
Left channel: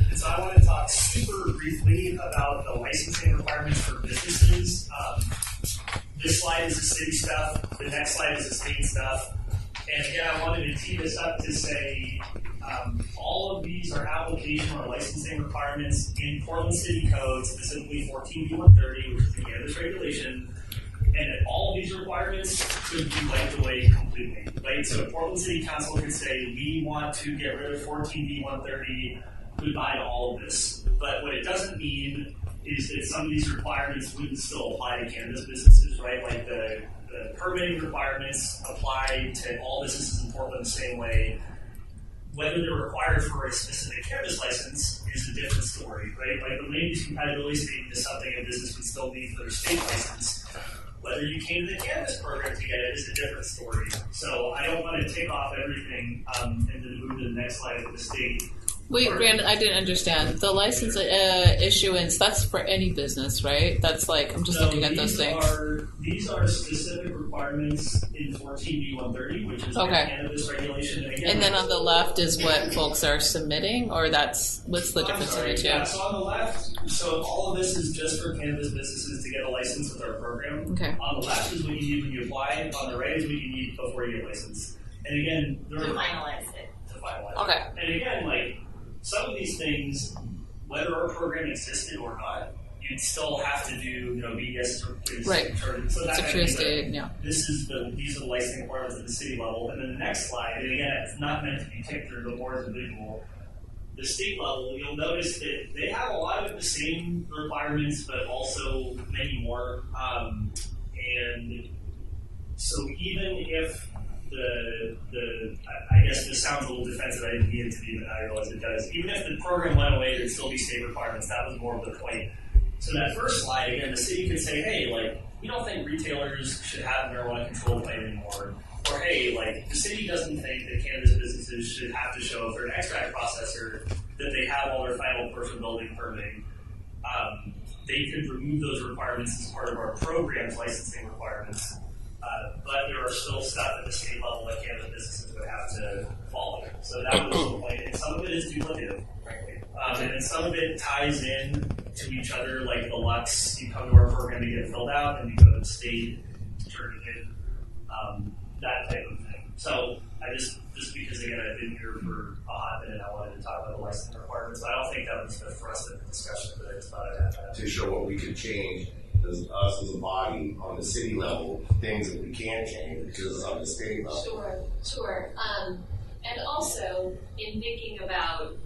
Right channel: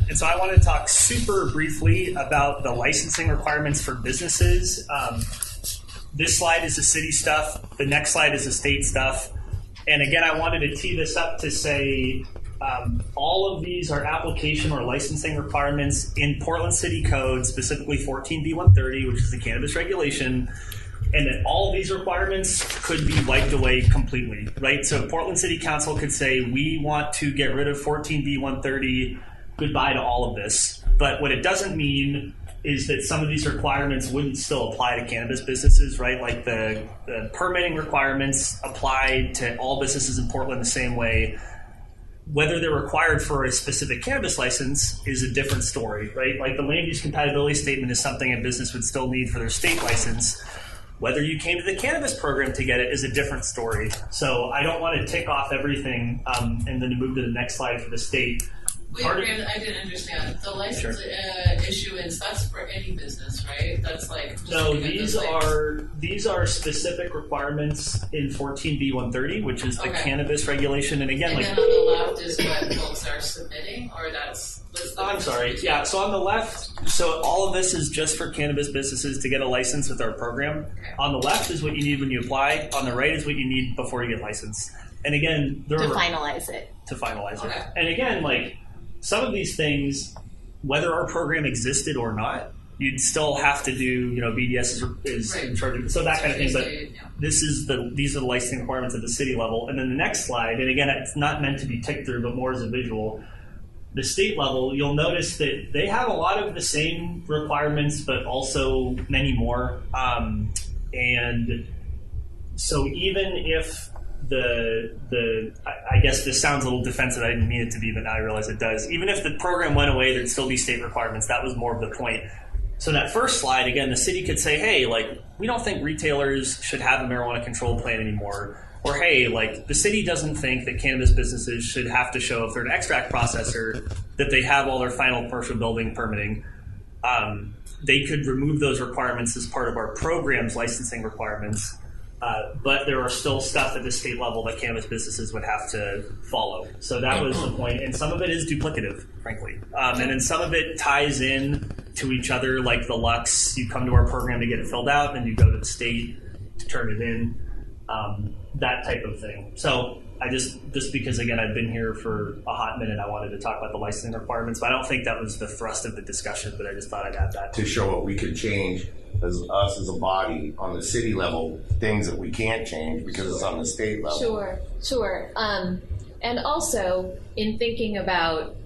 And so I want to talk super briefly about the licensing requirements for businesses. This slide is the city stuff. The next slide is the state stuff. And again, I wanted to tee this up to say all of these are application or licensing requirements in Portland City Code, specifically 14B130, which is the cannabis regulation, and that all of these requirements could be wiped away completely, right? So Portland City Council could say, we want to get rid of 14B130, goodbye to all of this. But what it doesn't mean is that some of these requirements wouldn't still apply to cannabis businesses, right? Like the permitting requirements apply to all businesses in Portland the same way. Whether they're required for a specific cannabis license is a different story, right? Like the land use compatibility statement is something a business would still need for their state license. Whether you came to the cannabis program to get it is a different story. So I don't want to tick off everything and then move to the next slide for the state. Wait, Brandon, I didn't understand. The license issuance, that's for any business, right? That's like, I'm just looking at those things. These are specific requirements in 14B130, which is the cannabis regulation. And again, then on the left is what folks are submitting, or what's the difference? I'm sorry. Yeah, so on the left, so all of this is just for cannabis businesses to get a license with our program. Okay. On the left is what you need when you apply. On the right is what you need before you get licensed. And again, to finalize it. To finalize it. Okay. And again, like, some of these things, whether our program existed or not, you'd still have to do, BDS is right. in charge of, so that kind of thing. But these are the licensing requirements at the city level. And then the next slide, and again, it's not meant to be ticked through, but more as a visual. The state level, you'll notice that they have a lot of the same requirements, but also many more. And so even if I guess this sounds a little defensive. I didn't mean it to be, but now I realize it does. Even if the program went away, there'd still be state requirements. That was more of the point. So in that first slide, again, the city could say, hey, like, we don't think retailers should have a marijuana control plan anymore. Or, hey, like, the city doesn't think that cannabis businesses should have to show, if they're an extract processor, that they have all their final commercial building permitting. They could remove those requirements as part of our program's licensing requirements. But there are still stuff at the state level that cannabis businesses would have to follow. So that was the point. And some of it is duplicative, frankly. And then some of it ties in to each other, like the Lux. You come to our program to get it filled out, and you go to the state to turn it in, that type of thing. So I just because, again, I've been here for a hot minute, I wanted to talk about the licensing requirements. But I don't think that was the thrust of the discussion, but I just thought I'd add that. To show what we could change as us as a body on the city level, things that we can't change because it's on the state level. Sure. And also in thinking about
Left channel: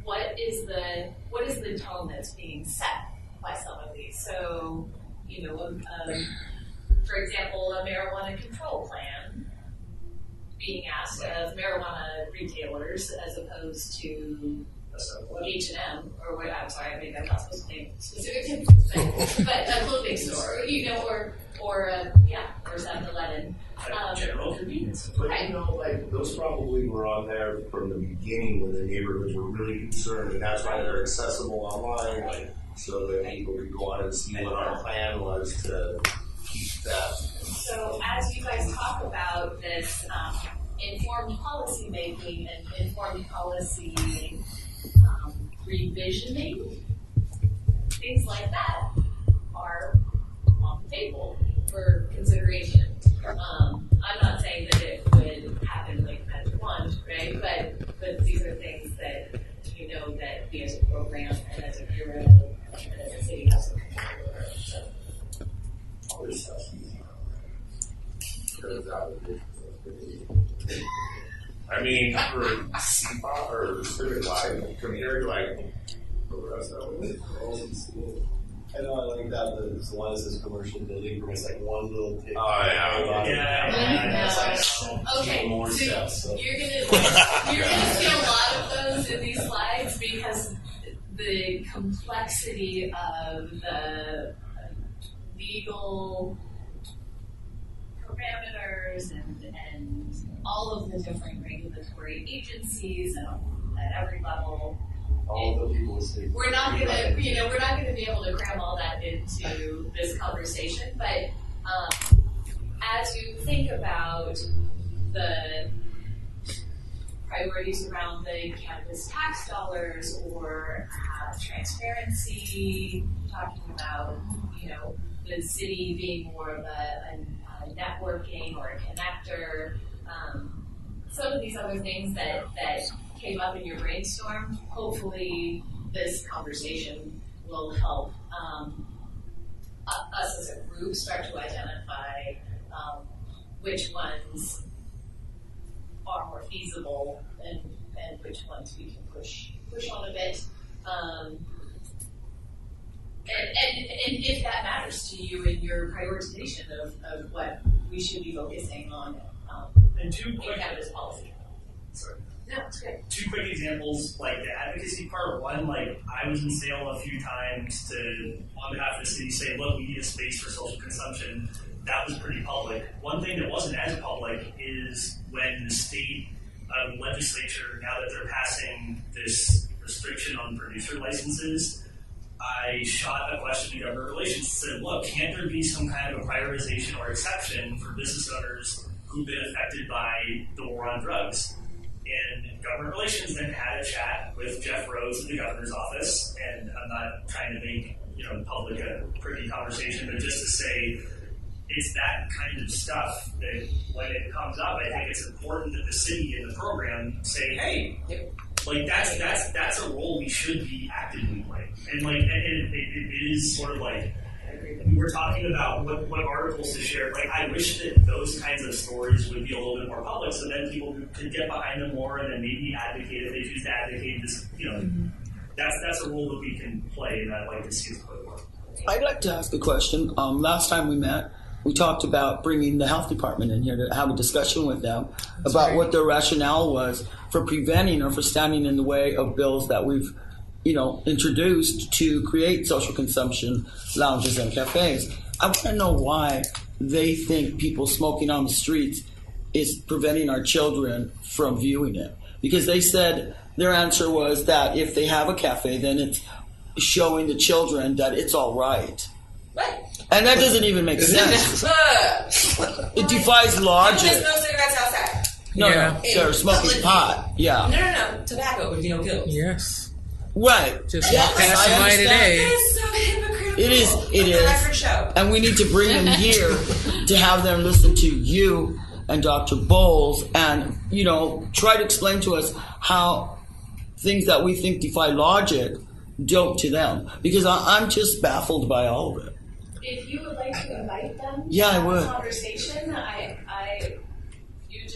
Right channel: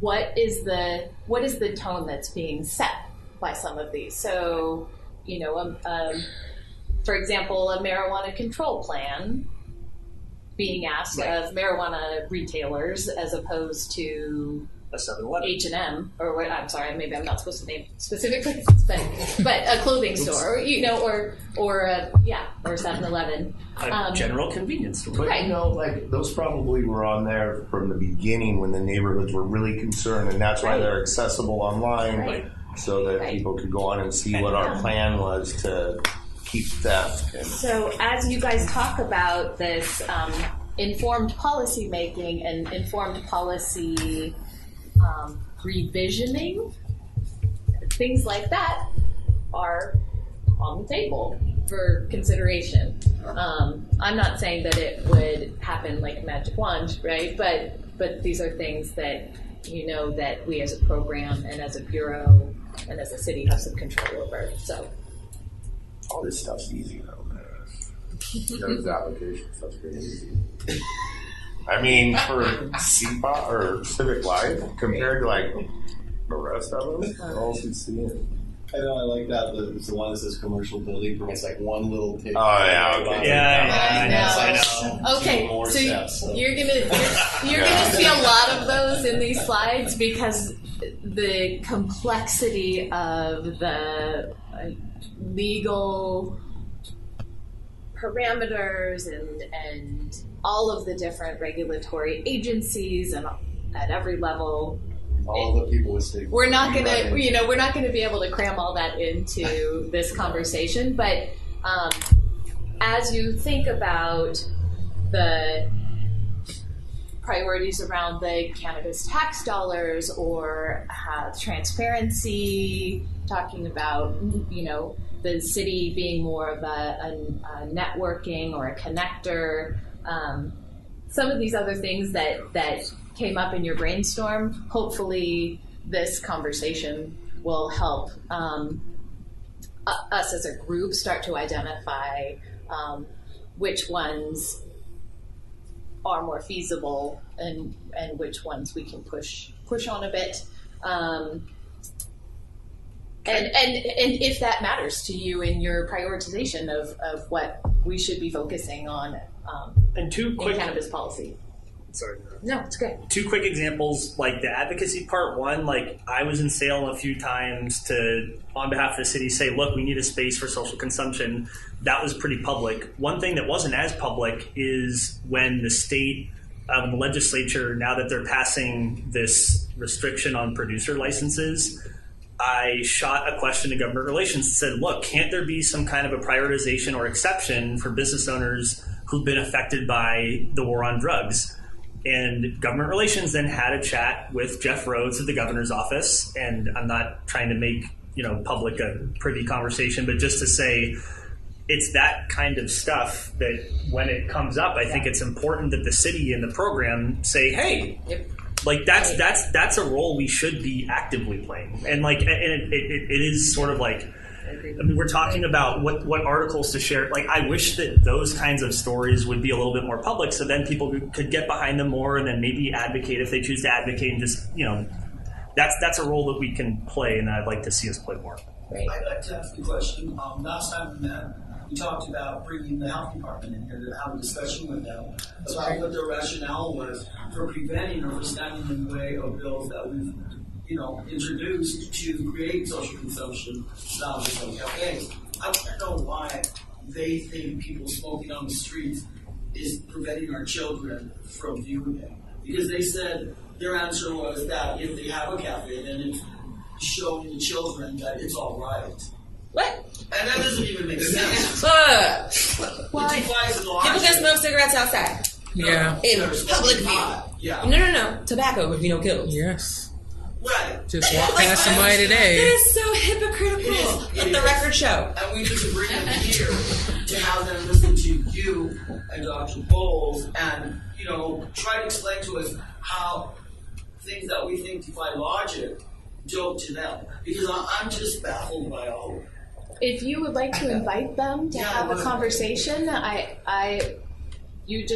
what is the tone that's being set by some of these. So, for example, a marijuana control plan being asked of marijuana retailers as opposed to a 7-Eleven, H&M, or what? I'm sorry, maybe I'm not supposed to name specific places, but a clothing store, or a 7-Eleven, general convenience store. But those probably were on there from the beginning when the neighborhoods were really concerned, and that's why they're accessible online, so that people could go on and see what our plan was to keep theft. So as you guys talk about this informed policy making and informed policy revisioning, things like that are on the table for consideration. I'm not saying that it would happen like a magic wand, right? But these are things that that we as a program and as a bureau and as a city have some control over. So all this stuff's easy though. Those application stuff's pretty easy. I mean, for CPOT or Civic Life, compared to the rest of them, they're all seeing. I know, I like that. The one that says commercial building permits, like one little tick. Oh, yeah. Okay. I know. Okay, more so steps, you're gonna see a lot of those in these slides because the complexity of the legal parameters and all of the different regulatory agencies and at every level. All the people with state. We're not gonna be able to cram all that into this conversation, but as you think about the priorities around the cannabis tax dollars or transparency, talking about, the city being more of a networking or a connector, some of these other things that came up in your brainstorm, hopefully this conversation will help us as a group start to identify which ones are more feasible and which ones we can push on a bit. And if that matters to you in your prioritization of what we should be focusing on in cannabis policy. Sorry. No, it's good. 2 quick examples, like the advocacy part. One, like I was in Salem a few times to, on behalf of the city, say, look, we need a space for social consumption. That was pretty public. One thing that wasn't as public is when the state legislature, now that they're passing this restriction on producer licenses, I shot a question to government relations and said, look, can't there be some kind of a prioritization or exception for business owners who've been affected by the war on drugs? And government relations then had a chat with Jeff Rhodes at the governor's office, and I'm not trying to make public a privy conversation, but just to say it's that kind of stuff that when it comes up, I think it's important that the city and the program say, hey, like that's a role we should be actively playing. And like it is sort of like, I mean, we're talking about what articles to share. Like, I wish that those kinds of stories would be a little bit more public, so then people could get behind them more, and then maybe advocate if they choose to advocate. And just that's a role that we can play, and I'd like to see us play more. I'd like to ask a question. Last time we met, we talked about bringing the health department in here to have a discussion with them about what their rationale was for preventing or for standing in the way of bills that we've introduced to create social consumption lounges and cafes. I want to know why they think people smoking on the streets is preventing our children from viewing it. Because they said their answer was that if they have a cafe, then it's showing the children that it's all right. What? And that doesn't even make sense. It defies logic. People just smoke cigarettes outside. No, they're smoking pot. Yeah. No. Tobacco, kills. Yes. Right. Just walk past somebody today. It is so hypocritical. It is. Let the record show. And we need to bring them here to have them listen to you and Dr. Bowles and, try to explain to us how things that we think defy logic don't to them. Because I'm just baffled by all of it. If you would like to invite them to have a conversation, you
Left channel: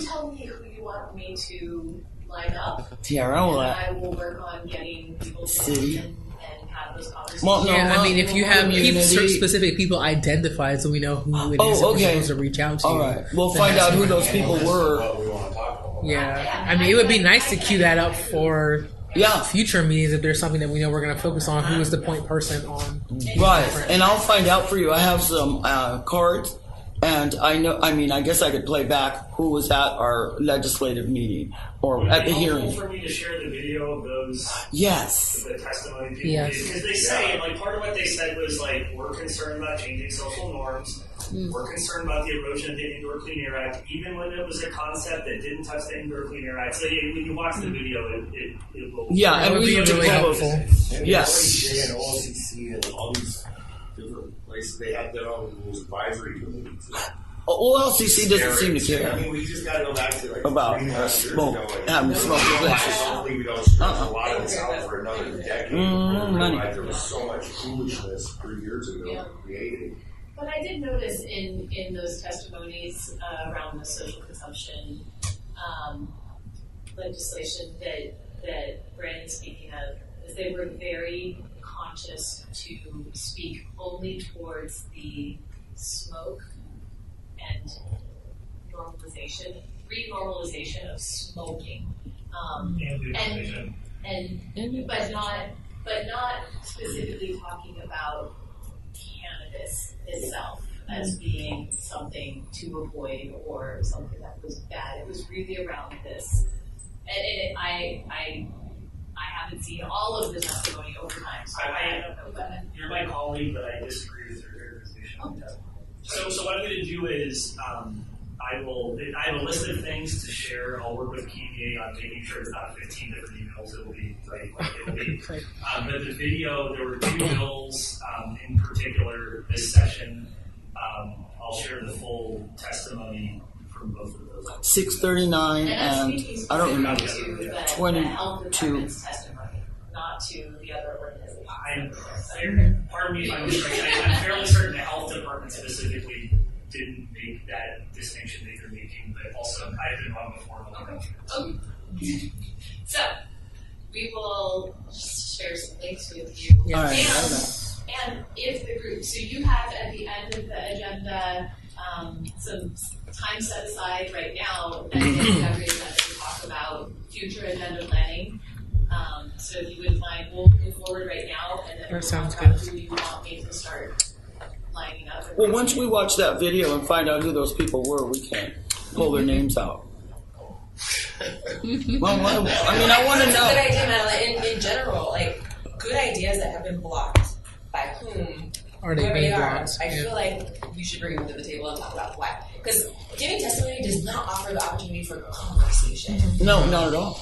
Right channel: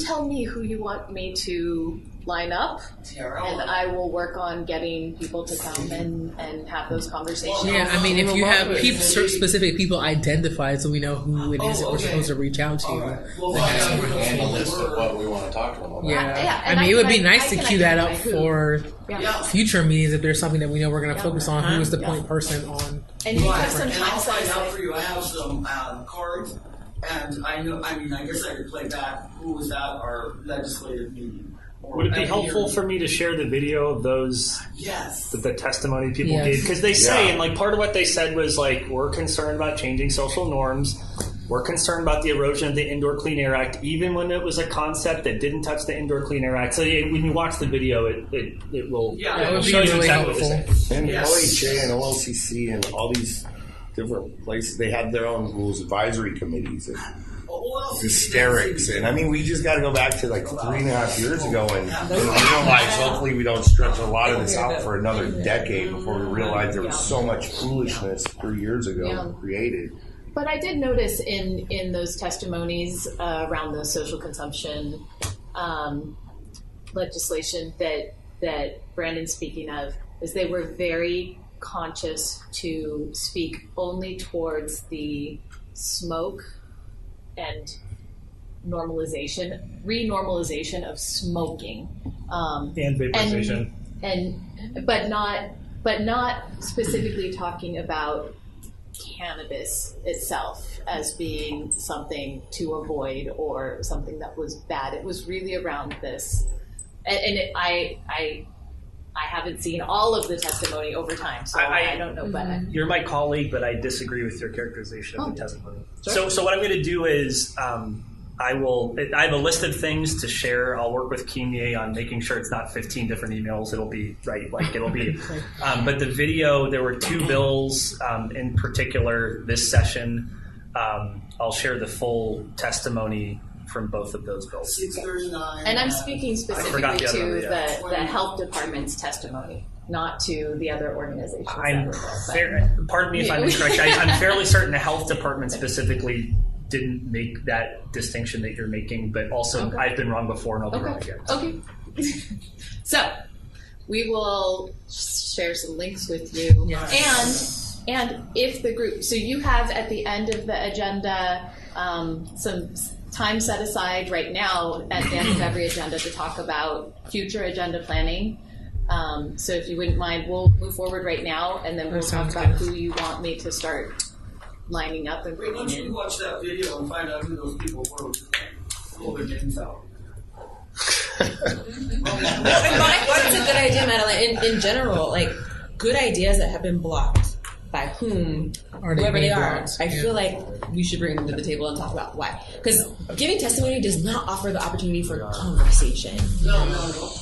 tell me who you want me to line up, and I will work on getting people to come and have those conversations. Well, I mean, if you have specific people identified, so we know who it is that we're supposed to reach out to. All right, we'll find out who those people were. What we want to talk about. Yeah, I mean, it would be nice to cue that up for future meetings if there's something that we know we're going to focus on. Who is the point person on? Right, and I'll find out for you. I have some cards. And I guess I could play back who was at our legislative meeting. Or would it be helpful for me to share the video of those? Yes. The testimony people gave? Because they say, and like part of what they said was like, we're concerned about changing social norms. We're concerned about the erosion of the Indoor Clean Air Act, even when it was a concept that didn't touch the Indoor Clean Air Act. So when you watch the video, it will. Yeah, it would be really helpful. And the OHA and OLCC and all these different places, they have their own rules advisory committees. OLCC doesn't seem to care. I mean, we just got to go back to like 3.5 years ago and realize hopefully we don't stretch a lot of this out for another decade before we realize there was so much foolishness 3 years ago created. But I did notice in those testimonies around the social consumption legislation that Brandon's speaking of, is they were very conscious to speak only towards the smoke and renormalization of smoking. And vaporization. but not specifically talking about cannabis itself as being something to avoid or something that was bad. It was really around this, I haven't seen all of the testimony over time, so I don't know. But you're my colleague, but I disagree with your characterization of the testimony. Sure. So what I'm going to do is I have a list of things to share. I'll work with Kimye on making sure it's not 15 different emails. It'll be right, like it'll be. But the video, there were 2 bills in particular this session. I'll share the full testimony from both of those bills. 639. And I'm speaking specifically to the health department's testimony, not to the other organizations. Pardon me if I'm incorrect. I'm fairly certain the health department specifically didn't make that distinction that you're making, but also I've been wrong before and I'll be wrong again. Okay. So we will share some links with you. Yes. And if the group, so you have at the end of the agenda some time set aside right now at the end of every agenda to talk about future agenda planning. So if you wouldn't mind, we'll move forward right now and then we'll talk about who you want me to start lining up. And once we watch that video and find out who those people were, we can pull their names out. I think it's a good idea, Madeline. In general, like good ideas that have been blocked by whom, whoever they are. I feel like we should bring them to the table and talk about why. Because giving testimony does not offer the opportunity for conversation. No, not at all.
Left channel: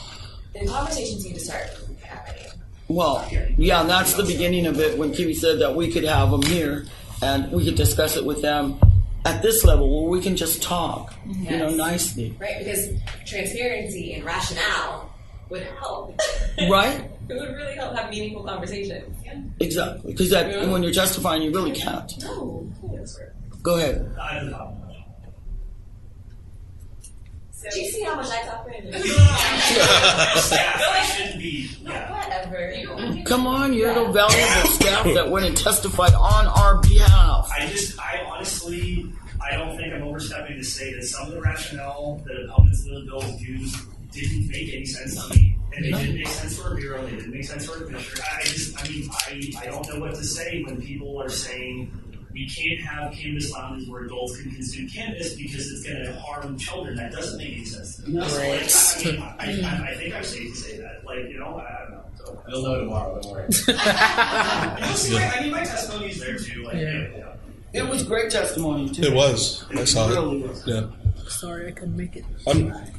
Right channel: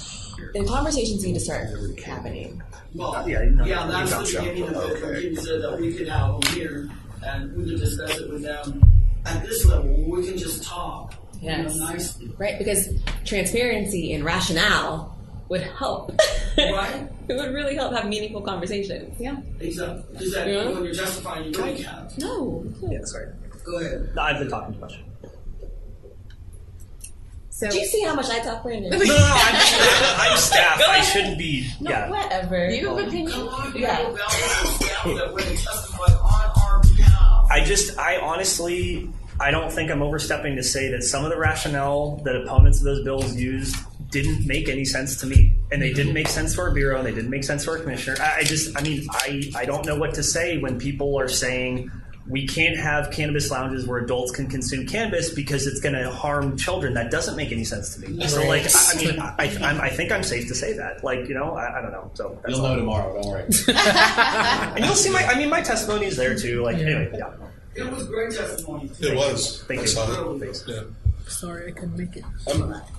And conversations need to start happening. Well, yeah, that's the beginning of it when Kiwi said that we could have them here and we could discuss it with them at this level where we can just talk, nicely. Right, because transparency and rationale would help. Right? It would really help have meaningful conversations. Yeah. Exactly. Because when you're justifying, you really can't. No. Yeah, sorry. Go ahead. I've been talking too much. So, do you see how much I talk, Brandon? No, I'm staff. I shouldn't be. No, whatever. Come on, you have a valuable staff that went and testified on our behalf. I honestly, I don't think I'm overstepping to say that some of the rationale that opponents of those bills used didn't make any sense to me. And they didn't make sense for our bureau, and they didn't make sense for our commissioner. I don't know what to say when people are saying we can't have cannabis lounges where adults can consume cannabis because it's going to harm children. That doesn't make any sense to me. Right. So, I think I'm safe to say that. I don't know. So you'll know tomorrow. Don't worry. And you'll see. My testimony's there too. Anyway, it was great testimony too. It was. I saw it. Yeah. Sorry, I couldn't make it.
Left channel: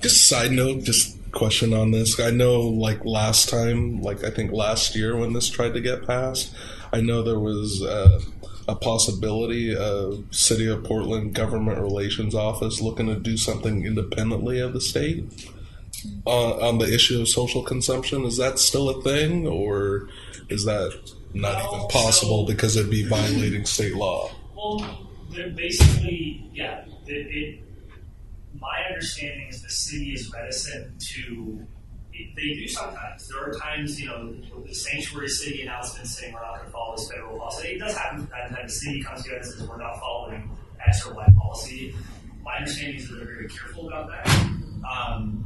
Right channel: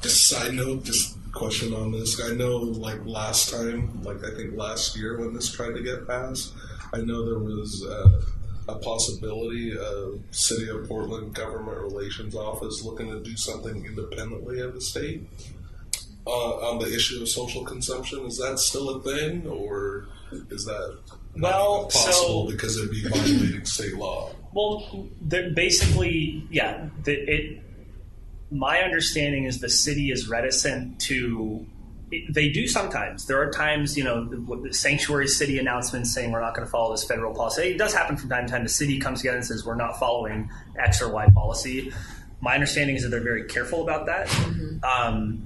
Just a side note, just question on this. I know, last time, I think last year when this tried to get passed, I know there was a possibility of City of Portland Government Relations Office looking to do something independently of the state on the issue of social consumption. Is that still a thing, or is that not even possible because it'd be violating state law? Well, basically, yeah. My understanding is the city is reticent to. They do sometimes. There are times, the sanctuary city announcements saying we're not going to follow this federal policy. It does happen from time to time. The city comes together and says we're not following X or Y policy. My understanding is that they're very careful about that.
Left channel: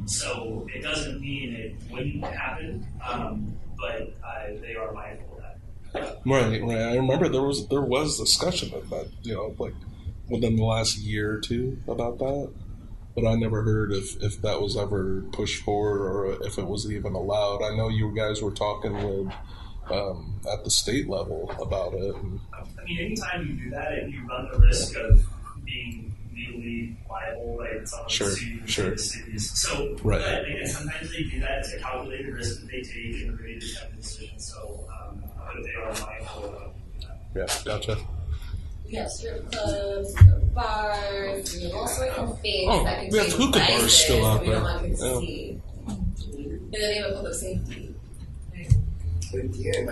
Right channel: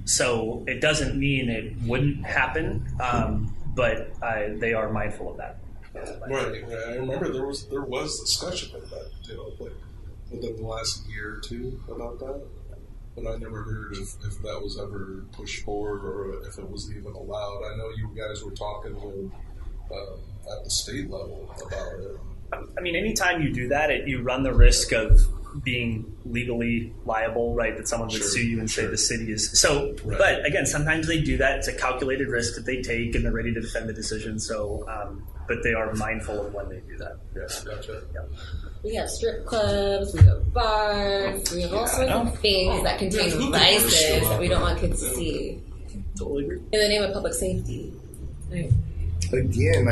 So it doesn't mean it wouldn't happen, but they are mindful of that. Right. I remember there was discussion of that, within the last year or two about that. But I never heard if that was ever pushed forward or if it was even allowed. I know you guys were talking with at the state level about it. Anytime you do that, you run the risk of being legally liable, right? That someone would sue you and say the city is. So, right. But again, sometimes they do that. It's a calculated risk that they take and they're ready to defend the decision. So, but they are mindful of when they do that. Yeah, gotcha. Yeah. We have strip clubs, we have bars, we have all sorts of things that contain vices that we don't want kids to see. Totally agree. In the name of public safety. Right. Again,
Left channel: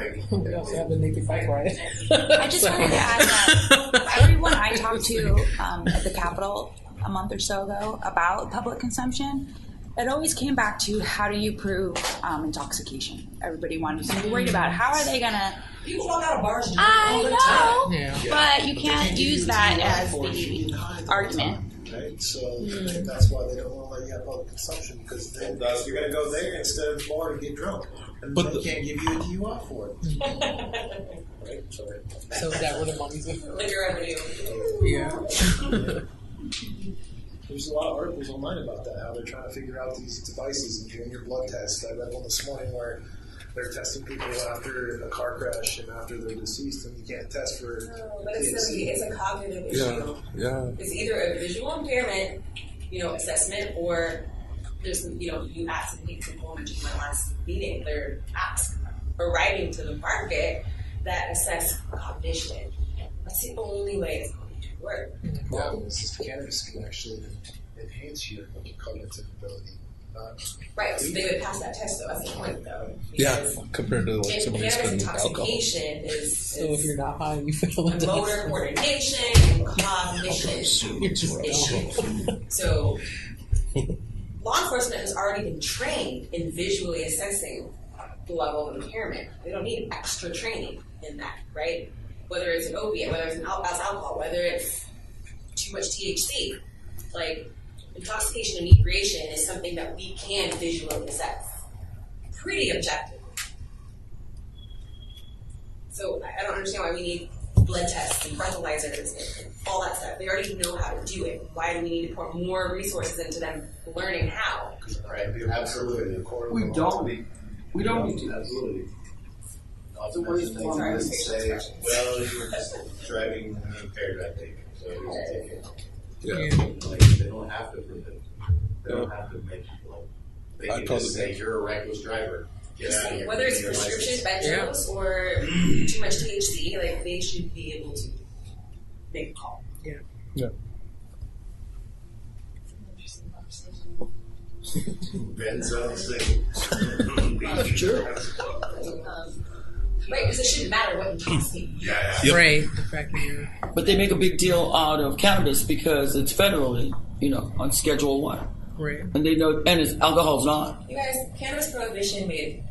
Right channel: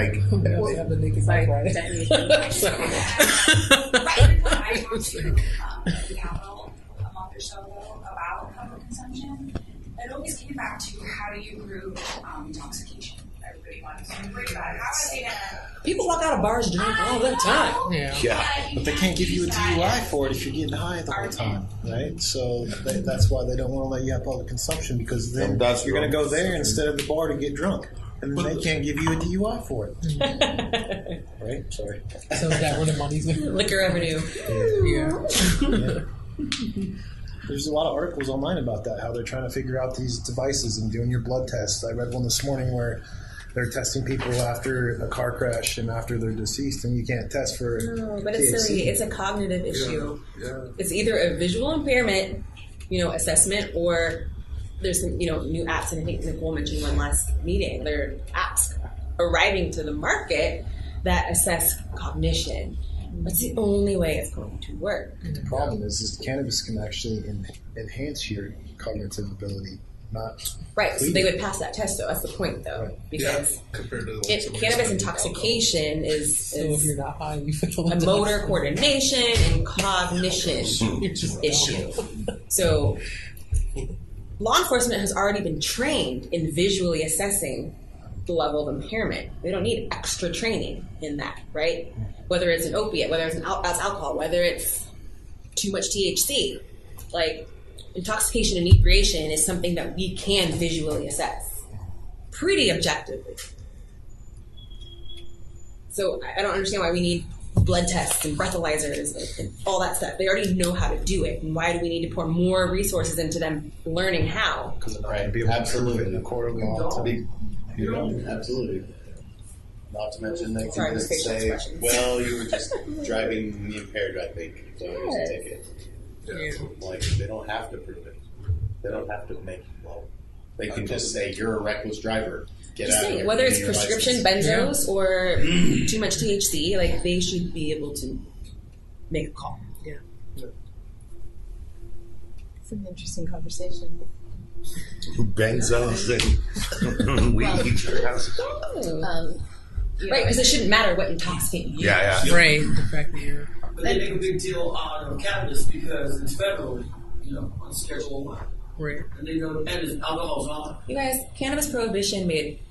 we also have the naked bike ride. I just wanted to add everyone I talked to at the Capitol a month or so ago about public consumption, it always came back to how do you prove intoxication. Everybody wanted to be worried about how are they gonna. People walk out of bars drinking all the time. Yeah. But you can't use that as for it if you're getting high the whole time, right? So that's why they don't want to let you have public consumption because then you're going to go there instead of the bar to get drunk. And then they can't give you a DUI for it. Right? Sorry. So is that where the money's going? Liquor revenue. Yeah. There's a lot of articles online about that, how they're trying to figure out these devices and doing your blood tests. I read one this morning where they're testing people after a car crash and after they're deceased, and you can't test for No, but it's silly. It's a cognitive issue. Yeah. It's either a visual impairment, assessment, or there's some, new apps, and I think Nicole mentioned one last meeting. There are apps arriving to the market that assess cognition. That's the only way it's going to work. The problem is cannabis can actually enhance your cognitive ability, not right. So they would pass that test, though. That's the point, though, because compared to cannabis intoxication is if you're not high, you feel a motor coordination and cognition issue. So law enforcement has already been trained in visually assessing the level of impairment. They don't need extra training in that, right? Whether it's an opiate, whether it's alcohol, whether it's too much THC. Like, intoxication and inebriation is something that we can visually assess pretty objectively. So I don't understand why we need blood tests and breathalyzers and all that stuff. They already know how to do it. And why do we need to pour more resources into them learning how? Right. Absolutely. We don't. Absolutely. Not to mention they can just say, well, you were just driving impaired, I think, so here's a ticket. Yeah. Like, they don't have to prove it. They don't have to make, they can just say, you're a reckless driver. Get out of here. Whether it's prescription benzos or too much THC, like, they should be able to make a call. Yeah. It's an interesting conversation. Benzos and weed. Sure. Right, because it shouldn't matter what intoxicating you. Yeah. Right, the fact that you're. But they make a big deal out of cannabis because it's federally, on Schedule 1. Right. And they don't, and alcohol's not. You guys, cannabis prohibition made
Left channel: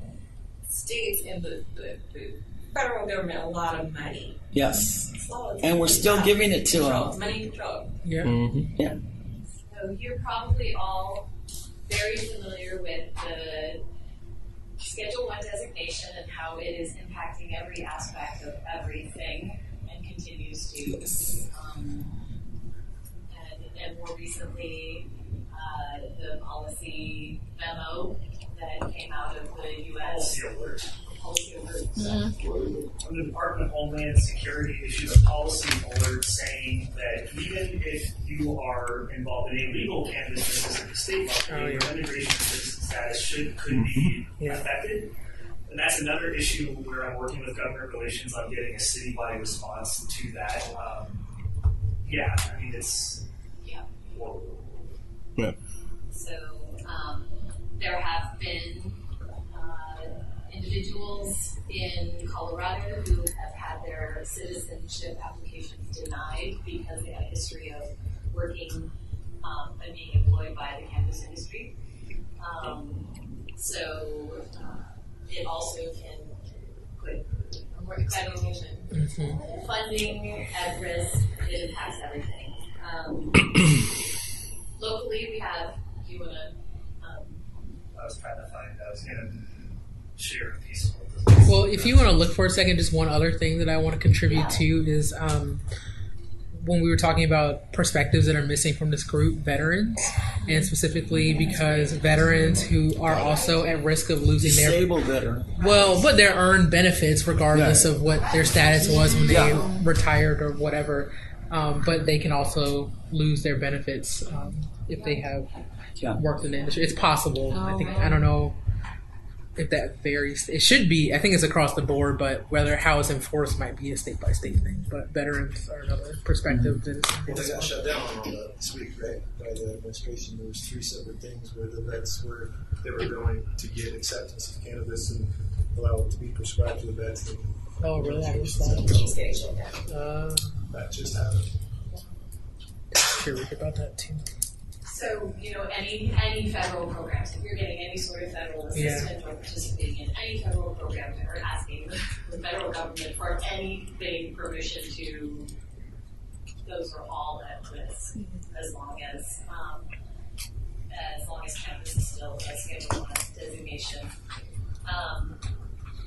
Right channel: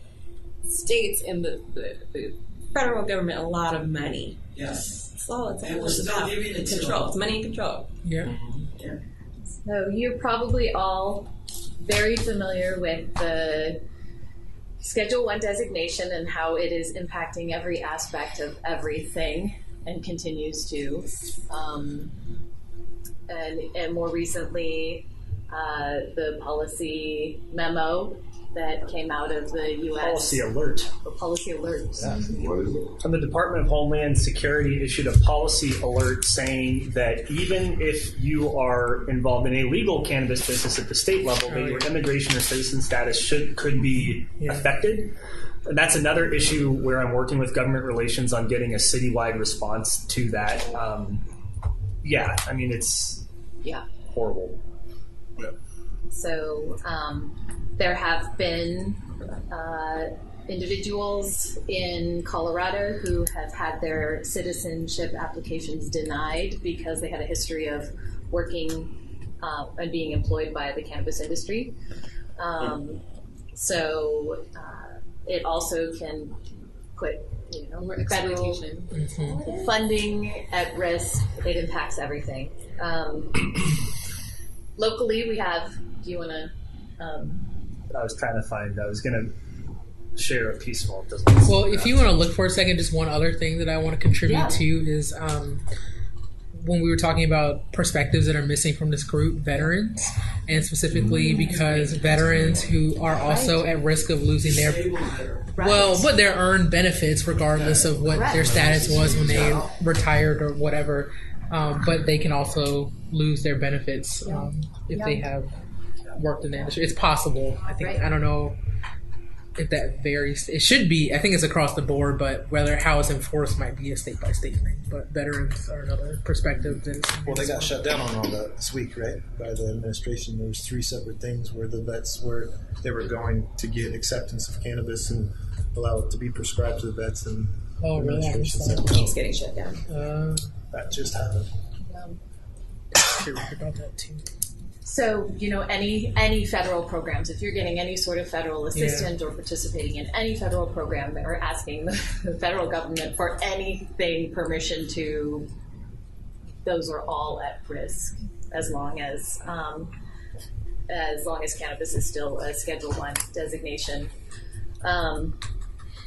states and the federal government a lot of money. Yes. So and we're still giving it to control. them. It's money and control. Yeah. Mm-hmm. Yeah. So you're probably all very familiar with the Schedule 1 designation and how it is impacting every aspect of everything and continues to. And more recently, the policy memo that came out of the U.S. Policy alert. Policy alert. Mm-hmm. And the Department of Homeland Security issued a policy alert saying that even if you are involved in a legal cannabis business at the state level, your immigration or citizen status could be affected. And that's another issue where I'm working with government relations on getting a citywide response to that. It's horrible. Yeah. So there have been individuals in Colorado who have had their citizenship applications denied because they had a history of working and being employed by the cannabis industry. So it also can put federal funding at risk. It impacts everything. Locally, we have. Do you want to? I was going to share a piece of it. Well, if you want to look for a second, just one other thing that I want to contribute to is when we were talking about perspectives that are missing from this group, veterans, and specifically because veterans who are also at risk of losing but their earned benefits regardless of what their status was when they retired or whatever, but they can also lose their benefits if they have worked in the industry. It's possible. I don't know if that varies. It should be. I think it's across the board, but how it's enforced might be a state by state thing. But veterans are another perspective. Well, they got shut down on all that this week, right? By the administration. There was 3 separate things where the vets were going to get acceptance of cannabis and allow it to be prescribed to the vets. And really? Keeps getting shut down. That just happened. Curious about that too. So, any federal programs, if you're getting any sort of federal assistance or participating in any federal program or asking the federal government for anything permission to, those are all at risk as long as cannabis is still a Schedule 1 designation.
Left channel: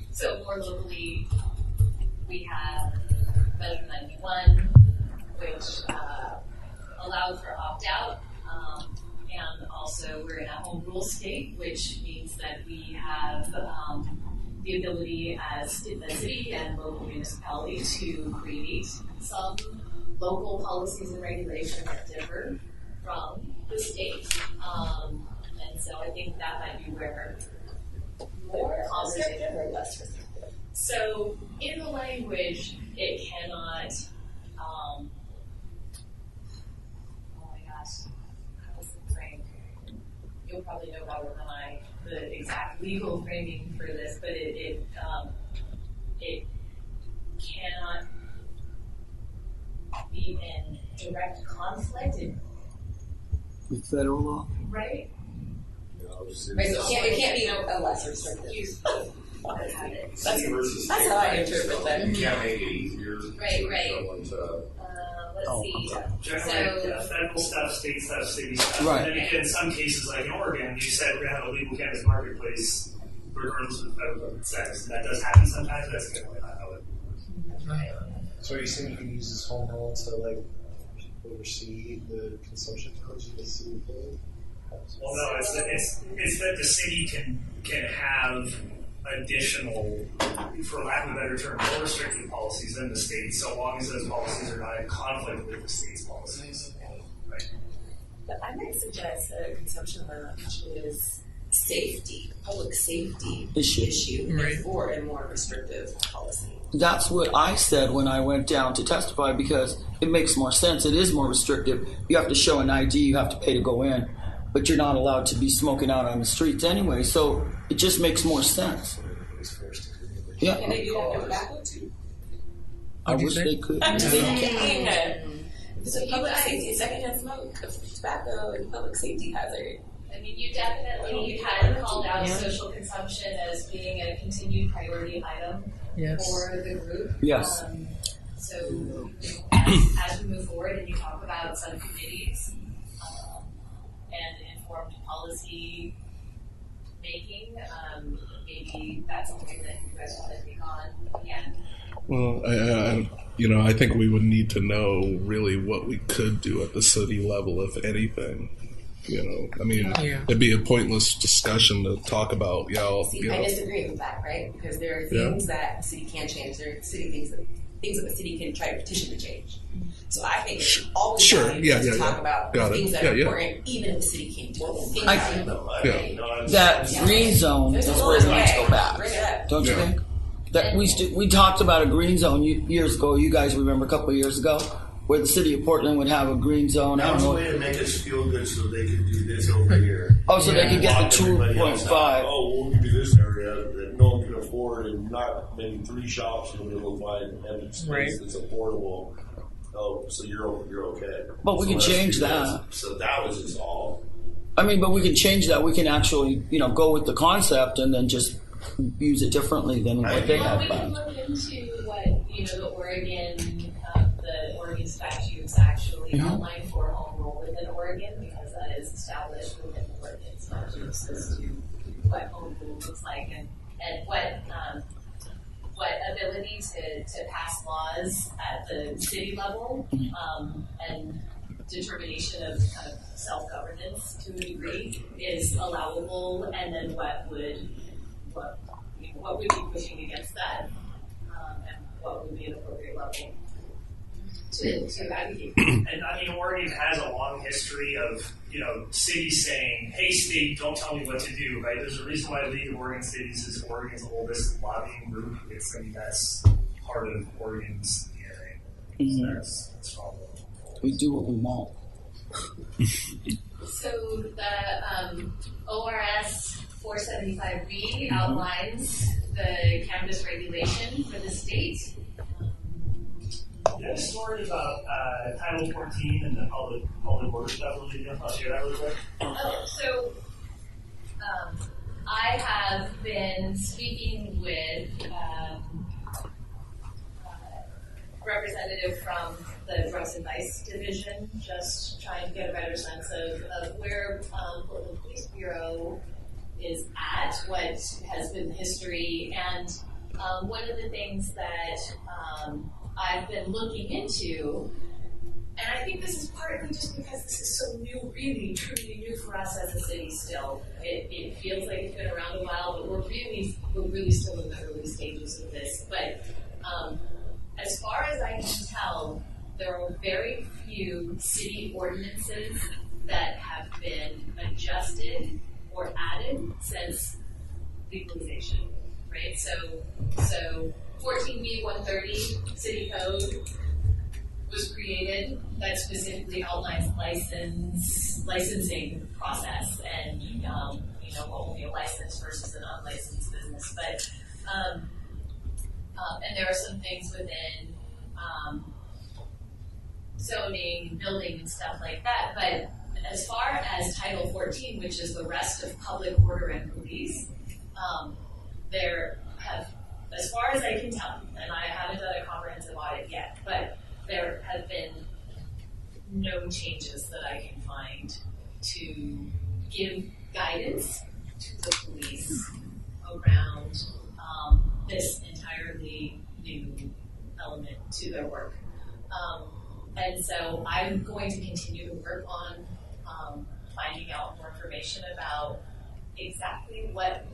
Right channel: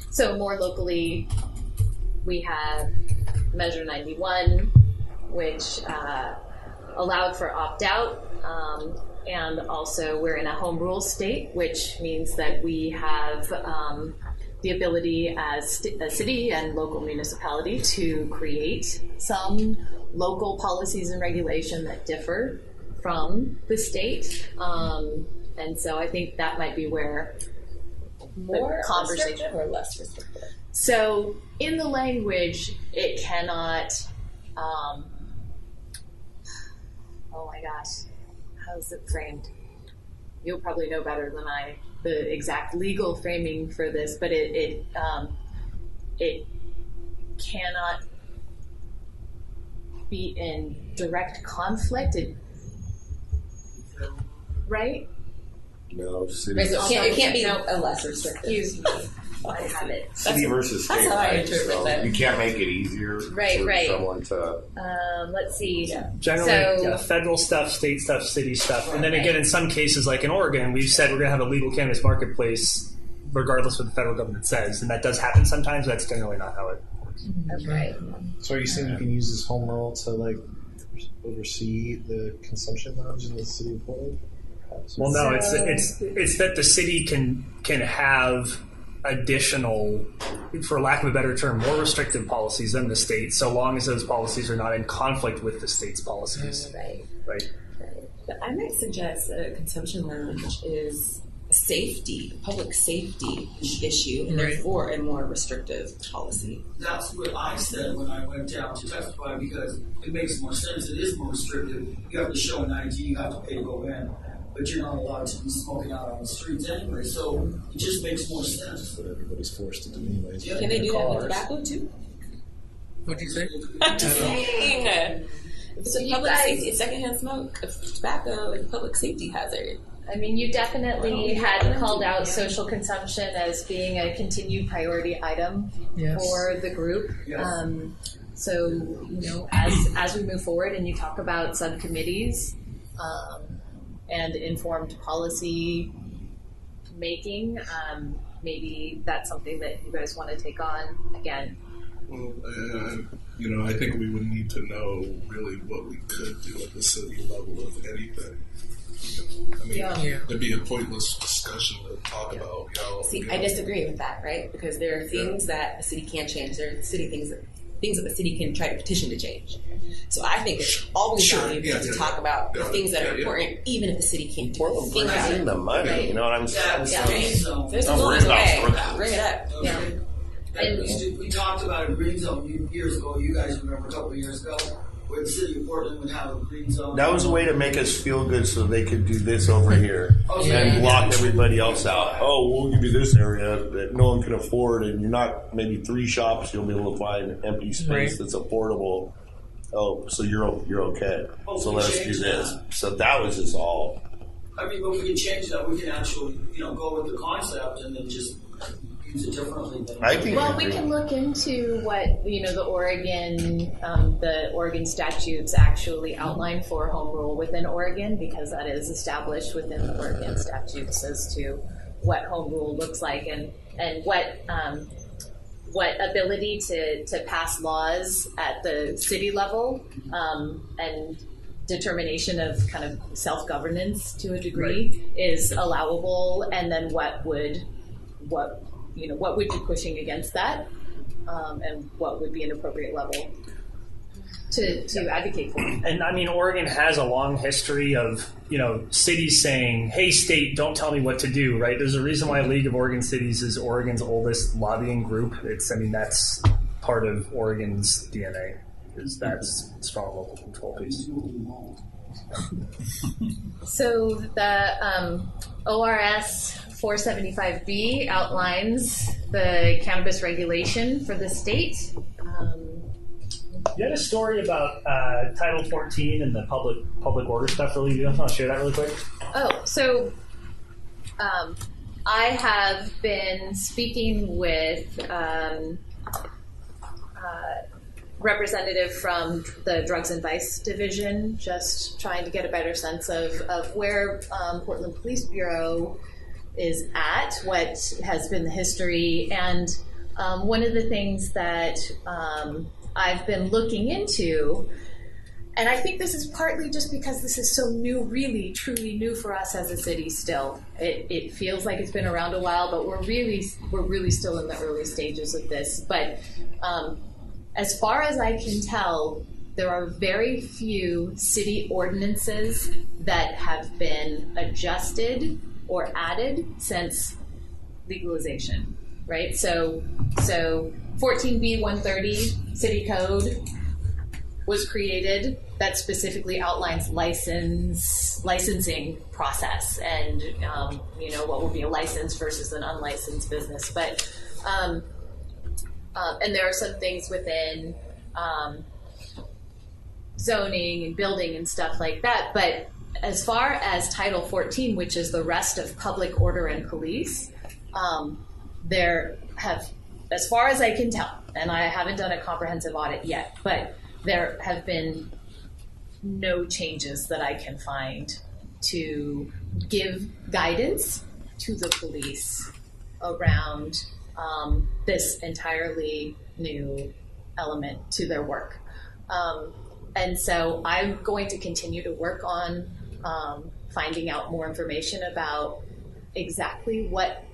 So more locally, we have Measure 91, which allowed for opt-out, and also we're in a home rule state, which means that we have the ability as a city and local municipality to create some local policies and regulation that differ from the state. And so I think that might be where More restrictive or less restrictive? So in the language, it cannot, oh my gosh, how is it framed? You'll probably know better than I, the exact legal framing for this, but it cannot be in direct conflict, With federal law? right? No, city. Right, so it can't be a less restrictive. Excuse me, I have it. City versus state. That's how I right? interpret So that. You can't make it easier Right, for right. someone to. Let's see. Generally, So- federal stuff, state stuff, city stuff. Right. And then again, in some cases, like in Oregon, we've said we're going to have a legal cannabis marketplace regardless of what the federal government says. And that does happen sometimes, but that's generally not how it works. That's right. So are you saying you can use this home rule to like oversee the consumption lounge in the city of Portland? Well, no, it's that the city can have additional, for lack of a better term, more restrictive policies than the state, so long as those policies are not in conflict with the state's policies. Right. But I might suggest a consumption lounge is a safety, public safety issue, and Right. therefore a more restrictive policy. That's what I said when I went down to testify because it makes more sense. It is more restrictive. You have to show an ID, you have to pay to go in, but you're not allowed to be smoking out on the streets anyway, so it just makes more sense. What everybody's forced to do anyway. Yeah. Can they do that with Cars. tobacco too? What'd you wish say? they could. I'm just saying. If it's So a you public guys- safety, secondhand smoke of tobacco is a public safety hazard. I mean, you definitely had called out social consumption as being a continued priority item Yes. for the group. Yes. So, you know, as we move forward and you talk about subcommittees and informed policy making, maybe that's something that you guys want to take on again. Well, I think we would need to know really what we could do at the city level, if anything. I mean, Yeah. it'd be a pointless discussion to talk about. See, I disagree with that, right? Because there are things that a city can change. There are things that the city can try to petition to change. So I think it's always Sure. valuable to talk about Got the it. things that are Yeah. important, even if the city can't do it. Things I that- seen the money. You know what I'm saying? That green zone. There's Don't still worry a about way. storage. Bring it up. Don't you think? That we talked about a green zone years ago. You guys remember a couple of years ago, where the city of Portland would have a green zone. That was a way to make us feel good, so they could do this over here. Oh, so Yeah. then you Lock get the everybody else 2.5. out. Oh, well, you do this area that no one can afford, and you're not maybe 3 shops. You'll be able to find an empty space Right. that's affordable. Oh, so you're okay. But we So can let's change do that. this. So that was just all. I mean, but we can change that. We can actually, go with the concept and then just use it differently than I what think they Well, have. we can look into what the Oregon statutes actually outline for home rule within Oregon, because that is established within the Oregon statutes as to what home rule looks like and what ability to pass laws at the city level and determination of kind of self-governance to a degree is allowable, and then what would be pushing against that, and what would be an appropriate level to advocate for. And I mean, Oregon has a long history of, cities saying, hey, state, don't tell me what to do, right? There's a reason why League of Oregon Cities is Oregon's oldest lobbying group. That's part of Oregon's DNA, is that's strong local control. We do what we want. So the ORS 475B outlines the cannabis regulation for the state. You had a story about Title 14 and the public order stuff. Really, you want to share that really quick? Oh, so I have been speaking with representative from the Drugs and Vice Division, just trying to get a better sense of where Portland Police Bureau is at, what has been the history, and one of the things that I've been looking into, and I think this is partly just because this is so new, really, truly new for us as a city still. It feels like it's been around a while, but we're really still in the early stages of this. But as far as I can tell, there are very few city ordinances that have been adjusted or added since legalization, right? So 14B 130 City Code was created that specifically outlines licensing process and what would be a license versus an unlicensed business. But and there are some things within zoning and building and stuff like that. But as far as Title 14, which is the rest of public order and police, there have, as far as I can tell, and I haven't done a comprehensive audit yet, but there have been no changes that I can find to give guidance to the police around this entirely new element to their work. And so I'm going to continue to work on finding out more information about exactly what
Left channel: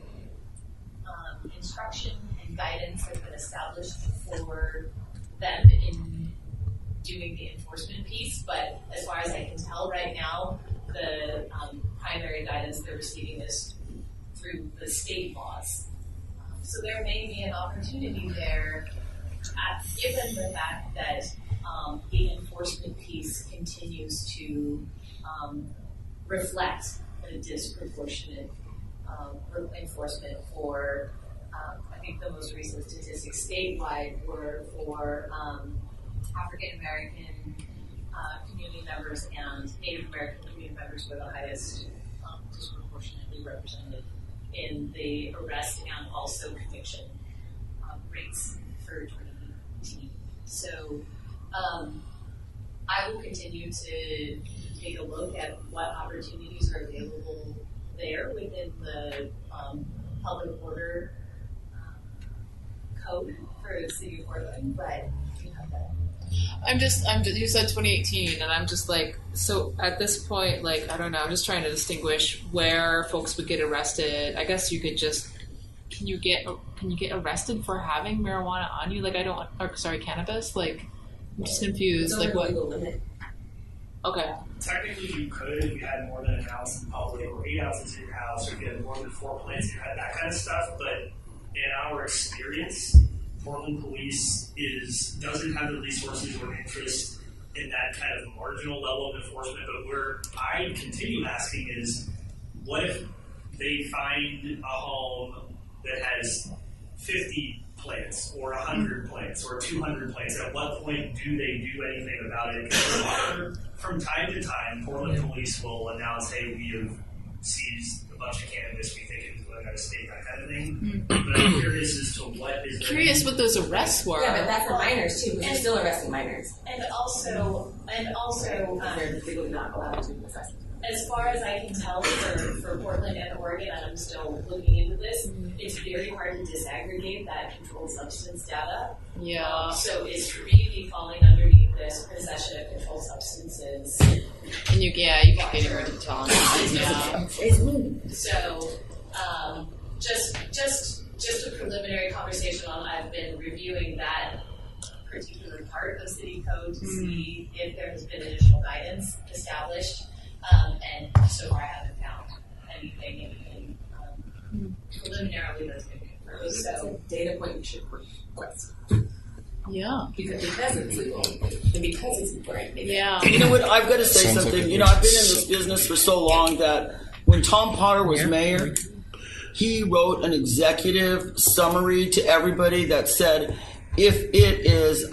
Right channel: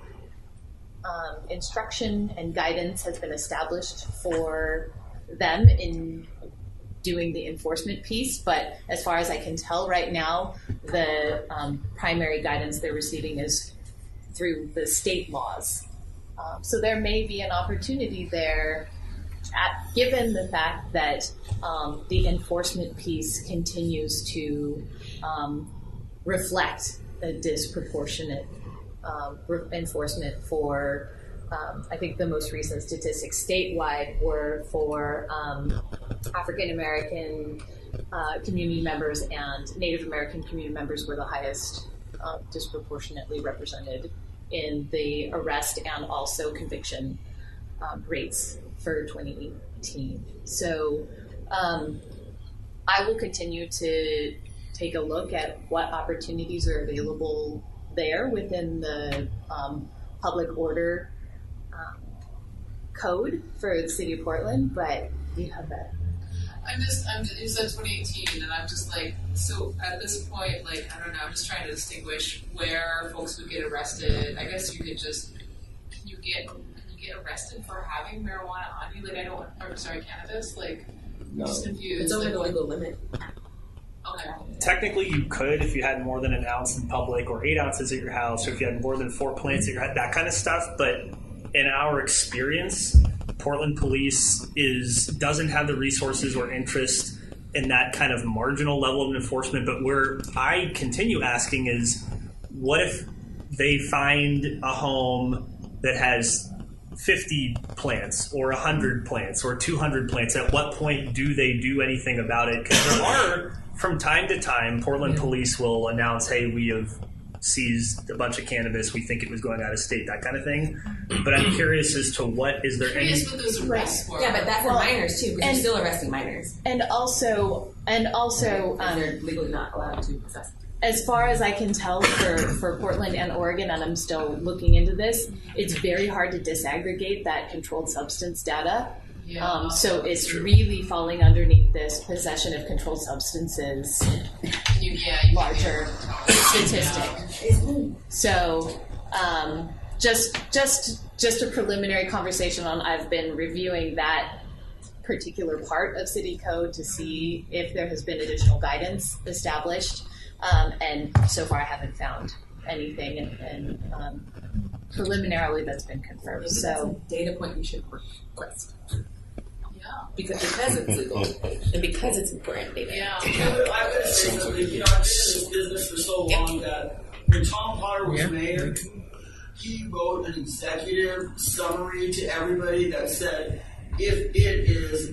instruction and guidance has been established for them in doing the enforcement piece. But as far as I can tell right now, the primary guidance they're receiving is through the state laws. So there may be an opportunity there, given the fact that the enforcement piece continues to reflect a disproportionate enforcement for, I think the most recent statistics statewide were for African American community members, and Native American community members were the highest disproportionately represented in the arrest and also conviction rates for 2018. So I will continue to take a look at what opportunities are available there within the public order code for the city of Portland, but you have that. You said 2018, and I'm just like, so at this point, like, I don't know, I'm just trying to distinguish where folks would get arrested. I guess you could just, can you get arrested for having marijuana on you? Like, cannabis? Like, I'm just confused. It's over the legal limit. Okay. Technically, you could if you had more than an ounce in public, or 8 ounces at your house, or if you had more than 4 plants at your house, that kind of stuff. But in our experience, Portland Police doesn't have the resources or interest in that kind of marginal level of enforcement. But where I continue asking is, what if they find a home that has 50 plants or 100 plants or 200 plants? At what point do they do anything about it? Because there are, from time to time, Portland Police will announce, hey, we have seized a bunch of cannabis, we think it was going out of state, that kind of thing. But I'm curious as to what what those arrests were. Yeah, but that's for minors too, because you're still arresting minors. And also they're legally not allowed to possess it. As far as I can tell for Portland and Oregon, and I'm still looking into this, it's very hard to disaggregate that controlled substance data. Yeah. So it's really falling underneath this possession of controlled substances. And you can't even tell. So just a preliminary conversation on, I've been reviewing that particular part of city code to see if there has been additional guidance established. And so far I haven't found anything, and preliminarily that's been confirmed. Maybe that's a data point you should request. Yeah. Because it's legal and because it's important. Yeah. You know what? I've got to say something. I've been in this business for so long that when Tom Potter was mayor, he wrote an executive summary to everybody that said, if it is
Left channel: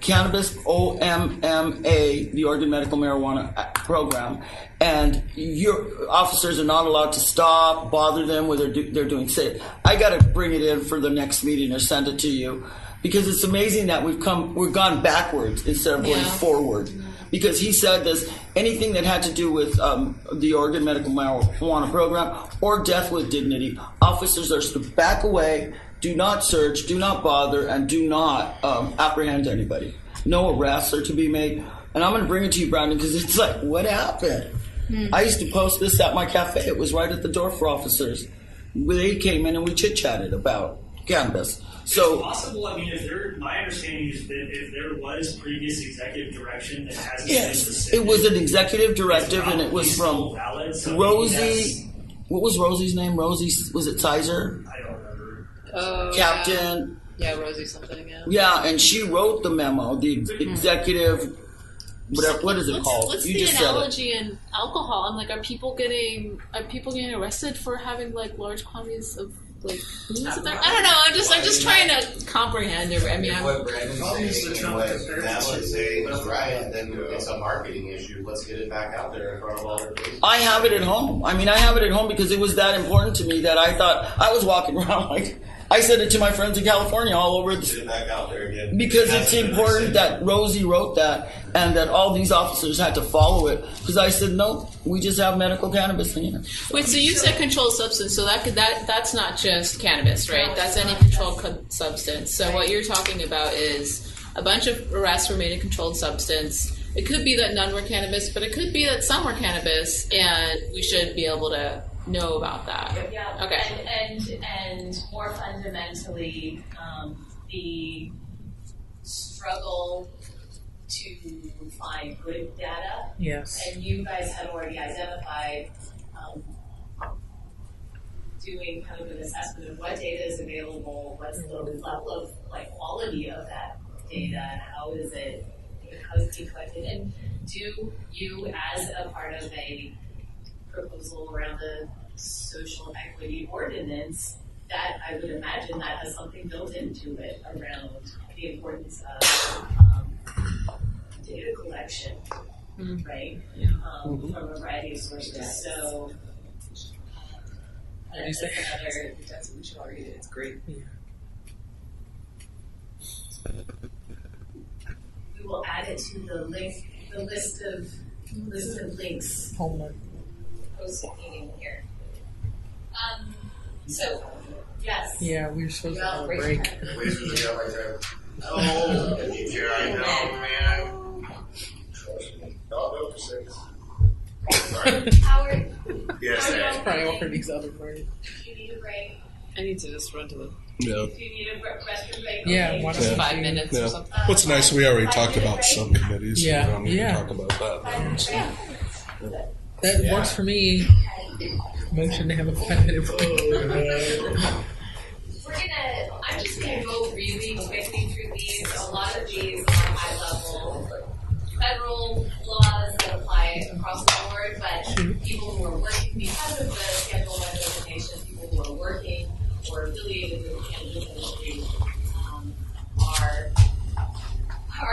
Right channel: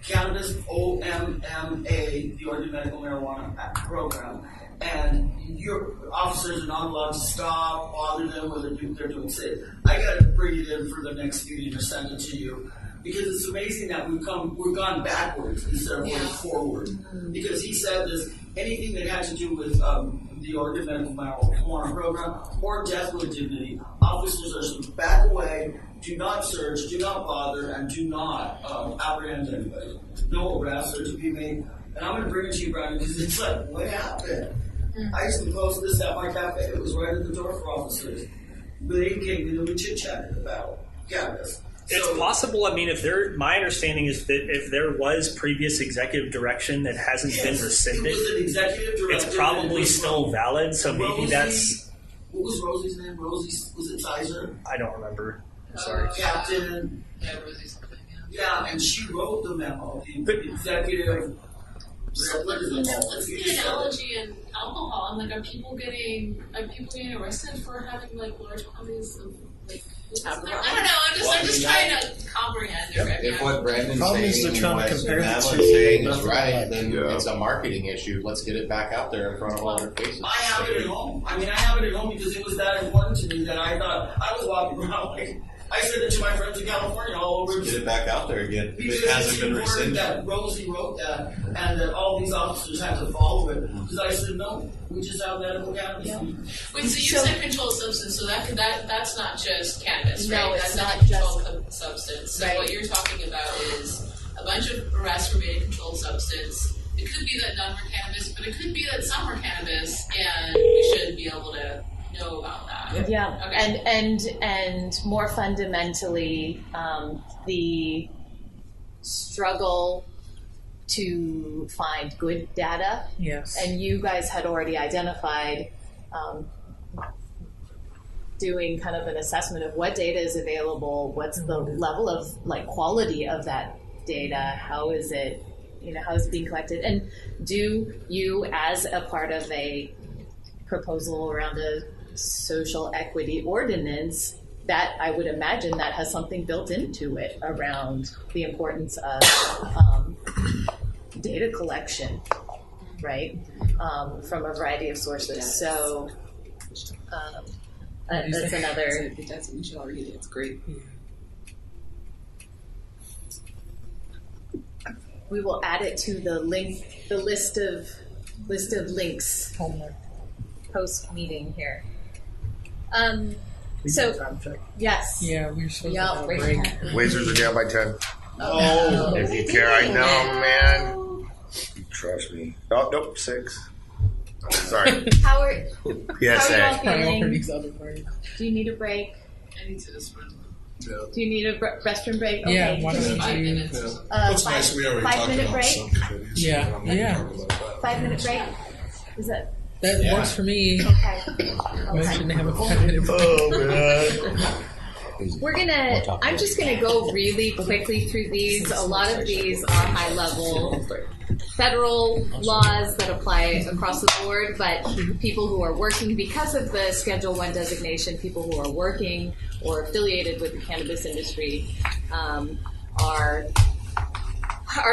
cannabis, OMMA, the Oregon Medical Marijuana Program, and your officers are not allowed to stop, bother them whether they're doing safe, I got to bring it in for the next meeting or send it to you, because it's amazing that we've gone backwards instead of going forward. because he said this, anything that had to do with the Oregon medical marijuana program or death with dignity, officers are to back away, do not search, do not bother, and do not apprehend anybody. No arrests are to be made. And I'm going to bring it to you, Brandon, because it's like, what happened? I used to post this at my cafe. It was right at the door for officers. They came in and we chit-chatted about cannabis. So it's possible. I mean, my understanding is that if there was previous executive direction that hasn't been rescinded, it was an executive directive, it's probably and it was still from valid. So Rosie. maybe that's, what was Rosie's name? Was it Sizer? I don't remember. Oh, Captain. Yeah, Rosie something. Yeah. Yeah, and she wrote the memo. The executive. Whatever, what is it called? What's You the just said it. analogy in alcohol? I'm like, are people getting arrested for having like large quantities of like booze in there? I don't know. I'm just trying to comprehend it. I mean, If what Brandon's saying and what Madeline's saying is right, then it's a marketing issue. Let's get it back out there in front of all our faces. I have it at home. I mean, I have it at home because it was that important to me that I thought I was walking around like. I said it to my friends in California all over. Get it back out there again. Because it's important that Rosie wrote that and that all these officers had to follow it. Because I said, no, we just have medical cannabis in here. wait, so you said controlled substance, so that's not just cannabis, right? No, it's That's any not controlled substance. So Right. what you're talking about is a bunch of arrests were made in controlled substance. It could be that none were cannabis, but it could be that some were cannabis, and we should be able to know about that. Yeah. Okay. And more fundamentally, the struggle to find good data. Yes. And you guys had already identified doing kind of an assessment of what data is available, what's the level of quality of that data, how is it being collected, and do you, as a part of a proposal around a social equity ordinance, that I would imagine that has something built into it around the importance of data collection, right? From a variety of sources. So that's another. You should all read it. It's great. We will add it to the list of links. Homework. Post meeting here. So yes. Yeah, we were supposed to have a break. Wizards are down by 10. Oh, if you care, I know, man. Trust me. Oh, nope, 6. Sorry. Howard. Yes, how are you all feeling? Priorities, other priorities. Do you need a break? I need to just run to the. Yeah. Do you need a restroom break? Yeah, Okay. why don't Just we 5 do- minutes or Yeah. something. What's nice, we already talked 5-minute about break? subcommittees. Yeah, So we don't need to yeah. talk about that. 5-minute break? Is it? That works for me. Okay. Motion to have a 5-minute break. I'm just gonna go really quickly through these. A lot of these are high level federal laws that apply across the board, but people who are working because of the Schedule 1 designation, people who are working or affiliated with the cannabis industry are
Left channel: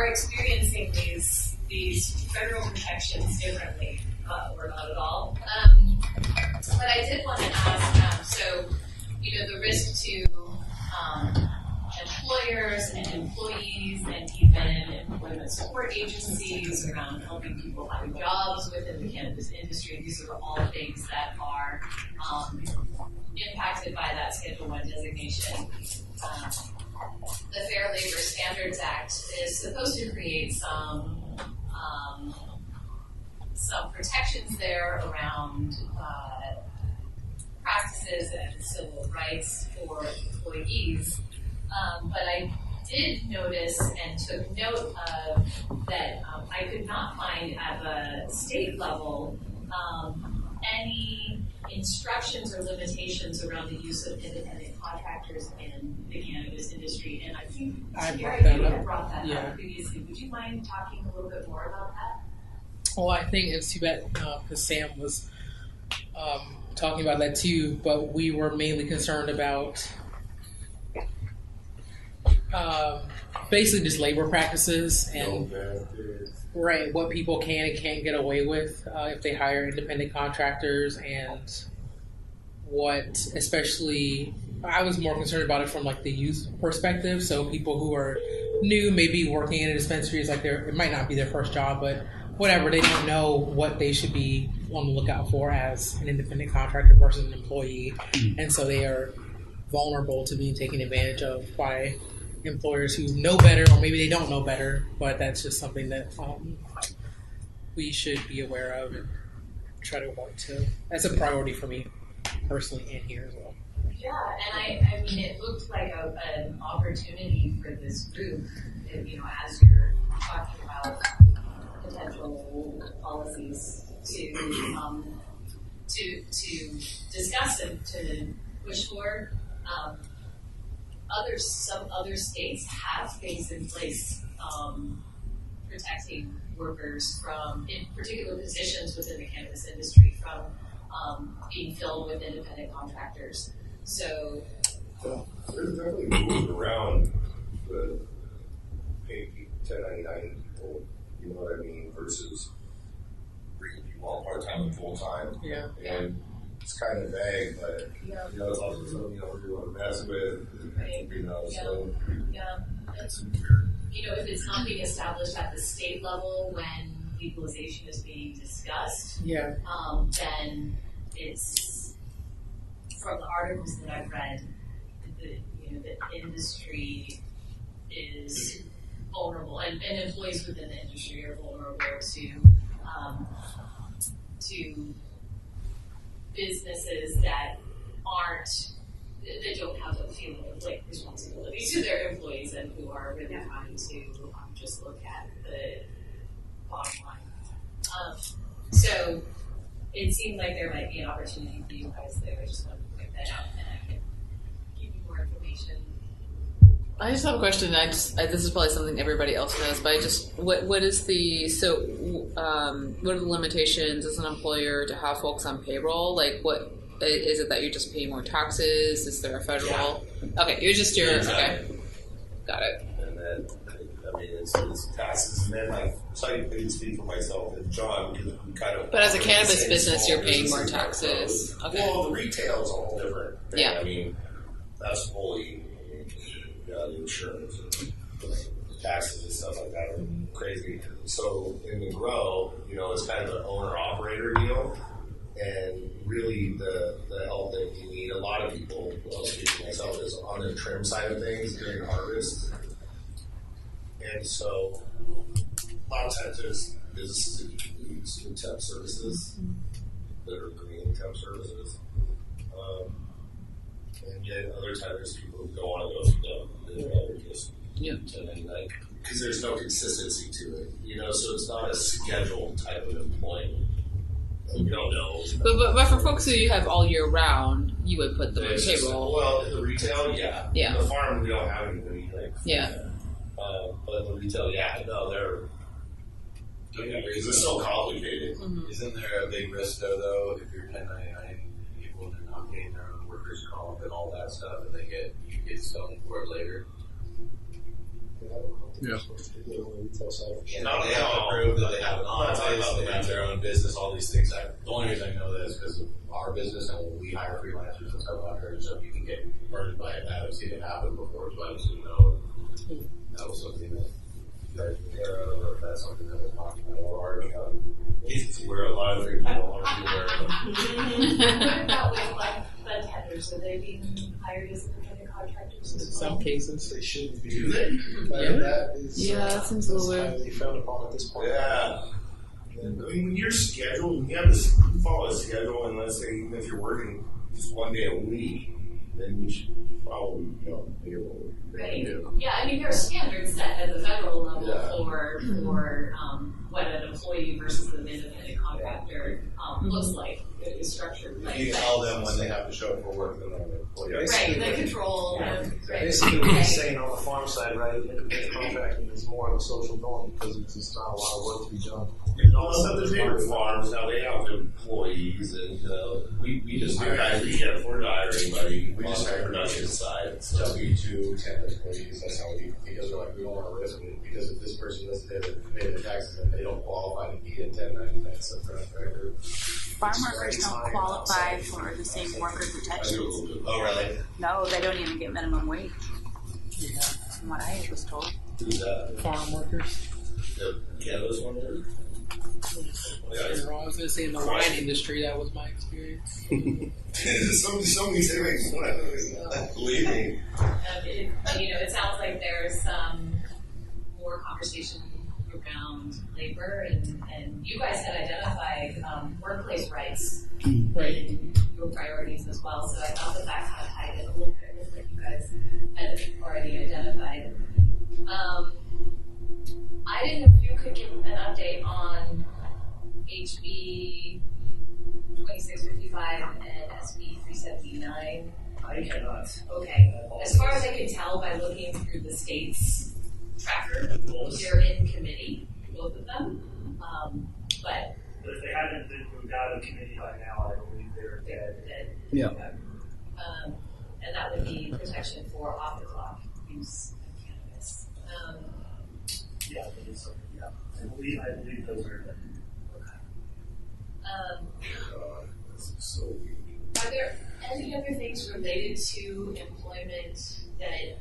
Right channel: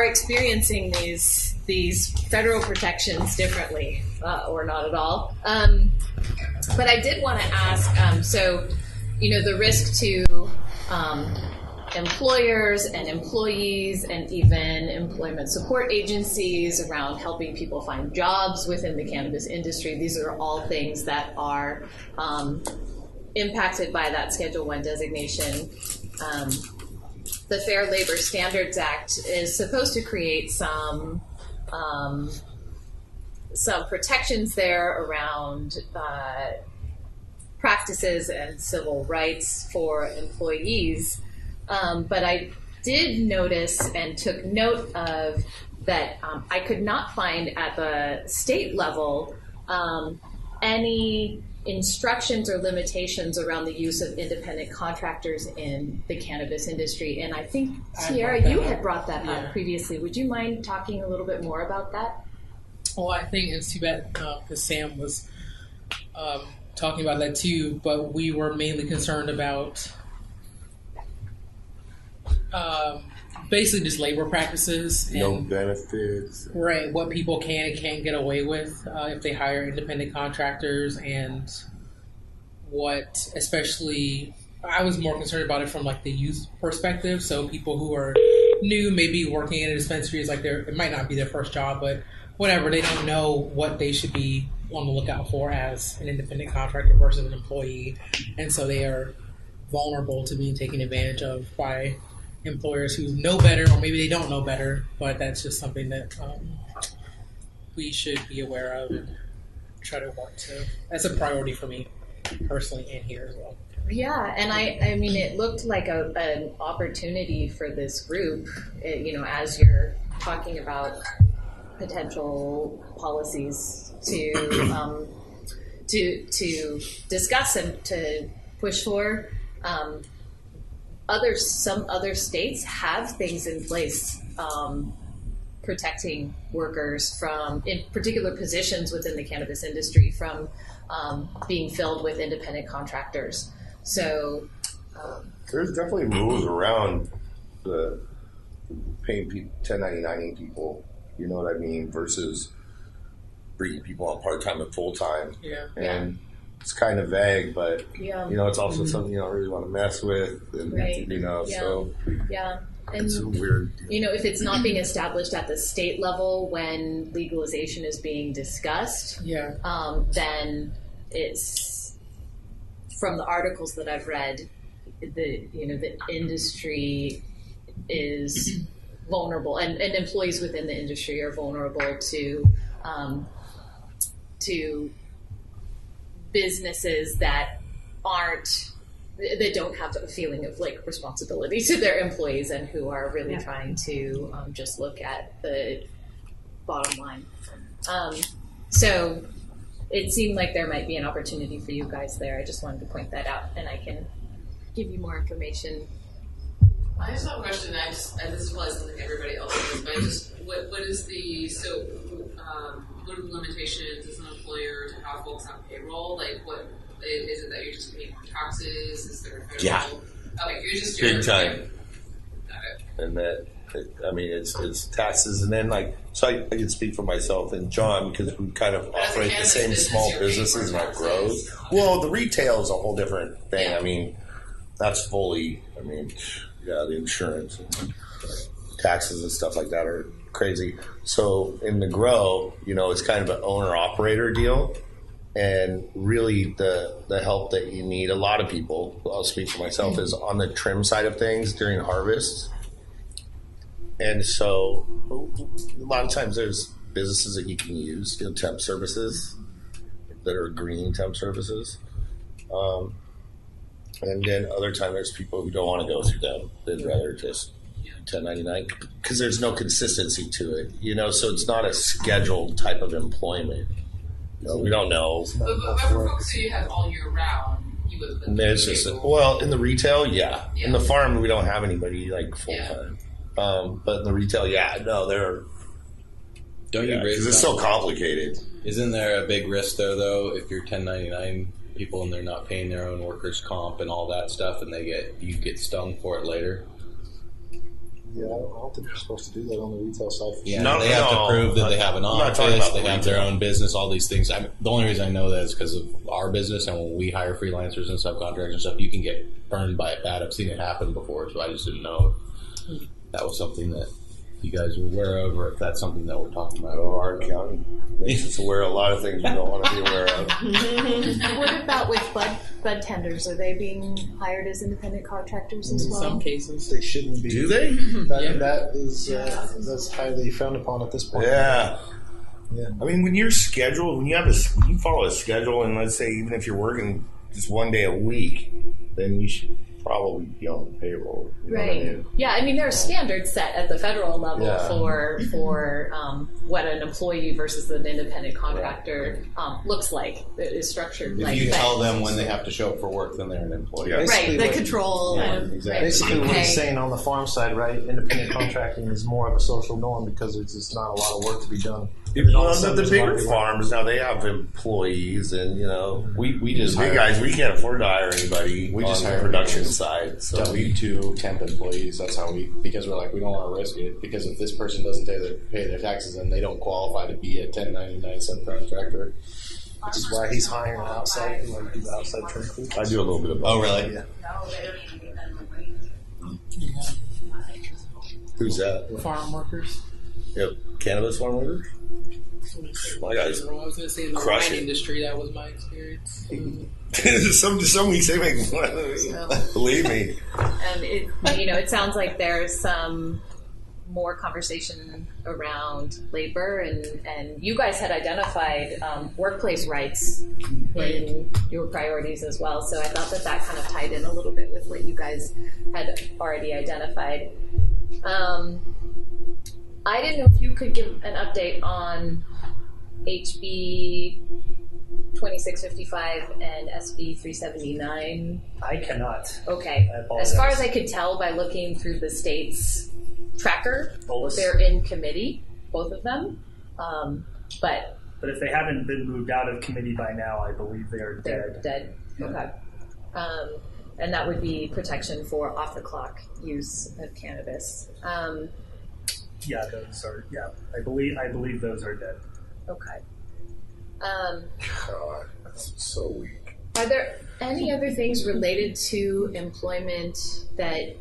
experiencing these federal protections differently, or not at all. But I did want to ask, the risk to employers and employees and even employment support agencies around helping people find jobs within the cannabis industry. These are all things that are impacted by that Schedule 1 designation. The Fair Labor Standards Act is supposed to create some protections there around practices and civil rights for employees. But I did notice and took note of that I could not find at the state level any instructions or limitations around the use of independent contractors in the cannabis industry. And I think, Tiara, you had brought that up previously. Would you mind talking a little bit more about that? Well, I think it's too bad because Sam was talking about that too, but we were mainly concerned about basically just labor practices and No benefits. right, what people can and can't get away with if they hire independent contractors, and what, especially, I was more concerned about it from like the youth perspective. So people who are new, maybe working in a dispensary is like it might not be their first job, but whatever, they don't know what they should be on the lookout for as an independent contractor versus an employee, and so they are vulnerable to being taken advantage of by employers who know better, or maybe they don't know better, but that's just something that we should be aware of and try to work to. That's a priority for me personally and here as well. Yeah, and I mean, it looked like an opportunity for this group, as you're talking about potential policies to discuss and to push for. Some other states have things in place protecting workers from, in particular positions within the cannabis industry, from being filled with independent contractors. So there's definitely rules around the paying people 1099 people. You know what I mean? Versus bringing people on part time and full time. Yeah. And it's kind of vague, but yeah. It's also something you don't really want to mess with. And, right. So yeah. And it's weird. If it's not being established at the state level when legalization is being discussed, then it's, from the articles that I've read, the industry is vulnerable, and employees within the industry are vulnerable to businesses that don't have a feeling of like responsibility to their employees and who are really trying to just look at the bottom line. So it seemed like there might be an opportunity for you guys there. I just wanted to point that out, and I can give you more information. I just have a question. This is probably something everybody else knows, but what are the limitations as an employer to have folks on payroll? Like, what is it that you just pay more taxes? Is there a federal? Yeah. Okay, you're just your. Okay. Got it. And then, it's taxes, and then so I can speak for myself and John because we kind of. But as a cannabis business, you're paying more taxes. Okay. Well, the retail is a whole different thing. Yeah. I mean, that's fully. The insurance and taxes and stuff like that are crazy. So in the grow, it's kind of an owner-operator deal. And really the help that you need, a lot of people, I'll speak for myself, is on the trim side of things during harvest. And so a lot of times there's businesses that you can use, temp services that are green temp services. And then other times there's people who don't want to go through them. They'd rather just 1099 because there's no consistency to it, so it's not a scheduled type of employment. We don't know. But for folks who you have all year round, you would put them on payroll. Well, in the retail, yeah. In the farm, we don't have anybody like full time. But in the retail, they're. Don't you raise? Because it's so complicated. Mm-hmm. Isn't there a big risk though if you're 1099 people and they're not paying their own workers' comp and all that stuff, and you get stung for it later? Yeah, I don't think you're supposed to do that on the retail side. Yeah, they have to prove that they have an office, they have their own business, all these things. The only reason I know that is because of our business, and when we hire freelancers and subcontractors and stuff, you can get burned by it bad. I've seen it happen before, so I just didn't know if that was something that you guys are aware of, or if that's something that we're talking about. Our accountant makes us aware of a lot of things we don't want to be aware of. What about with bud tenders? Are they being hired as independent contractors as well? In some cases, they shouldn't be. Do they? That is that's highly frowned upon at this point. Yeah. I mean, when you're scheduled, when you follow a schedule, and let's say even if you're working just one day a week, then you should probably be on the payroll. Right. Yeah, I mean, there are standards set at the federal level for what an employee versus an independent contractor looks like, is structured like. If you tell them when they have to show up for work, then they're an employee. Right, the control. Exactly. Basically what he's saying on the farm side, right, independent contracting is more of a social norm because it's just not a lot of work to be done. The bigger farms, now they have employees, and we just big guys, we can't afford to hire anybody. We just hire production side. So W-2 temp employees. That's how because we're like, we don't want to risk it, because if this person doesn't pay their taxes, then they don't qualify to be a 1099 subcontractor. Farmers why he's don't hiring qualify outside, for the same worker protection. I do a little bit of both. Oh, really? No, they don't even get minimum wage. From what I was told. Who's that? farm workers. Yep. Cannabis farm workers? I was going to say in the wine industry, that was my experience. Somebody say me. Believe me. It sounds like there's some more conversation around labor, and you guys had identified workplace rights in your priorities as well. So I thought that kind of tied in a little bit with what you guys had already identified. I didn't know if you could give an update on HB 2655 and SB 379. I cannot. Okay. I As far as I could tell by looking through the state's tracker, they're in committee, both of them. But if they haven't been moved out of committee by now, I believe they're dead. Dead. Yeah. Okay. And that would be protection for off the clock use of cannabis. Yeah, those are. Yeah, I believe those are dead. Okay. God, that's so weak. Are there any other things related to employment that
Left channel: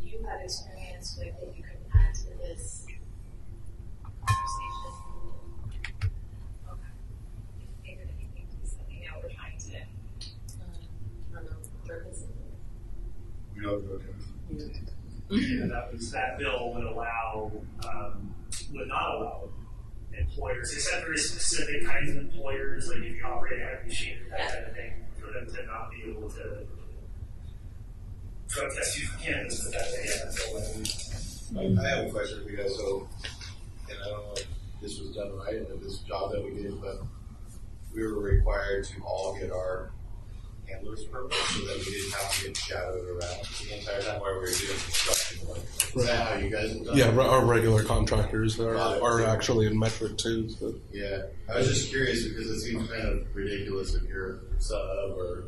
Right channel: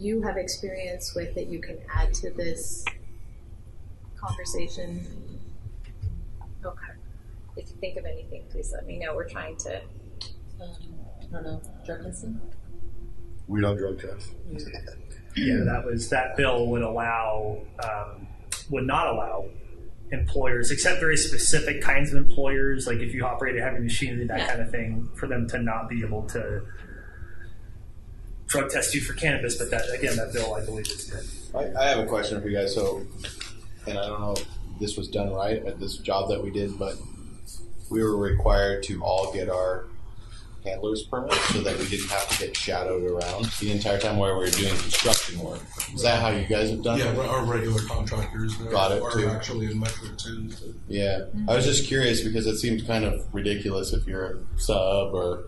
you have experience with that you can add to this conversation? Okay. If you think of anything, please let me know. We're trying to, I don't know, drug testing? We don't drug test. Yeah, that bill would not allow employers, except very specific kinds of employers, like if you operate a heavy machinery, that kind of thing, for them to not be able to drug test you for cannabis. But that bill, I believe, is dead. I have a question for you guys. So, and I don't know if this was done right at this job that we did, but we were required to all get our handler's permit so that we didn't have to get shadowed around the entire time while we were doing construction work. Is that how you guys have done it? Yeah, our regular contractors are too. Actually in metric too. So. Yeah, I was just curious because it seems kind of ridiculous if you're a sub or.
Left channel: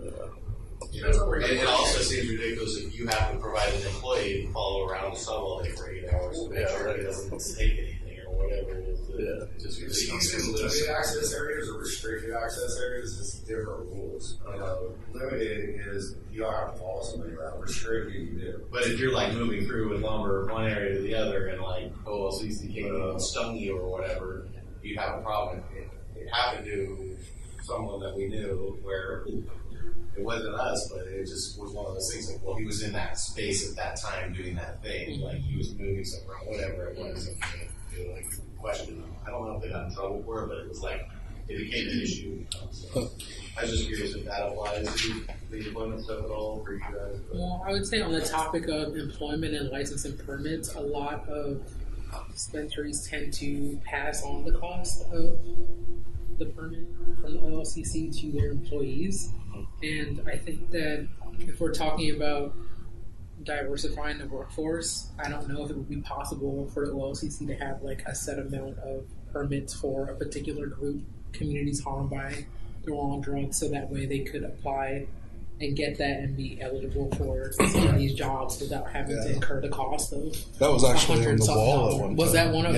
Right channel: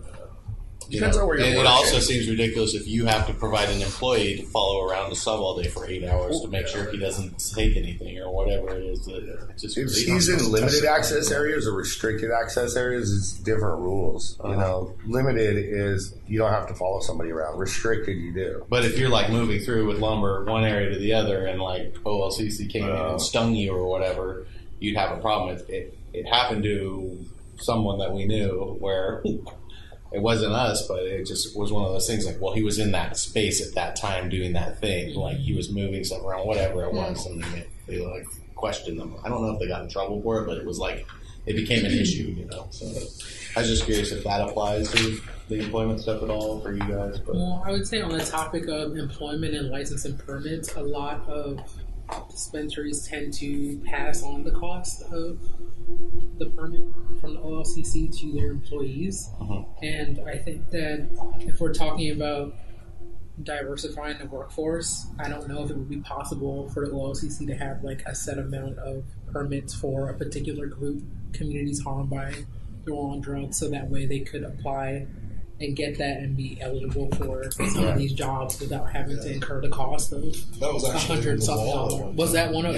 Depends on where you're it working. also seems ridiculous if you have to provide an employee to follow around the sub all day for 8 hours to make sure he doesn't take anything or whatever it is. Just If he's in limited access areas or restricted access areas, it's different rules. You know, limited is you don't have to follow somebody around. Restricted, you do. But if you're like moving through with lumber one area to the other and like OLCC came in and stung you or whatever, you'd have a problem. It happened to someone that we knew where it wasn't us, but it just was one of those things like, well, he was in that space at that time doing that thing. Like he was moving stuff around, whatever it was, and they like questioned them. I don't know if they got in trouble for it, but it was like, it became an issue, you know. So I was just curious if that applies to the employment stuff at all for you guys. But. Well, I would say on the topic of employment and license and permits, a lot of dispensaries tend to pass on the cost of the permit from the OLCC to their employees. And I think that if we're talking about diversifying the workforce, I don't know if it would be possible for the OLCC to have like a set amount of permits for a particular group, communities harmed by the wrong drugs, so that way they could apply and get that and be eligible for some of these jobs without having to incur the cost of that was actually on the wall. Was that one of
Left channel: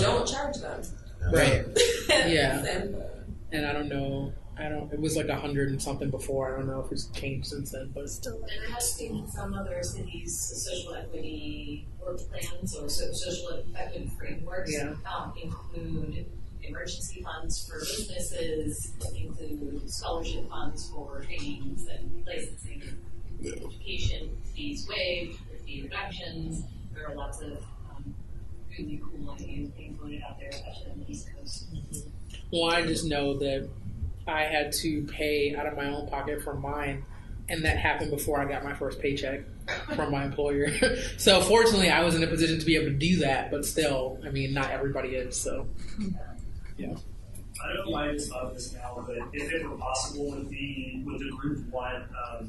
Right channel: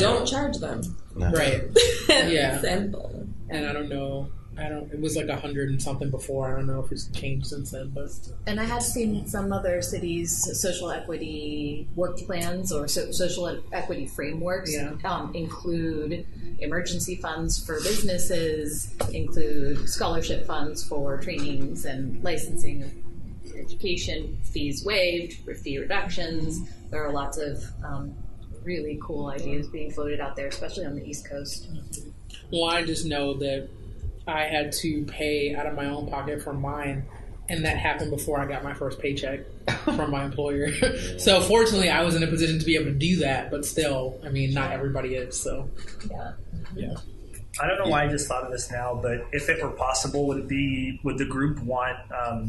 Don't charge them. Right. Yeah. Simple. And I don't know. It was like 100 and something before. I don't know if it's changed since then, but And I have seen some other cities' social equity work plans or social equity frameworks include emergency funds for businesses, include scholarship funds for trainings and licensing, education, fees waived, fee reductions. There are lots of really cool ideas being floated out there, especially on the East Coast. Well, I just know that I had to pay out of my own pocket for mine, and that happened before I got my first paycheck from my employer. So fortunately, I was in a position to be able to do that, but still, I mean, not everybody is, so. Yeah. I don't know why I just thought of this now, but if it were possible, would the group want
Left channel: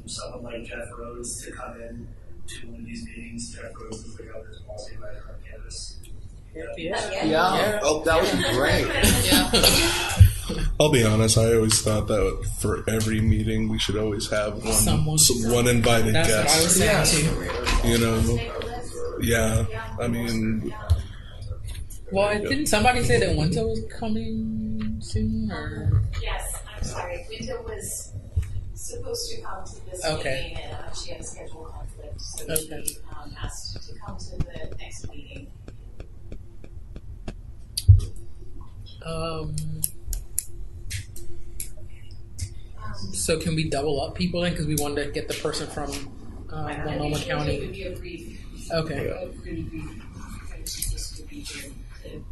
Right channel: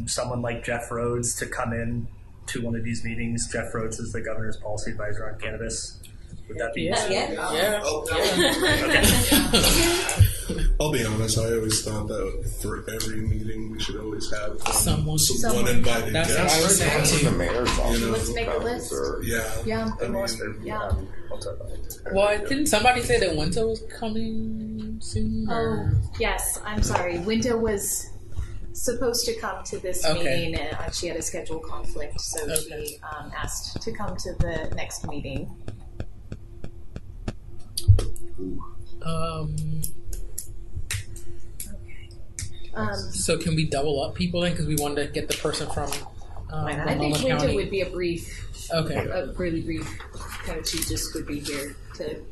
someone like Jeff Rhodes to come in to one of these meetings? Jeff Rhodes is the governor's policy advisor on cannabis. Would that be Oh, that would be great. I'll be honest, I always thought that for every meeting we should always have one invited That's guest. what I was saying too. You know, Let's make a list. yeah. I mean, Well, didn't somebody say that Winter was coming soon? Or? Yes, I'm sorry. Winter was supposed to come to this meeting, and she had a schedule conflict, so she asked to come to the next meeting. So can we double up people then? Because we wanted to get the person from I Multnomah think County. it would be a brief, Okay. a really brief, kind of, she just would be here to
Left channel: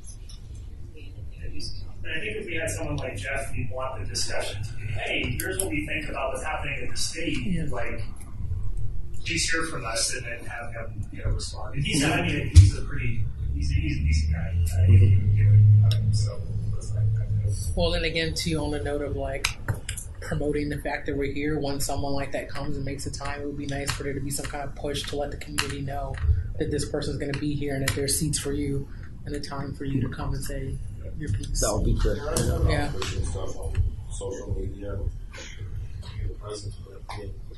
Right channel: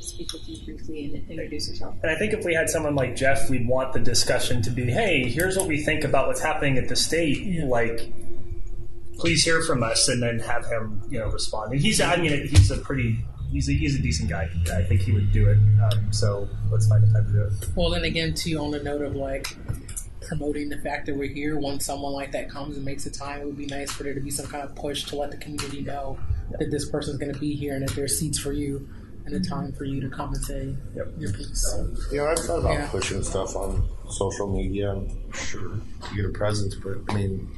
speak with you briefly and introduce herself. And I think if we had someone like Jeff, we'd want the discussion to be, hey, here's what we think about what's happening at the state. Like, please hear from us, and then have him, respond. And he's a decent guy. I think he would do it. So let's find a time to do it. Well, then again, too, on the note of like promoting the fact that we're here, when someone like that comes and makes a time, it would be nice for there to be some kind of push to let the community know that this person's going to be here and that there's seats for you and a time for you to come and say your piece. That would be great. I've thought about pushing stuff on social media. Sure, you get a presence, but I mean,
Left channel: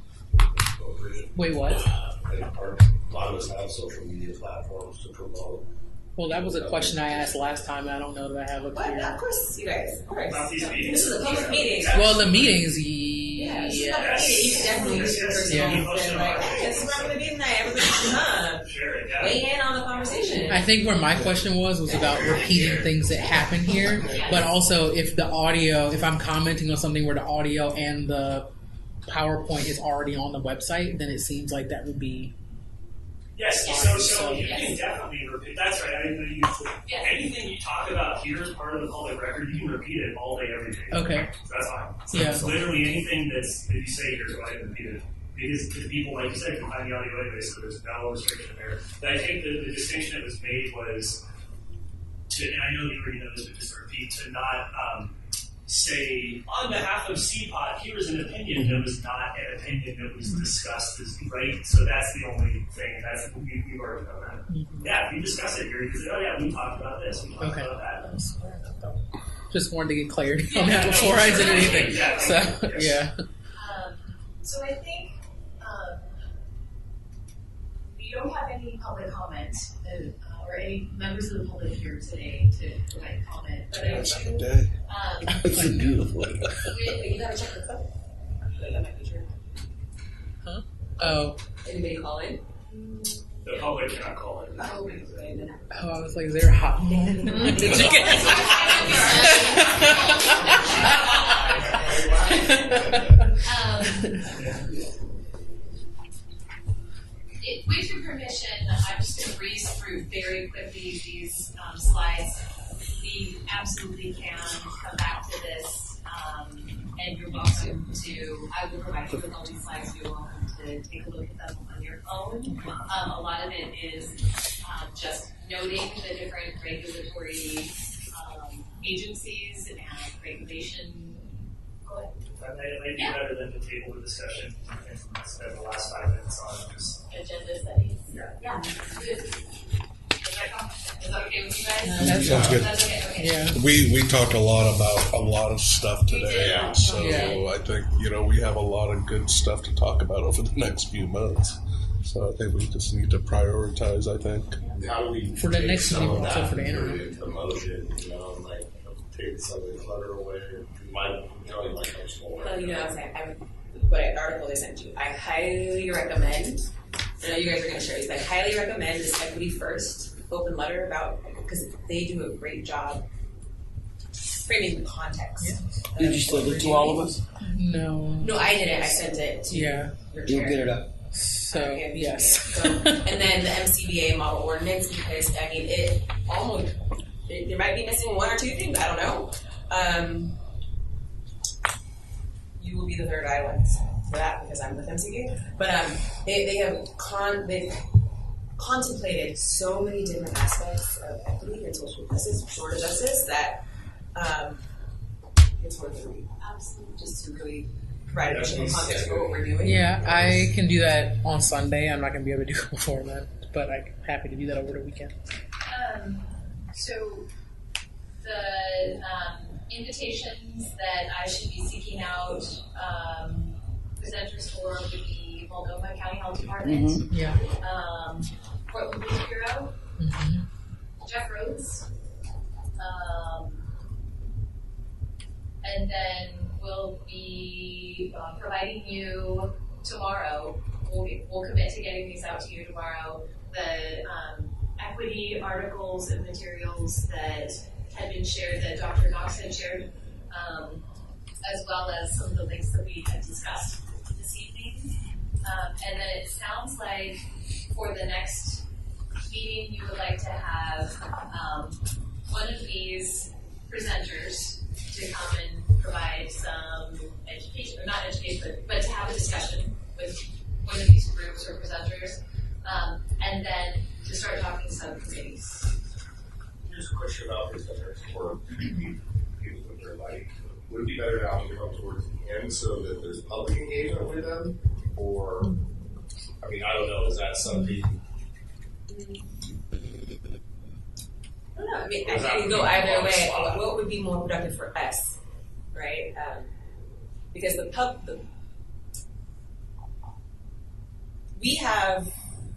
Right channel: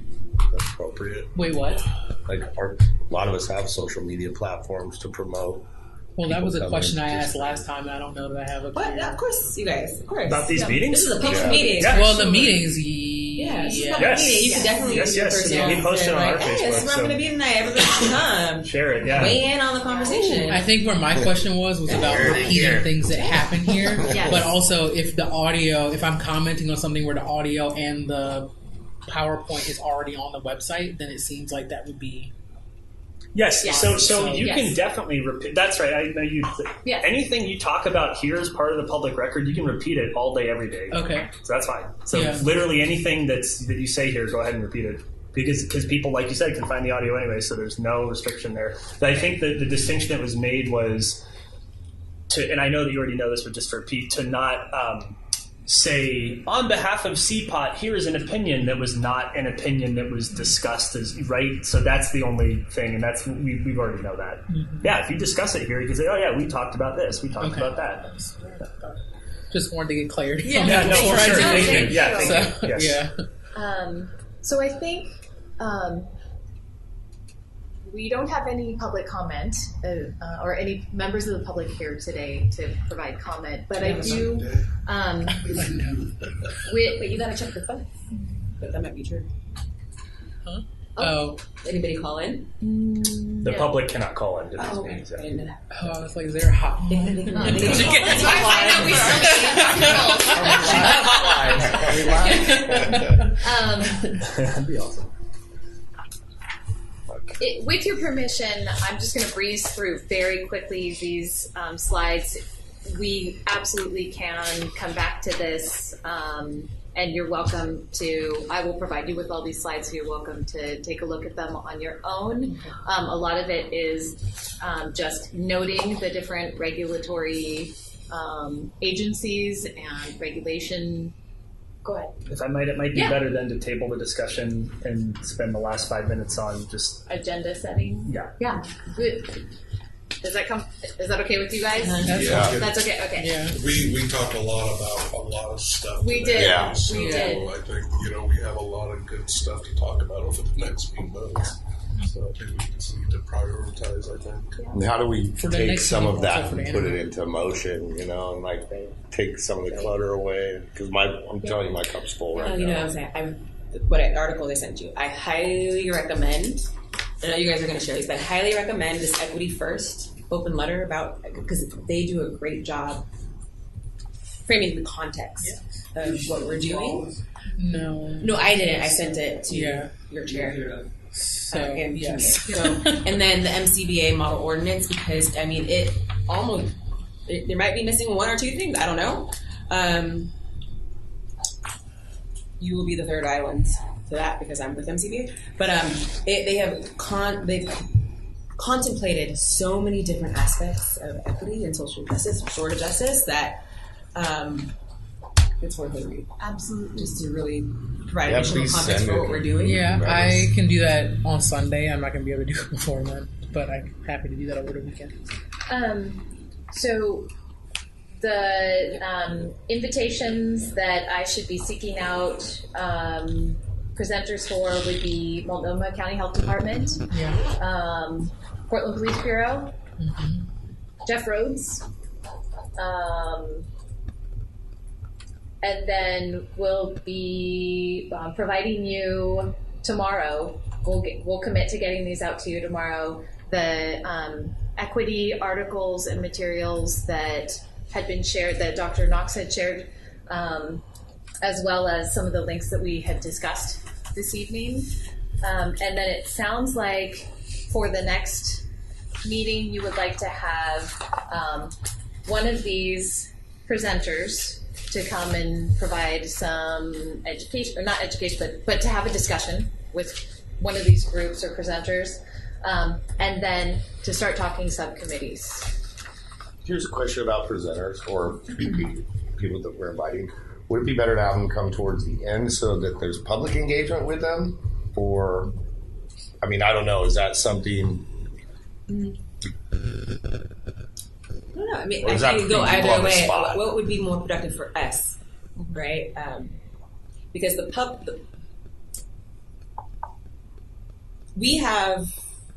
that's appropriate. Wait, what? Like, a lot of us have social media platforms to promote. Well, that was a question I asked last time, and I don't know that I have a clear... Of course, you guys. Of course. About these meetings? This is a public meeting. Yeah. Well, the meetings, Yeah, this is a public meeting. You can definitely use your personal We post it on like, our hey, this is Facebook, where I'm going to be tonight. Everybody can come. Share it, yeah. Weigh in on the conversation. I think where my question was about repeating things that happen here, but also if I'm commenting on something where the audio and the PowerPoint is already on the website, then it seems like that would be... Yes, so you can definitely repeat. That's right. I know you. Yes. Anything you talk about here as part of the public record, you can repeat it all day, every day. Okay. So that's fine. So literally anything that you say here, go ahead and repeat it. Because people, like you said, can find the audio anyway, so there's no restriction there. But I think that the distinction that was made was to, and I know that you already know this, but just to repeat, to not say, on behalf of CPOT, here is an opinion that was not an opinion that was discussed as right. So that's the only thing, and that's we already know that. Mm-hmm. Yeah, if you discuss it here, you can say, oh yeah, we talked about this, we talked about that. Just wanted to get clarity on that before I did anything. So I think we don't have any public comment or any members of the public here today to provide comment, but I do. Wait, you gotta check the phone. That might be true. Huh? Oh. Anybody call in? The public cannot call in. I was like, is there a hotline? Did you get That'd be awesome. With your permission, I'm just going to breeze through very quickly these slides. We absolutely can come back to this, and you're welcome to, I will provide you with all these slides, so you're welcome to take a look at them on your own. A lot of it is just noting the different regulatory agencies and regulation. Go ahead. If I might, it might be better then to table the discussion and spend the last 5 minutes on just agenda setting. Yeah. Good. Is that okay with you guys? That's good. That's okay. Okay. Yeah. We talked a lot about a lot of stuff today. We did. Yeah. So We did. I think we have a lot of good stuff to talk about over the next few months. So I think we just need to prioritize. I think. And how do we For the take next some of meeting, that also for and the put it internet. into motion? And like take some of the clutter away because I'm telling you, my cup's full right You know now. what I'm saying? The article they sent you, I highly recommend. I know you guys are going to share these, but I highly recommend this Equity First open letter about, because they do a great job framing the context of what we're doing. No, I didn't. I sent it to your chair. So yes. And then the MCBA model ordinance, because I mean it almost there might be missing one or two things. I don't know. You will be the third island to that because I'm with MCBA. But they've contemplated so many different aspects of equity and social justice, restorative justice, that it's worth a read. Absolutely. Just to really provide additional context for what we're doing. Yeah, I can do that on Sunday. I'm not going to be able to do it before then, but I'm happy to do that over the weekend. So the invitations that I should be seeking out presenters for would be Multnomah County Health Department, Portland Police Bureau, Jeff Rhodes, and then we'll be providing you tomorrow. We'll commit to getting these out to you tomorrow. The equity articles and materials that had been shared, that Dr. Knox had shared, as well as some of the links that we had discussed this evening. And then it sounds like for the next meeting, you would like to have one of these presenters to come and provide some education, or not education, but to have a discussion with one of these groups or presenters, and then to start talking subcommittees. Here's a question about presenters or people that we're inviting. Would it be better to have them come towards the end so that there's public engagement with them? Or, I mean, I don't know, is that something? I don't know. I mean, I can go either way. What would be more productive for us, right? Because we have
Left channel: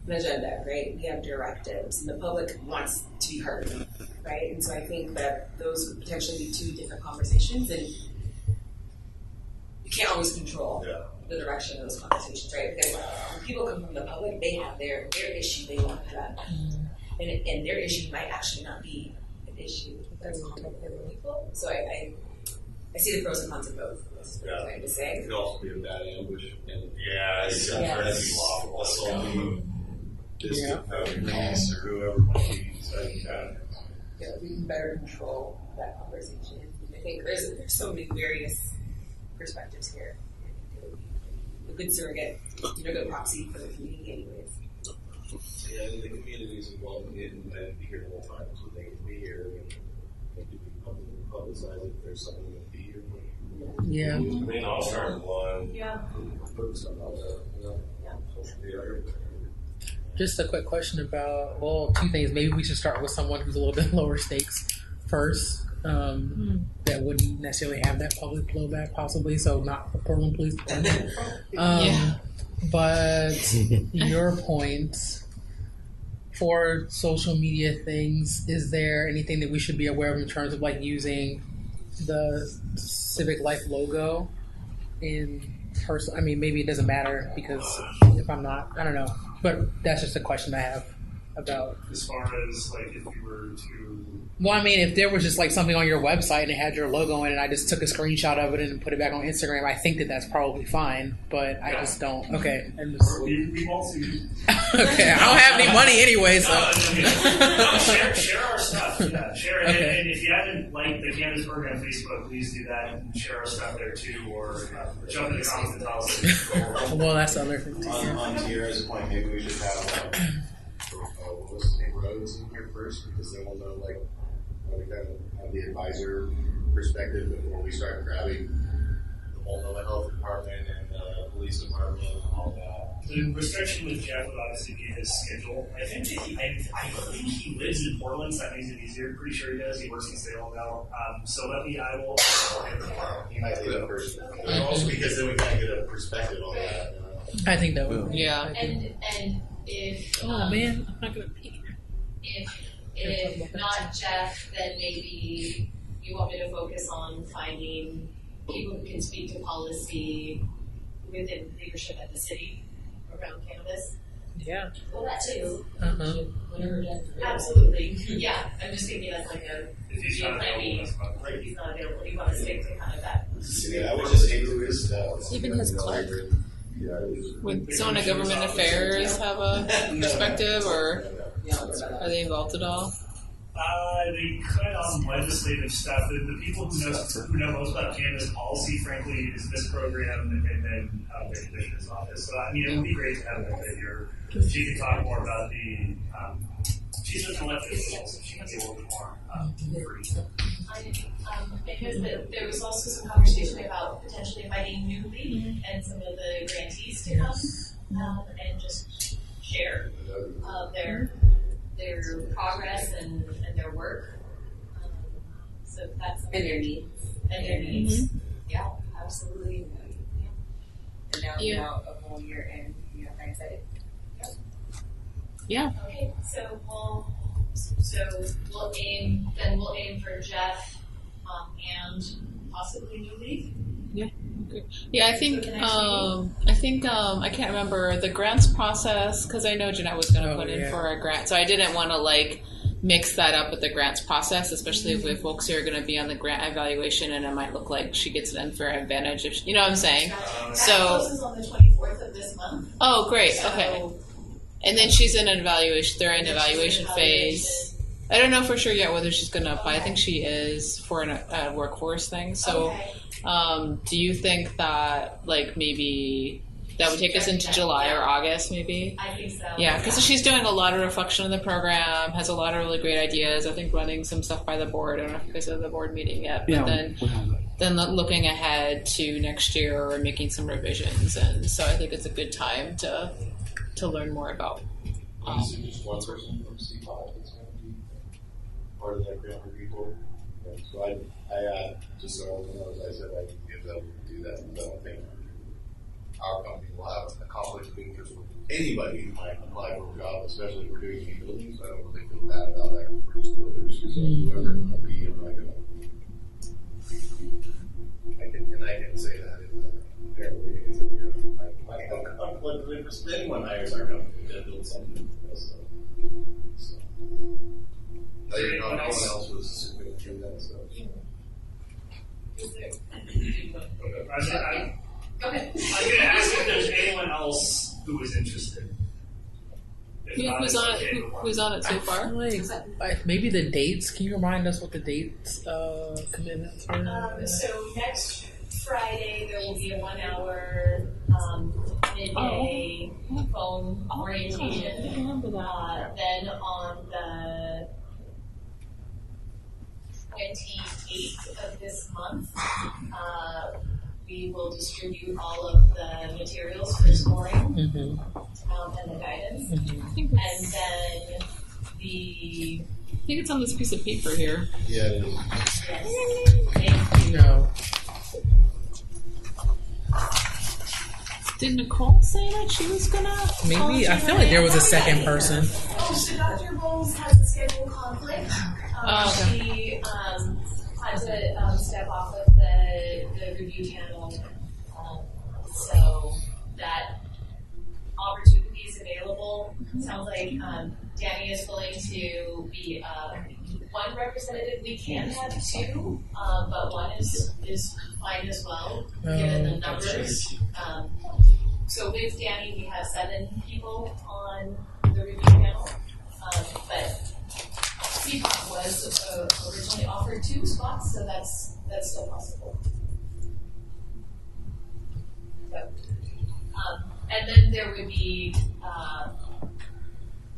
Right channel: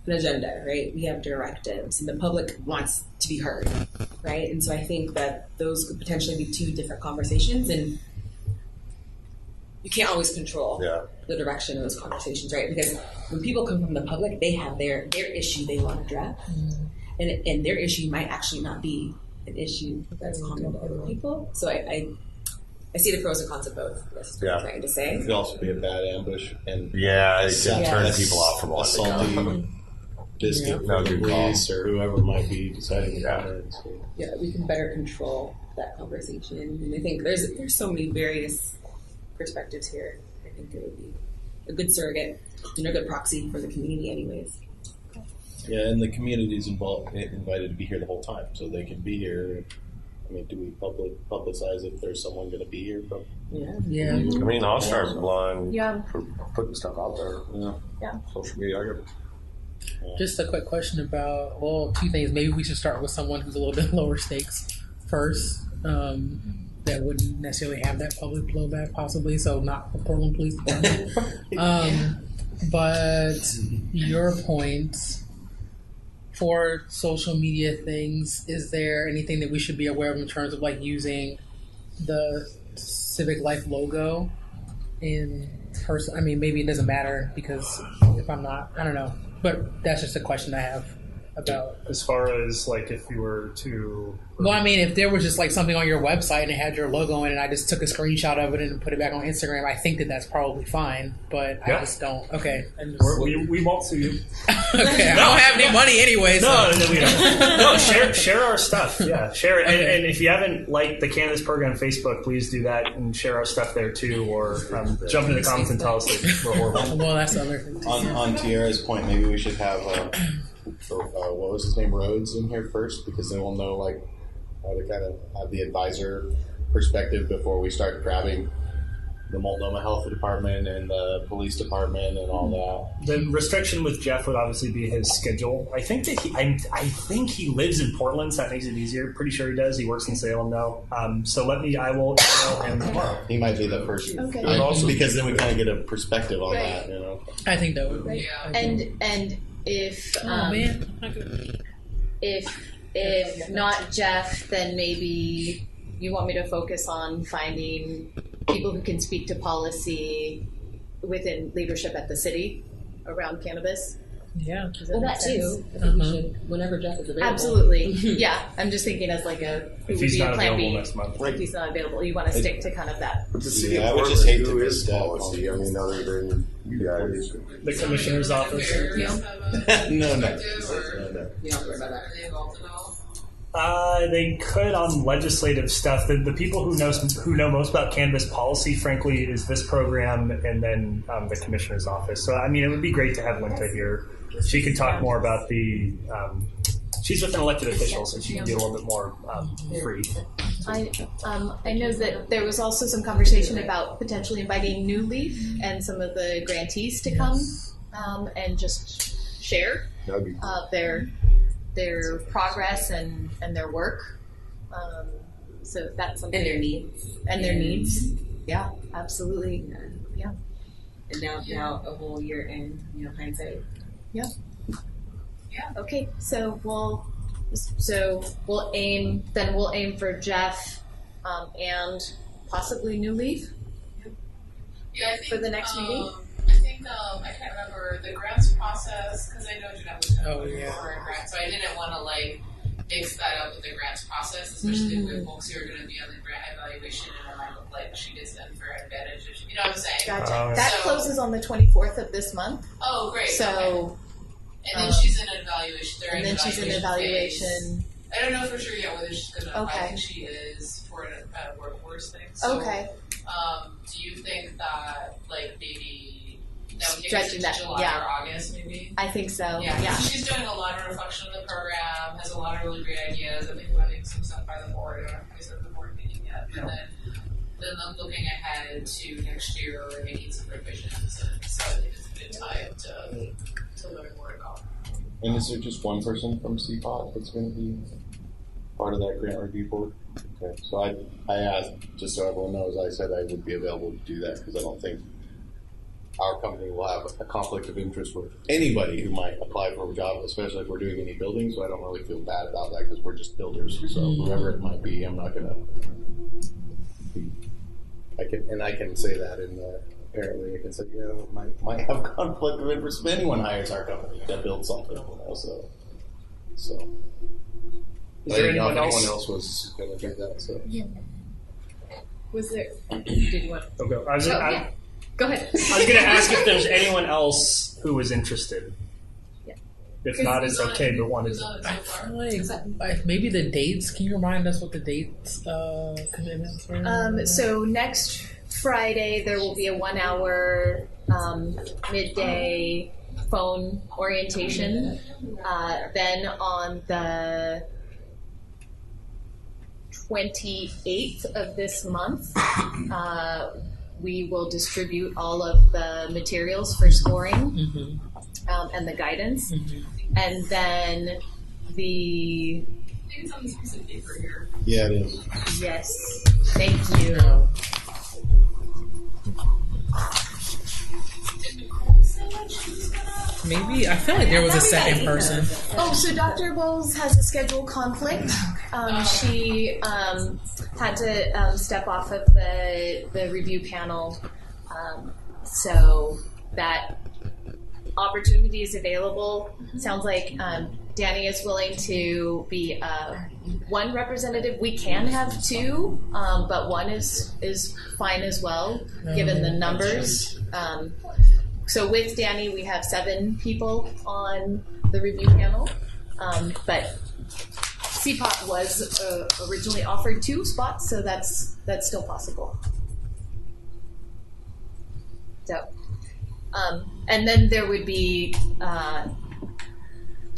an agenda, right? We have directives, and the public wants to be heard, right? And so I think that those could potentially be two different conversations, and you can't always control the direction of those conversations, right? Because when people come from the public, they have their issue they want to address, and their issue might actually not be an issue that's common to other people. So I see the pros and cons of both. That's what I'm trying to say. It could also be a bad ambush, and turn people off from assaulting biscuit from the police or whoever might be deciding about it. So. Yeah, we can better control that conversation, and I think there's so many various perspectives here. I think it would be a good surrogate and a good proxy for the community, anyways. Yeah, and the community's invited to be here the whole time, so they can be here. I mean, do we publicize if there's someone going to be here? Yeah. I mean, I'll start blind Yeah. for putting stuff out there. Yeah. Social media. Just a quick question about, well, two things. Maybe we should start with someone who's a little bit lower stakes first. That wouldn't necessarily have that public blowback, possibly. So not the Portland Police Department. But your point for social media things, is there anything that we should be aware of in terms of like using the Civic Life logo in person? I mean, maybe it doesn't matter because if I'm not, I don't know. But that's just a question I have about. As far as like if you were to. Well, I mean, if there was just like something on your website and it had your logo in it, and I just took a screenshot of it and put it back on Instagram, I think that that's probably fine. But I just don't. Okay, we won't see you. Okay, I don't have any money anyway, so No, share our stuff. Yeah, share it. Okay. And if you haven't liked the Cannabis program Facebook, please do that and share our stuff there too, or jump in the comments and tell us that we're horrible. Well, that's the other thing too. On Tiara's point, maybe we should have what was his name, Rhodes, in here first, because then we'll know like how to kind of have the advisor perspective before we start grabbing the Multnomah Health Department and the police department and all that. The restriction with Jeff would obviously be his schedule. I think that I think he lives in Portland, so that makes it easier. Pretty sure he does. He works in Salem though. So I will email him tomorrow. He might be the person. Okay. Also, because then we kind of get a perspective on that, you know. I think that would. Yeah. And if man, I'm not gonna be. If not Jeff, then maybe you want me to focus on finding people who can speak to policy within leadership at the city around cannabis. Yeah. Well, that too. Whenever Jeff is available. Absolutely. Yeah. I'm just thinking as like a If he's not plan available B. next month. If he's not available, you want to stick to kind of that. Yeah, I would just hate to miss that. Would The someone at commissioner's government office. affairs have a perspective, or are they involved at all? They could on legislative stuff. The people who know most about cannabis policy, frankly, is this program and then the commissioner's office. So I mean, it would be great to have Linda here. She could talk more about the. She's with an elected official, so she can be a little bit more free. I know that there was also some conversation about potentially inviting New Leaf and some of the grantees to come and just share their progress and their work. So that's something. And their needs. And their needs. Yeah, absolutely. Yeah. And now a whole year in, hindsight. Yeah. Yeah. Okay. So we'll aim for Jeff and possibly New Leaf. Yeah. Yeah, I think for the next meeting. I can't remember the grants process because I know Jeanette was going to put in yeah. for a grant, so I didn't want to mix that up with the grants process, especially with folks who are going to be on the grant evaluation, and it might look like she gets an unfair advantage. If you know what I'm saying? Gotcha. That closes on the 24th of this month. Oh, great. So, okay. And then she's in an evaluation. They're in evaluation phase. I don't know for sure yet whether she's going to apply. I think she is for a workforce thing. So, do you think that like maybe that would take us into July or August, maybe? I think so. Yeah, because she's doing a lot of reflection on the program, has a lot of really great ideas. I think running some stuff by the board. I don't know if you guys have the board meeting yet, but then looking ahead to next year or making some revisions, and so I think it's a good time to learn more about. And is there just one person from CPOT that's going to be part of that grant review board? Okay, so I asked, just so everyone knows, I said I would be available to do that because I don't think our company will have a conflict of interest with anybody who might apply for a job, especially if we're doing any building. So I don't really feel bad about that because we're just builders. So whoever it might be, I'm not gonna. I can say that in the. Apparently, I can say might have conflict of interest if anyone hires our company to build something. So. Is there anyone else was going to do that? So. Yeah. Was there? Did you want? Okay. Go ahead. I was going to ask if there's anyone else who was interested. Yeah. If not, it's okay. Who's on it so far? Like, maybe the dates. Can you remind us what the dates commitments are? So next Friday there will be a 1 hour midday phone orientation. Then on the 28th of this month, we will distribute all of the materials for scoring and the guidance. And then I think it's on this piece of paper here. Yeah, it is. Yes. Thank you. No. Did Nicole say that she was gonna? Maybe I feel like there was a second person. Oh, so Dr. Bowles has a schedule conflict. She had to step off of the review panel, so that opportunity is available. Sounds like Danny is willing to be one representative. We can have two, but one is fine as well, given the numbers. So with Danny, we have 7 people on the review panel, but CPOT was originally offered 2 spots, so that's still possible. So, and then there would be,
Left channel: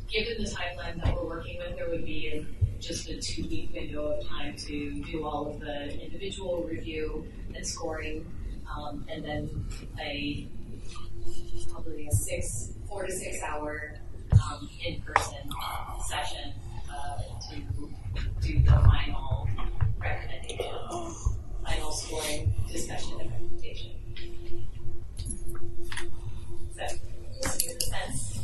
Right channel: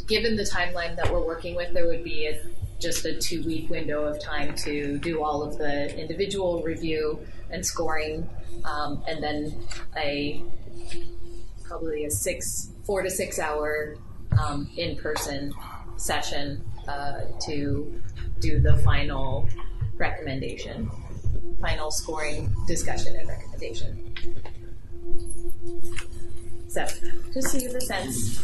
given the timeline that we're working with, there would be just a 2-week window of time to do all of the individual review and scoring, and then probably a 4 to 6 hour in-person session to do the final recommendation, final scoring discussion and recommendation. So, just so you have a sense,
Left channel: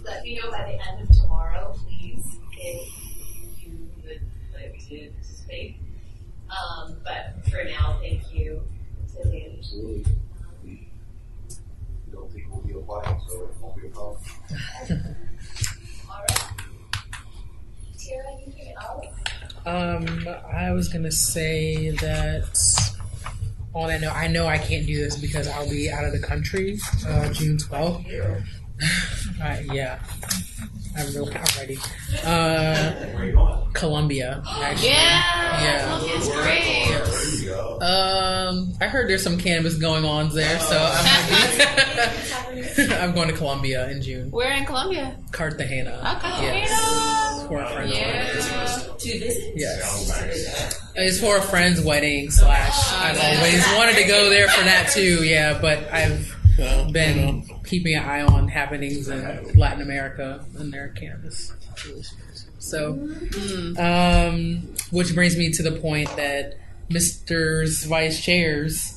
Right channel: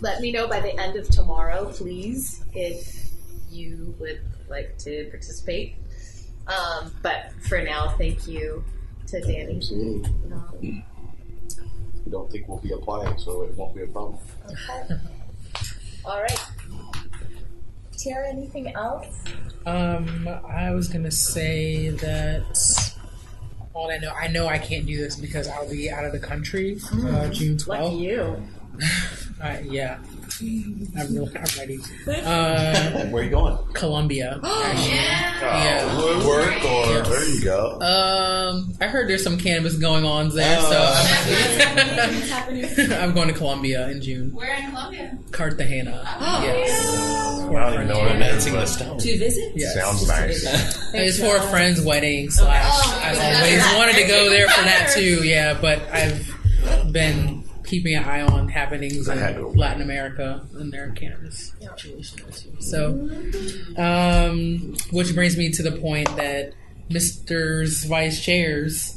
let me know by the end of tomorrow, please, if you would like to participate. But for now, thank you to Danny. Absolutely. We don't think we'll be applying, so it won't be a problem. Okay. All right. Tiara, anything else? I was gonna say that all I know I can't do this because I'll be out of the country June 12th. Lucky you. Yeah, I'm ready. Where are you going? Colombia, actually. Yeah. Work or there you go. I heard there's some cannabis going on there, so I'm going to Colombia in June. Where in Colombia? Cartagena. Yes. For a friend's To visit? Yes. Sounds nice. It's for a friend's wedding / I've always wanted to go there for that too. Yeah, but I've been keeping an eye on happenings in Latin America and their cannabis situation there too. So, which brings me to the point that Mr.'s vice chairs,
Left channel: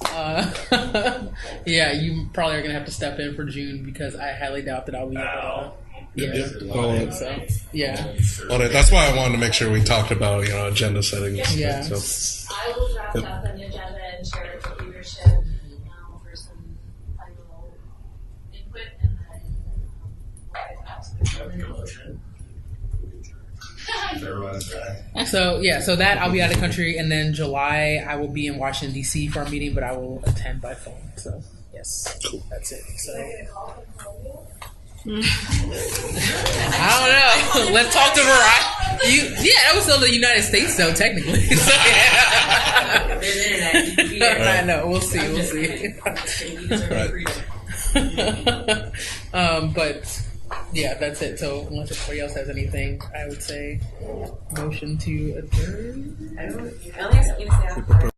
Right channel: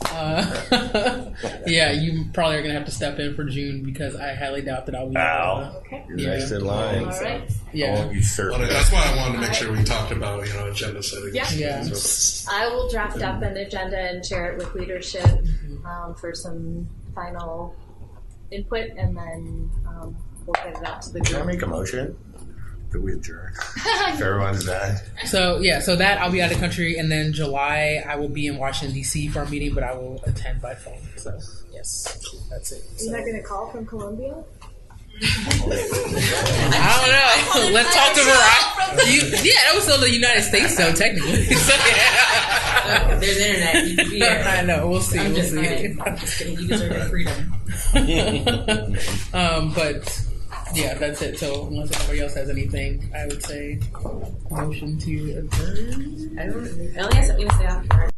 yeah, you probably are going to have to step in for June because I highly doubt that I'll be able to. Yeah. Well, that's why I wanted to make sure we talked about agenda setting. Yeah. So. I will draft up an agenda and share it with leadership for some final input, and then we'll get it out to the group. Can I make a motion? that we adjourn. If everyone's done. So that I'll be out of the country, and then July I will be in Washington D.C. for our meeting, but I will attend by phone. So yes, cool. That's it. You're not gonna call from Colombia? I don't know. Let's talk to Verizon. That was still the United States, though, technically. So, yeah. There's internet. You can be there. I know. We'll see. I'm We'll just see. kidding. You deserve your freedom. But yeah, that's it. So unless anybody else has anything, I would say motion to adjourn. I only have something to say after.